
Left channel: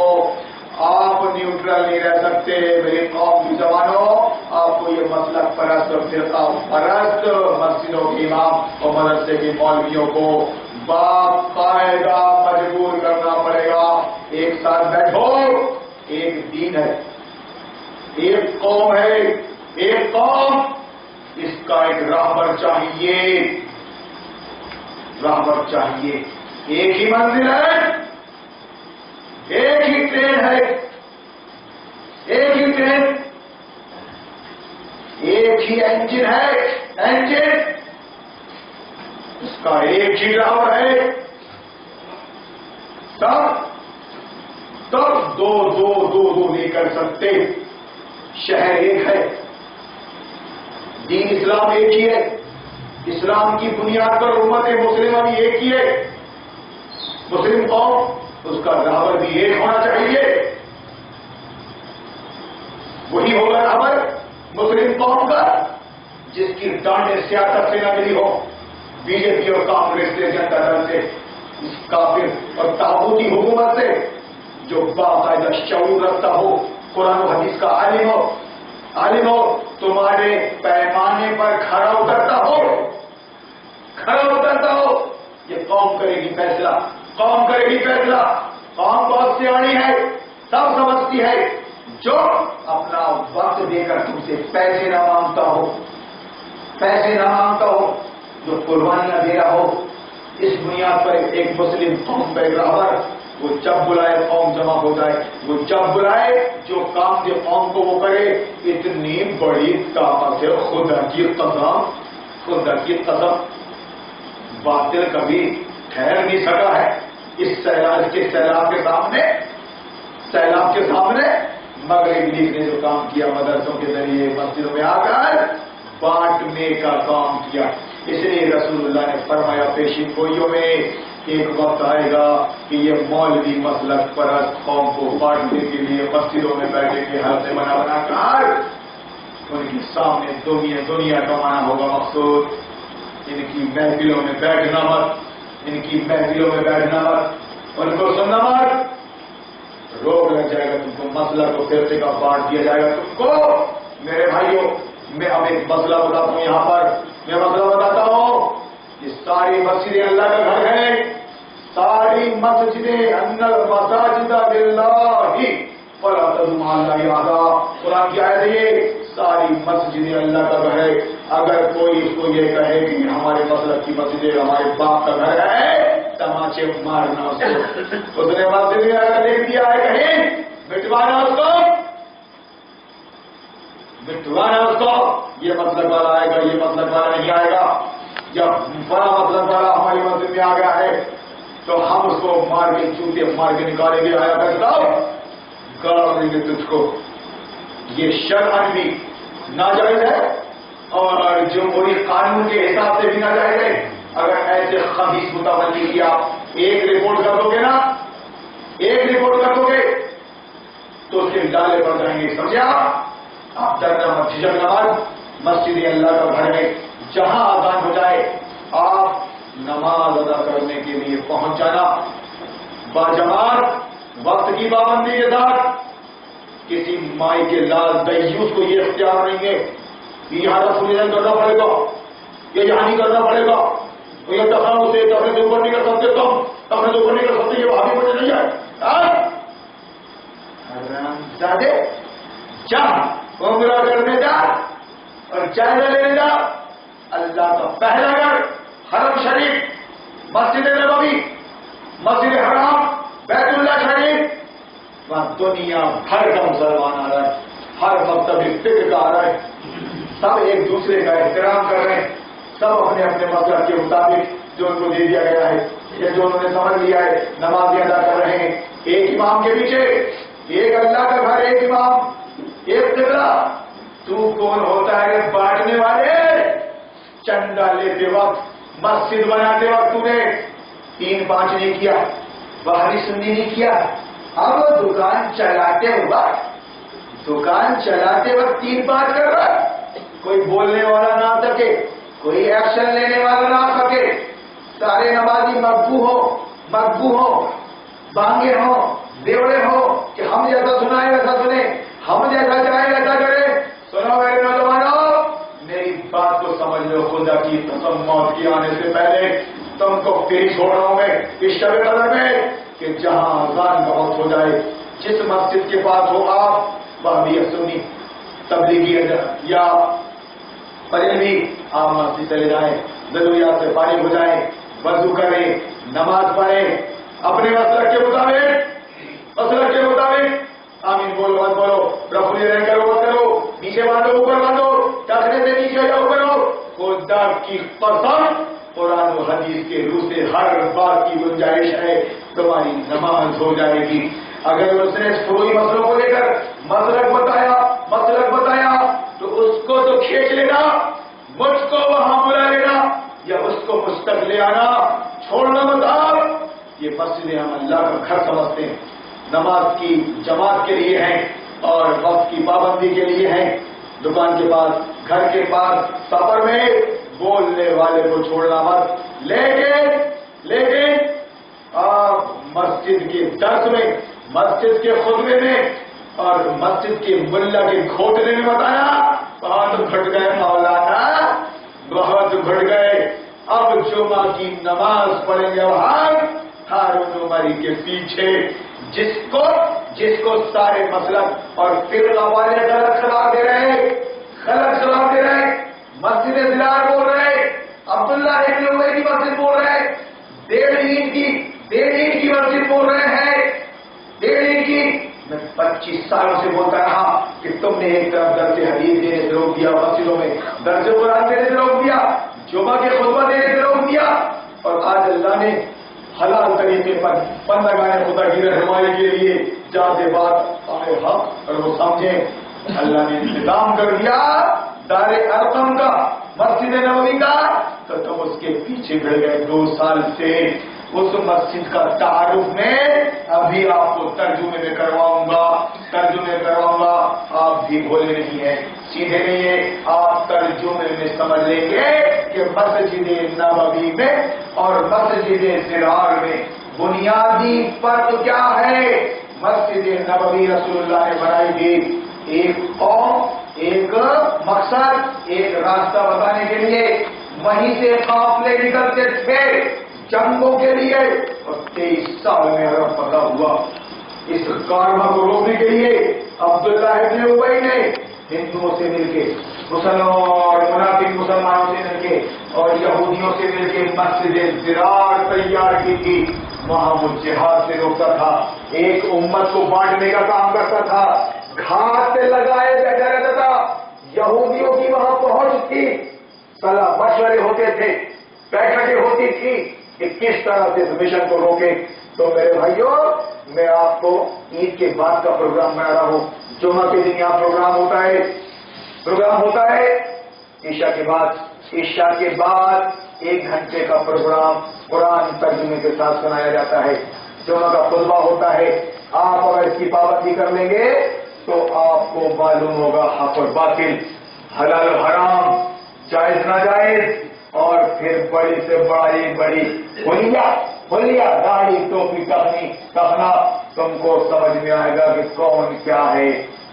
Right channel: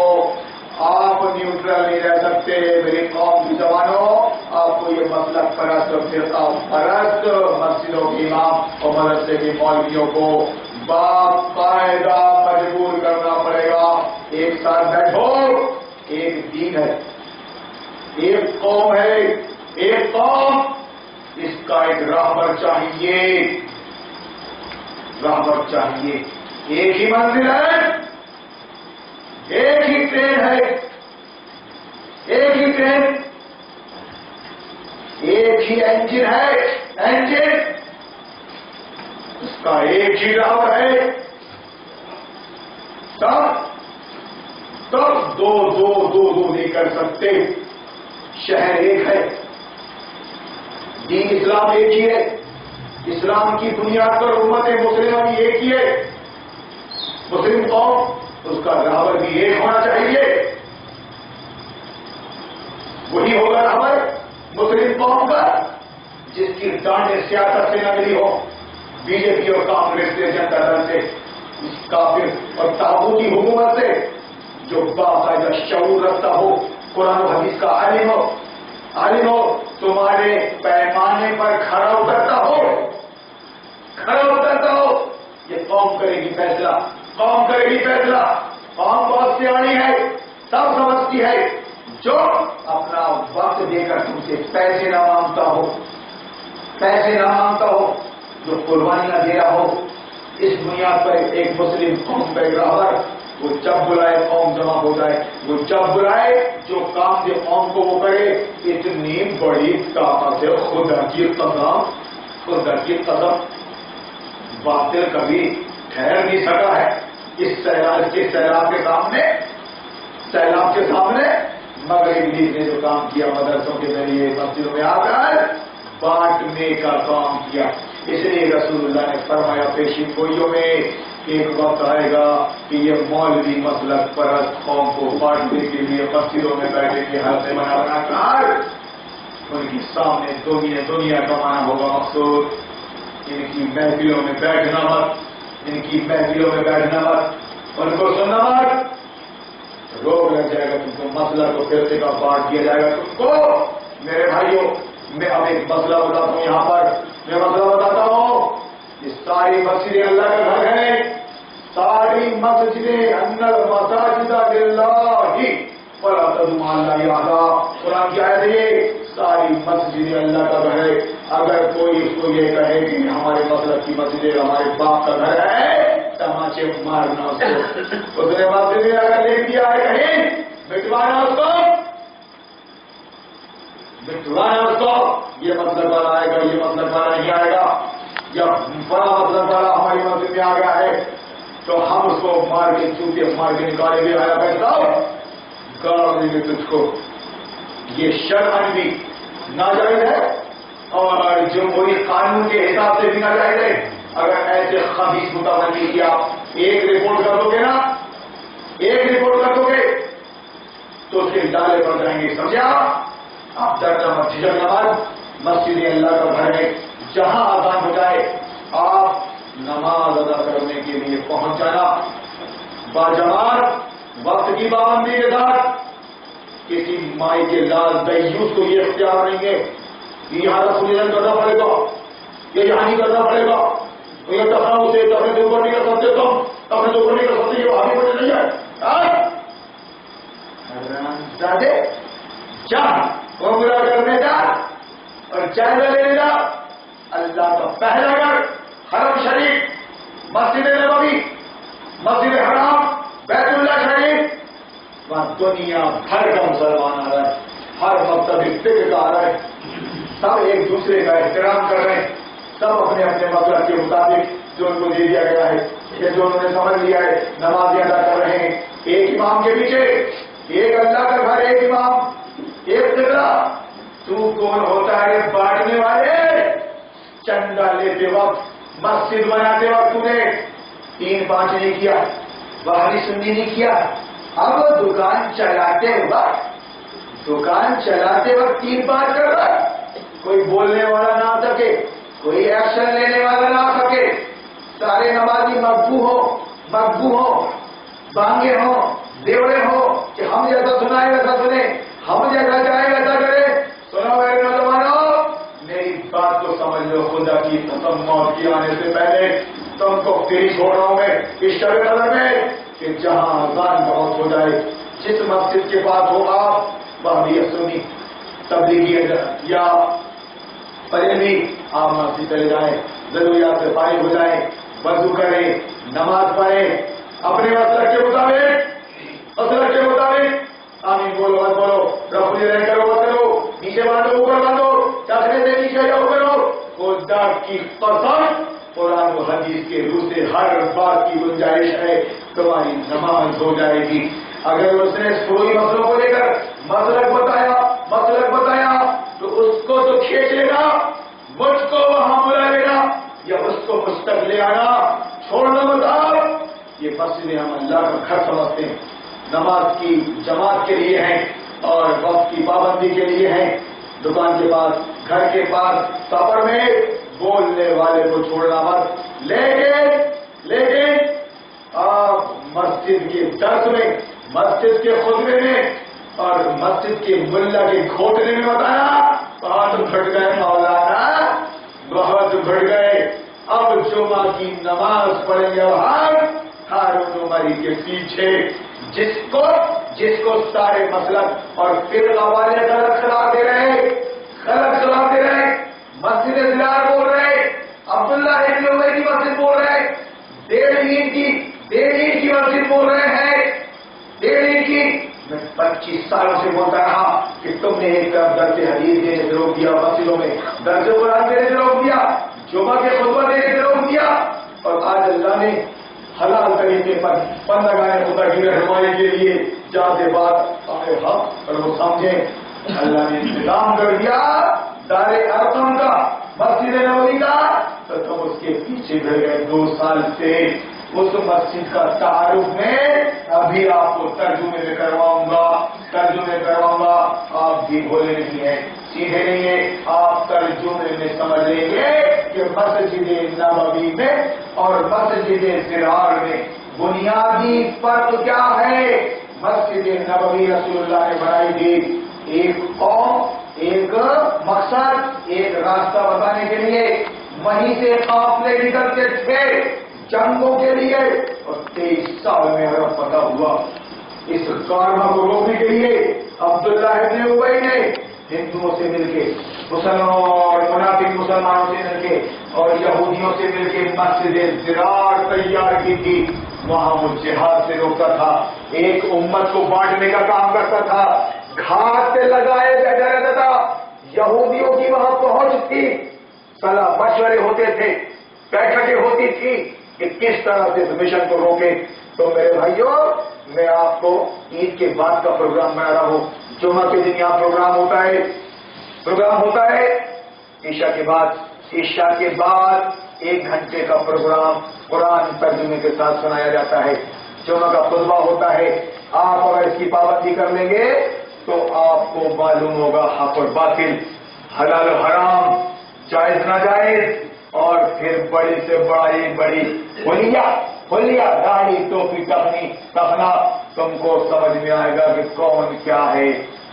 آپ نیوٹرل نہیں رہ سکتے میری قوم کی جوانوں۔ آپ کو یہ مسلک پرست اور فرقہ پرست مسجدوں کے امام اور مدرسے کے مولویوں کو باقاعدہ مجبور کرنا پڑے گا۔ ایک ساتھ بیٹھو، ایک دین ہے، ایک قوم ہے، ایک قوم، اس کا ایک راہبر چاہیے، راہبر چاہیے. ایک ہی منزل ہے، ایک ہی ٹرین ہے، ایک ہی ٹرین، ایک ہی انجن ہے، انجن اس کا ایک ہی راہبر ہے. تب دو نہیں کر سکتے. شہر ایک ہے، دین اسلام ایک ہی ہے، اسلام کی بنیاد پر امت مسلمہ بھی ایک ہی ہے. مسلم قوم، اس کا راہبر بھی ایک ہونا چاہیے. وہی ہوگا راہبر مسلم قوم کا جس کی ڈانڈیں سیاست سے نہ ملی ہو، بی جے پی اور کانگریس سے، جنتا دل سے، اس کافر اور تابوتی حکومت سے، جو باقاعدہ شعور رکھتا ہو، قرآن و حدیث کا عالم ہو، تمہارے پیمانے پر کھڑا اترتا ہو. یہ قوم کرے گی فیصلہ، قوم کرے گی فیصلہ. قوم بہت سیاਣੀ ہے، سب سمجھتی ہے. جو اپنا وقت دے کر تم سے پیسے نہ مانگتا ہو، جو قربانیاں دے رہا ہو، اس بنیاد پر ایک مسلم قوم کا ایک راہبر، وہ جب بلائے قوم جمع ہو جائے، وہ جب بلائے جو کام دے قوم کو وہ کرے. اتنی بڑی طاقت ہے، خدا کی قسم باطل کبھی ٹھہر نہیں سکا ہے. اس سیلاب کے سامنے مغرب لیگ نے جو کام کیا، مدرسوں کے ذریعے مسجدوں میں آ کر بانٹنے کا کام کیا. اس لیے رسول اللہ نے فرمایا پیشی گوئیوں میں ایک وقت آئے گا کہ یہ مولوی مسلک پرست قوم کو بانٹنے کے لیے مسجدوں میں بیٹھے کے حلقے بنا کر ان کے سامنے دنیا کمانا ہوگا مقصود. ان کی محفلوں میں بیٹھنا مت، ان کو سننا مت. روک لگ جائے گا تم کو، مسئلہ کو فرقے کا بانٹ دیا جائے گا تم کو. میرے بھائیوں، میں اب ایک مسئلہ بتاتا ہوں. یہاں پر میں مسئلہ بتاتا ہوں. یہ ساری مسجدیں اللہ کا گھر ہے، ساری مسجدیں، ان المساجد للہ فلا تدعوا مع اللہ احدا. قرآن کی آیت ہے یہ. ساری مسجدیں اللہ کا گھر ہے. اگر کوئی اس کو یہ کہے کہ ہمارے مسلک کی مسجدیں ہمارے باپ کا گھر ہے، تماچے مارنا اس کو. اس نے مسجد میں اگر لکھ دیا ہے کہیں، مٹوانا اس کو. یہ مسلک والا آئے گا، یہ مسلک والا نہیں آئے گا. جب بڑا مسلک والا ہماری مسجد میں آ گیا ہے تو ہم اس کو مار کے چوٹے مار کے نکالیں گے. آیا کرتا گاڑ دیں گے تجھ کو. یہ شرعاً بھی ناجائز ہے اور جمہوری قانون کے حساب سے بھی ناجائز ہے. اگر ایسے خبیث متولی کیا، ایک رپورٹ کر دو گے تو اس کے ڈالے پڑ جائیں گے. سمجھا؟ آپ ڈرنا مت، جھجکنا مت. مسجد اللہ کا گھر ہے، جہاں آزان ہو جائے آپ نماز ادا کرنے کے لیے پہنچ جانا باجماعت، وقت کی پابندی کے ساتھ. کسی مائی کے لال دیوس کو یہ اختیار نہیں ہے کہ یہاں رسول کرنا پڑے گا، یہ یہاں نہیں کرنا پڑے گا. یہ دفعہ سے دفعے سے اوپر نہیں کر سکتے، تم دفعے سے اوپر نہیں کر سکتے. یہ آگے بڑھے نہیں ہے. عمرہ کرنے جا اور جائزہ لینے جا. اللہ کا پہلا گھر حرم شریف، مسجد نبوی، مسجد حرام، بیت اللہ شریف. وہاں دنیا بھر کا مسلمان آ رہا ہے، ہر مکتب فکر کا آ رہا ہے. سب ایک دوسرے کا احترام کر رہے ہیں، سب اپنے اپنے مطلب کے مطابق جو ان کو دے دیا گیا ہے یا جو انہوں نے سمجھ لیا ہے نماز ادا کر رہے ہیں. ایک امام کے پیچھے، ایک اللہ کا گھر، ایک امام، ایک قبلہ. تو کون ہوتا ہے بانٹنے والے؟ چندہ لیتے وقت، مسجد بناتے وقت تو نے 3-5 نہیں کیا، باہری سنی نہیں کیا. اب دکان چلاتے وقت 3-5 کر رہا ہے. کوئی بولنے والا نہ آ سکے، کوئی ایکشن لینے والا نہ آ سکے. سارے نمازی مقبو ہو، بانگے ہو، دیوڑے ہو کہ ہم جیسا سنائے ویسا سنے، ہم جیسا چاہے ویسا کرے. سنو میرے نوجوانوں، میری بات کو سمجھ لو. خدا کی قسم موت کی آنے سے پہلے تم کو پھر چھوڑ رہا ہوں میں اس شب قدر میں کہ جہاں اذان بہت ہو جائے، جس مسجد کے پاس ہو آپ، وہابی سنی، تبلیغی یا پریمی آپ مسجد چلے جائیں، ضروریات سے فارغ ہو جائیں، وضو کریں، نماز پڑھیں، اپنے مسلک کے مطابق آمین بولو مت بولو، رفلی رہ کرو مت کرو، نیچے باندھو اوپر باندھو، چکنے سے نیچے جاؤ کرو، خدا کی قسم قرآن و حدیث کے روح سے ہر بات کی گنجائش ہے، تمہاری نماز ہو جائے گی۔ اگر اس نے فروئی مسئلوں کو لے کر مسلک بتایا تو اس کو تو کھینچ لینا، مجھ کو وہاں بلا لینا یا اس کو مجھ تک لے آنا، چھوڑنا مت۔ آپ یہ مسجدیں ہم اللہ کا گھر سمجھتے ہیں، نماز کی جماعت کے لیے ہیں اور وقت کی پابندی کے لیے ہیں۔ دکان کے پاس، گھر کے پاس، سفر میں بولنے والے کو چھوڑنا مت۔ لیکن آپ مسجد کے درس میں، مسجد کے خطبے میں اور مسجد کے ملا کے گھوٹنے میں بتایا بہت گھٹ گئے مولانا، بہت گھٹ گئے، اب جمعہ کی نماز پڑھیں گے ہارون عمری کے پیچھے، جس کو سارے مسلک اور فرقہ والے غلط قرار دے رہے، مسجد زرار بول رہے، عبداللہ ابن ابی کی مسجد بول رہے، ڈیڑھ اینٹ کی مسجد بول رہے ہیں، ڈیڑھ اینٹ کی۔ میں 25 سالوں سے بولتا رہا کہ تم نے ایک طرف درس حدیث دینے سے روک دیا، مسجدوں میں درس قرآن دینے سے روک دیا، جمعہ کے خطبہ دینے سے روک دیا، اور آج اللہ نے حلال طریقے پر بندگان خدا کی رہنمائی کے لیے جاتے بات آئے حق اور وہ سمجھیں، اللہ نے انتظام کر دیا دار ارقم کا، مسجد نبوی کا، تو تم اس کے پیچھے بڑھ گئے 2 سال سے۔ اس مسجد کا تعارف میں ابھی آپ کو ترجمے میں کرواؤں گا، آپ بھی بھولے نہیں ہیں، سیدھے نہیں ہیں، آپ ترجمے میں سمجھ لیں گے کہ مسجد نبوی میں اور مسجد زرار میں بنیادی فرق کیا ہے۔ مسجد نبوی رسول اللہ نے بنائی تھی ایک قوم، ایک مقصد، ایک راستہ بتانے کے لیے، وہیں سے قافلے نکلتے تھے جنگوں کے لیے، اور 23 سال میں عرب فتح ہوا۔ اس کارواں کو روکنے کے لیے عبداللہ ابن ابی نے ہندوؤں سے مل کے، مسلمانوں اور منافق مسلمانوں سے مل کے اور یہودیوں سے مل کے مسجد زرار تیار کی تھی۔ وہاں وہ جہاد سے روکتا تھا، ایک امت کو بانٹنے کا کام کرتا تھا، گھاٹ سے لگائے بیٹھا رہتا تھا، یہودیوں کی وہاں پہنچ تھی، صلاح مشورے ہوتے تھے، بیٹھکیں ہوتی تھی کہ کس طرح سے اس مشن کو روکے۔ تو میرے بھائیوں، میں آپ کو عید کے بعد کا پروگرام بنا رہا ہوں، جمعہ کے دن یہاں پروگرام ہوتا ہے، عشاء کے بعد 1 گھنٹے کا پروگرام قرآن ترجمے کے ساتھ سنایا جاتا ہے، جمعہ کا خطبہ ہوتا ہے۔ آپ اگر اس کی پابندی کر لیں گے تو آپ کو معلوم ہوگا حق اور باطل، حلال و حرام، جائز ناجائز، اور پھر بڑی سے بڑی حلیہ داڑھی ٹوپی ٹکنا، تم کو سمجھ میں آئے گا کہ کون کیا ہے۔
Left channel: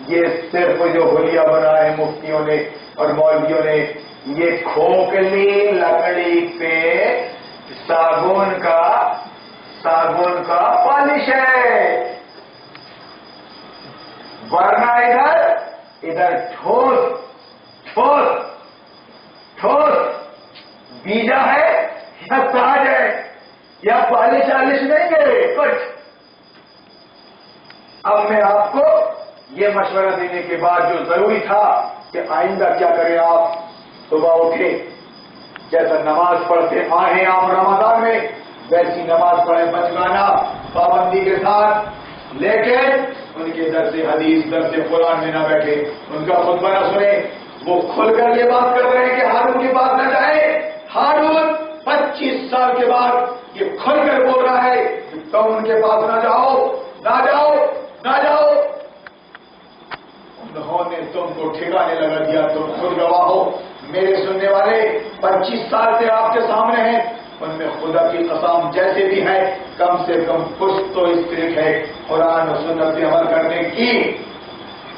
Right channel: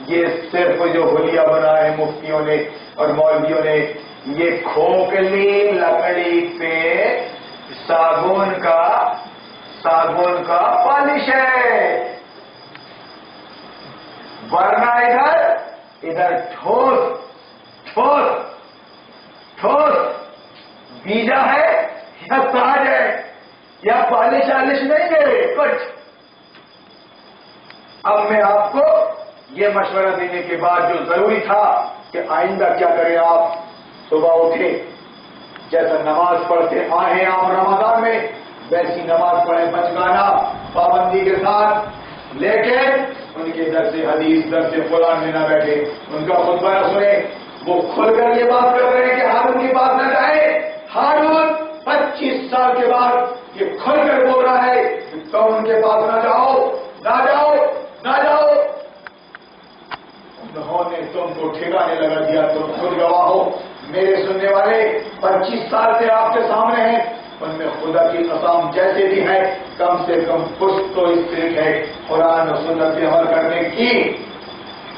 یہ صرف جو حلیہ بنا ہے مفتیوں نے اور مولویوں نے، یہ کھوکھلی لکڑی پہ صابن کا پالش ہے، ورنہ ادھر ٹھوس بیجا ہے یا تاج ہے یا پالش نہیں ہے کچھ۔ اب میں آپ کو یہ مشورہ دینے کے بعد جو ضروری تھا کہ آئندہ کیا کریں، آپ صبح اٹھے، جیسا نماز پڑھتے آئے آپ رمضان میں، ویسی نماز پڑھیں بچگانا پابندی کے ساتھ، لیکن ان کے درس حدیث درس قرآن میں نہ بیٹھے، ان کا خطبہ نہ سنیں۔ وہ کھل کر یہ بات کر رہے ہیں کہ ہارون کی بات نہ جائے، ہارون 25 سال کے بعد یہ کھل کر بول رہا ہے کہ تم ان کے پاس نہ جاؤ۔ انہوں نے تم کو ٹھکانے لگا دیا، تم خود گواہ ہو، میرے سننے والے 25 سال سے آپ کے سامنے ہیں، ان میں خدا کی قسم جیسے بھی ہے کم سے کم کچھ تو اسپرٹ ہے قرآن و سنت سے عمل کرنے کی،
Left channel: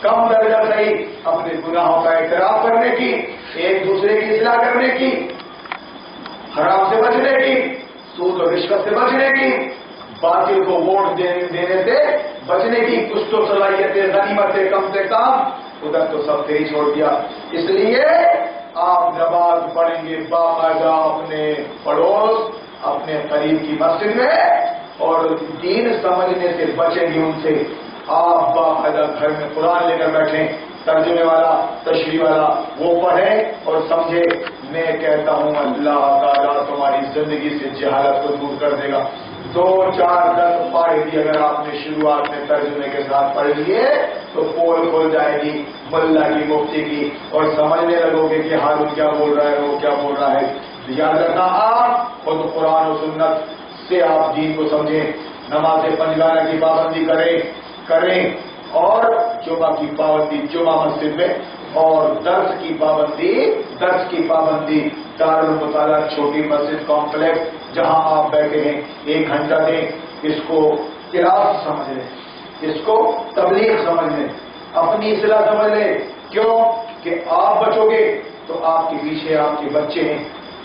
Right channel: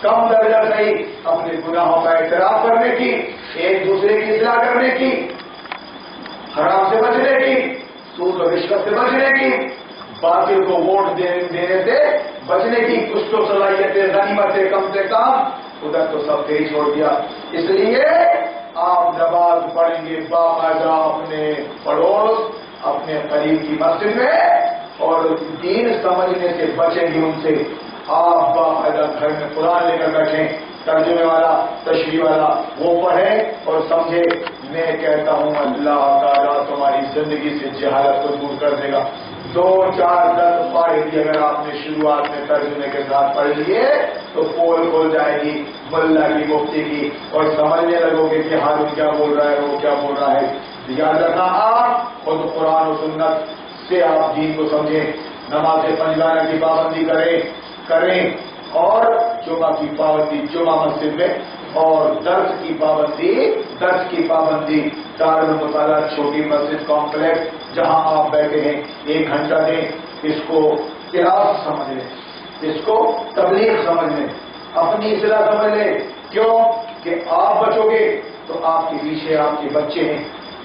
کم درجہ صحیح اپنے گناہوں کا اعتراف کرنے کی، ایک دوسرے کی اصلاح کرنے کی، حرام سے بچنے کی، سود و رشوت سے بچنے کی، باطل کو ووٹ دینے سے بچنے کی، کچھ تو صلاحیتیں غنیمتیں کم سے کم ادھر تو سب ہی چھوڑ دیا. اس لیے آپ نماز پڑھیں گے باقاعدہ اپنے پڑوس اپنے قریب کی مسجد میں اور دین سمجھنے سے بچیں گے ان سے. آپ باقاعدہ گھر میں قرآن لے کر بیٹھیں, ترجمے والا تشریح والا وہ پڑھیں اور سمجھے. میں کہتا ہوں اللہ تعالیٰ تمہاری زندگی سے جہالت کو دور کر دے گا. 2 4 10 پارے بھی اگر آپ نے شروعات میں ترجمے کے ساتھ پڑھ لیے تو پول کھل جائے گی ملا کی مفتی کی اور سمجھنے لگو گے کہ ہارون کیا بول رہا ہے وہ کیا بول رہا ہے. یاد رکھنا آپ خود قرآن و سنت سے آپ دین کو سمجھیں. نماز 5 وقت کی پابندی کریں اور جمعہ کی پابندی جمعہ مسجد میں اور درس کی پابندی دارالمطالعہ چھوٹی مسجد کمپلیکس جہاں آپ بیٹھے ہیں 1 گھنٹہ دیں. اس کو کلاس سمجھ لیں, اس کو تبلیغ سمجھ لیں, اپنی اصلاح سمجھ لیں. کیوں کہ آپ بچو گے تو آپ کے پیچھے آپ کے بچے ہیں,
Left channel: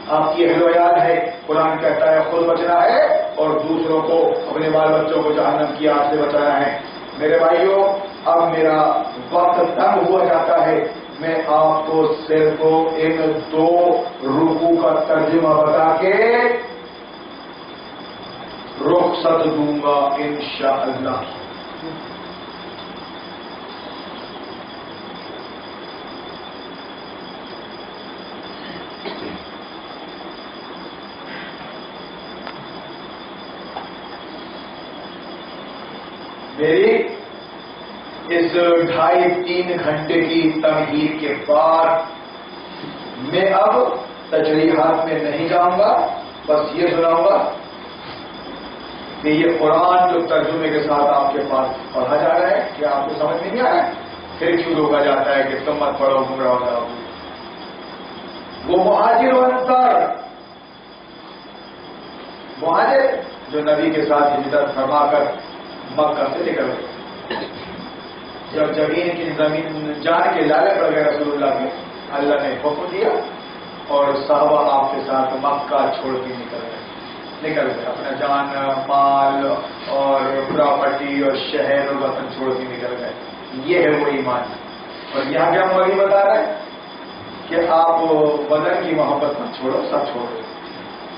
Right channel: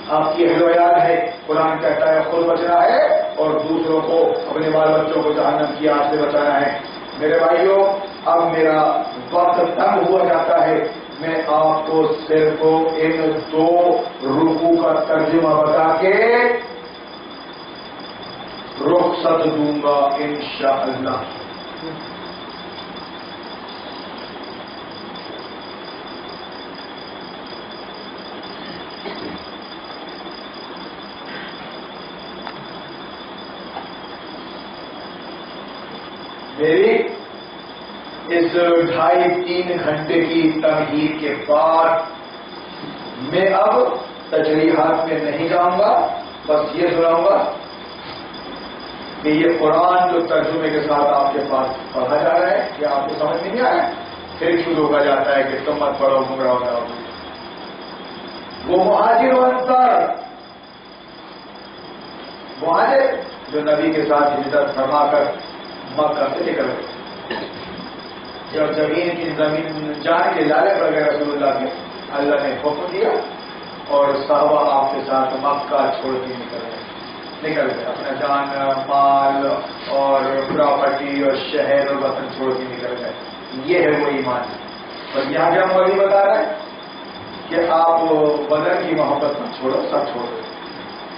آپ کی اہل و عیال ہے. قرآن کہتا ہے خود بچنا ہے اور دوسروں کو اپنے بال بچوں کو جہنم کی آگ سے بچانا ہے. میرے بھائیوں اب میرا وقت تنگ ہوا جاتا ہے. میں آپ کو صرف ان 2 رکوع کا ترجمہ بتا کے رخصت دوں گا انشاءاللہ. میری اس 2.5-3 گھنٹے کی تمہید کے بعد میں اب تشریحات میں نہیں جاؤں گا. بس یہ سناؤں گا کہ یہ قرآن جو ترجمے کے ساتھ آپ کے پاس پڑھا جا رہا ہے کیا آپ کو سمجھ میں نہیں آ رہا ہے؟ پھر کیوں روکا جاتا ہے کہ تم مت پڑھو گمراہ ہو جاؤ. وہ مہاجر و انصار مہاجر جو نبی کے ساتھ ہجرت فرما کر مکہ سے نکل گئے, جب زمین جان کے لالے پڑ گئے رسول اللہ کے, اللہ نے حکم دیا اور صحابہ آپ کے ساتھ مکہ چھوڑ کے نکل گئے. اپنا جان مال اور پراپرٹی اور شہر اور وطن چھوڑ کے نکل گئے. یہ ہے وہ ایمان. اور یہاں کیا مولی بتا رہا ہے کہ آپ وطن کی محبت مت چھوڑو, سب چھوڑ دو.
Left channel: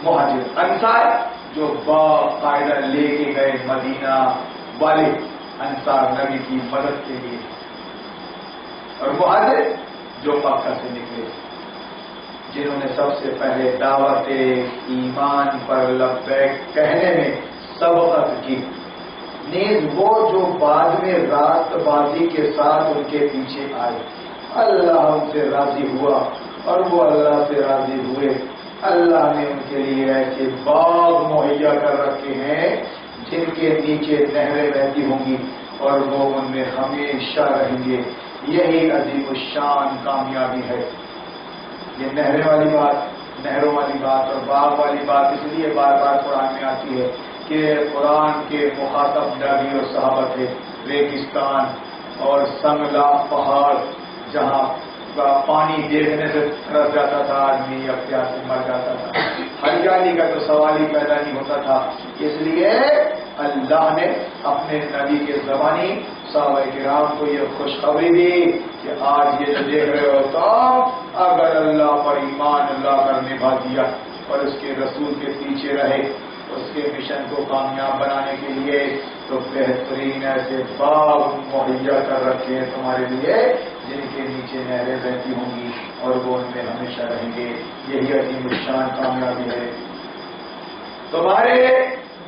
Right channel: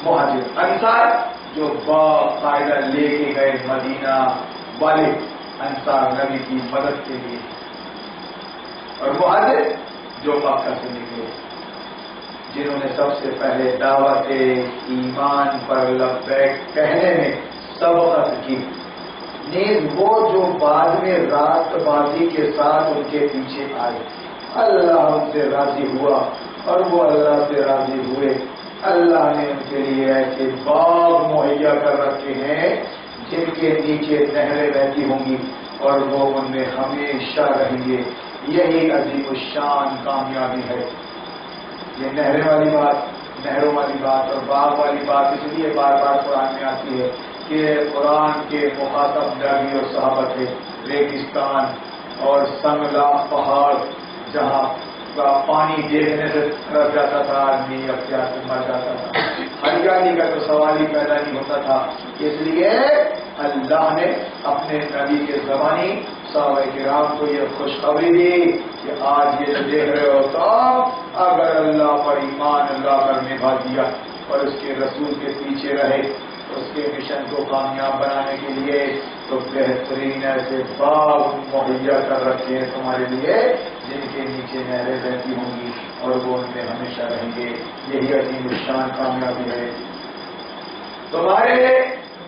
مہاجر انصار جو باقاعدہ لے کے گئے مدینہ والے انصار نبی کی مدد کے لیے, اور مہاجر جو مکہ سے نکلے جنہوں نے سب سے پہلے دعوت ایمان پر لبیک کہنے میں سبقت کی. نیز وہ جو بعد میں راست بازی کے ساتھ ان کے پیچھے آئے, اللہ ان سے راضی ہوا اور وہ اللہ سے راضی ہوئے. اللہ نے ان کے لیے ایسے باغ مہیا کر رکھے ہیں جن کے نیچے نہریں بہتی ہوں گی اور وہ ان میں ہمیشہ رہیں گے. یہی عظیم الشان کامیابی ہے. یہ نہریں والی بات, نہروں والی بات اور باغ والی بات اس لیے بار بار قرآن میں آتی ہے کہ قرآن کے مخاطب نبی اور صحابہ تھے. ریگستان اور سنگلا پہاڑ جہاں پانی دیکھنے سے ترس جاتا تھا آدمی, اب پیاس سے مر جاتا تھا. ہریالی کا تو سوال ہی پیدا نہیں ہوتا تھا. اس لیے اللہ نے اپنے نبی کے زبانی صحابہ کرام کو یہ خوشخبری دی کہ آج یہ جو دیکھ رہے ہو تو اگر اللہ پر ایمان اللہ کر نبھا دیا اور اس کے رسول کے پیچھے رہے اس کے مشن کو کامیاب بنانے کے لیے تو بہترین ایسے باغ مہیا کر رکھے ہیں تمہارے لیے جن کے نیچے نہریں بہتی ہوں گی اور وہ ان میں ہمیشہ رہیں گے. یہی عظیم الشان کامیابی ہے. تمہارے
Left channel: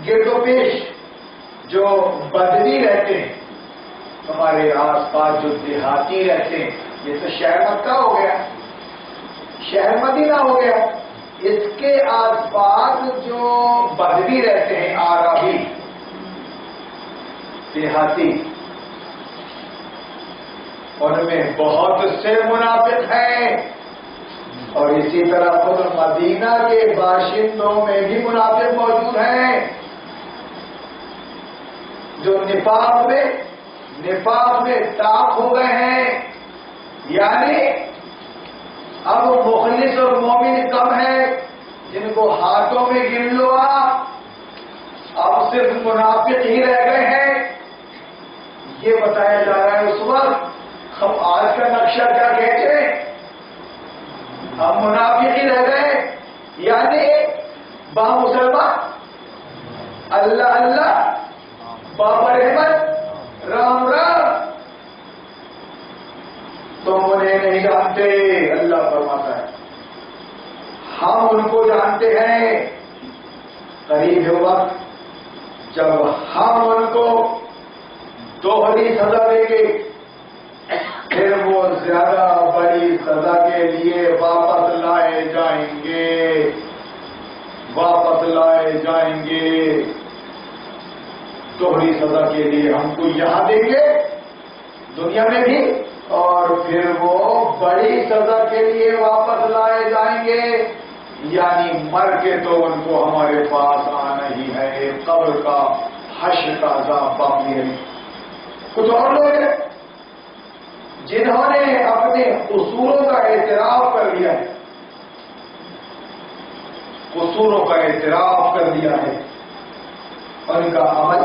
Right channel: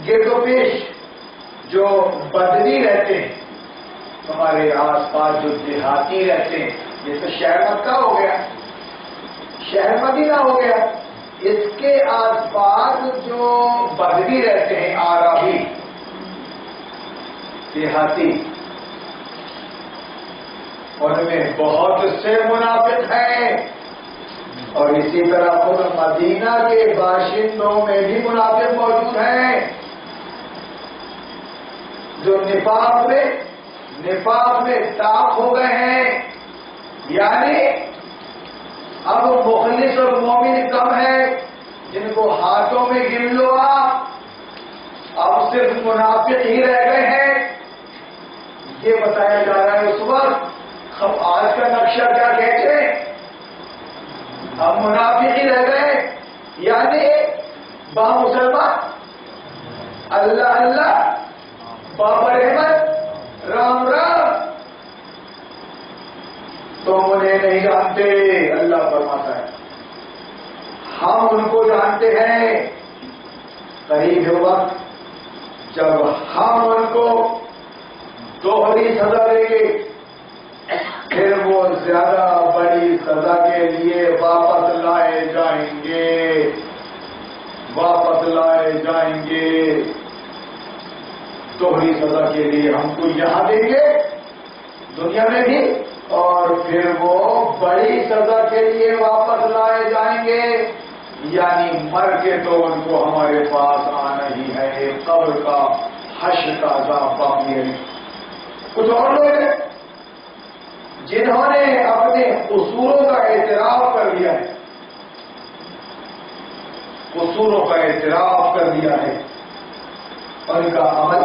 گرد و پیش جو بدوی رہتے ہیں, تمہارے آس پاس جو دیہاتی رہتے ہیں, یہ تو شہر مکہ ہو گیا, شہر مدینہ ہو گیا. اس کے آس پاس جو بدوی رہتے ہیں, آرابی دیہاتی, ان میں بہت سے منافق ہیں. اور اسی طرح خود مدینہ کے باشندوں میں بھی منافق موجود ہیں جو نفاق میں ٹاپ ہو گئے ہیں. یعنی اب مخلص اور مومن کم ہے, جن کو ہاتھوں میں گن لو اب صرف منافق ہی رہ گئے ہیں. یہ بتایا جا رہا ہے اس وقت اب آج کا نقشہ کیا کہتے ہیں؟ ہم منافق ہی رہ گئے، یعنی با مسلمان اللہ اللہ بابر احمد رام رام، تم انہیں نہیں جانتے، اللہ فرماتا ہے ہم ان کو جانتے ہیں۔ قریب ہے وقت جب ہم ان کو دوہری سزا دیں گے، پھر وہ زیادہ بڑی سزا کے لیے واپس لائے جائیں گے، واپس لائے جائیں گے۔ دوہری سزا کے لیے ہم کو یہاں دیں گے دنیا میں بھی، اور پھر وہ بڑی سزا کے لیے واپس لائے جائیں گے، یعنی مر کے تو ان کو ہمارے پاس آنا ہی ہے، قبر کا حشر کا عذاب باقی ہے۔ کچھ اور لوگ ہیں جنہوں نے اپنے قصوروں کا اعتراف کر لیا ہے، قصوروں کا اعتراف کر لیا ہے، اور ان کا عمل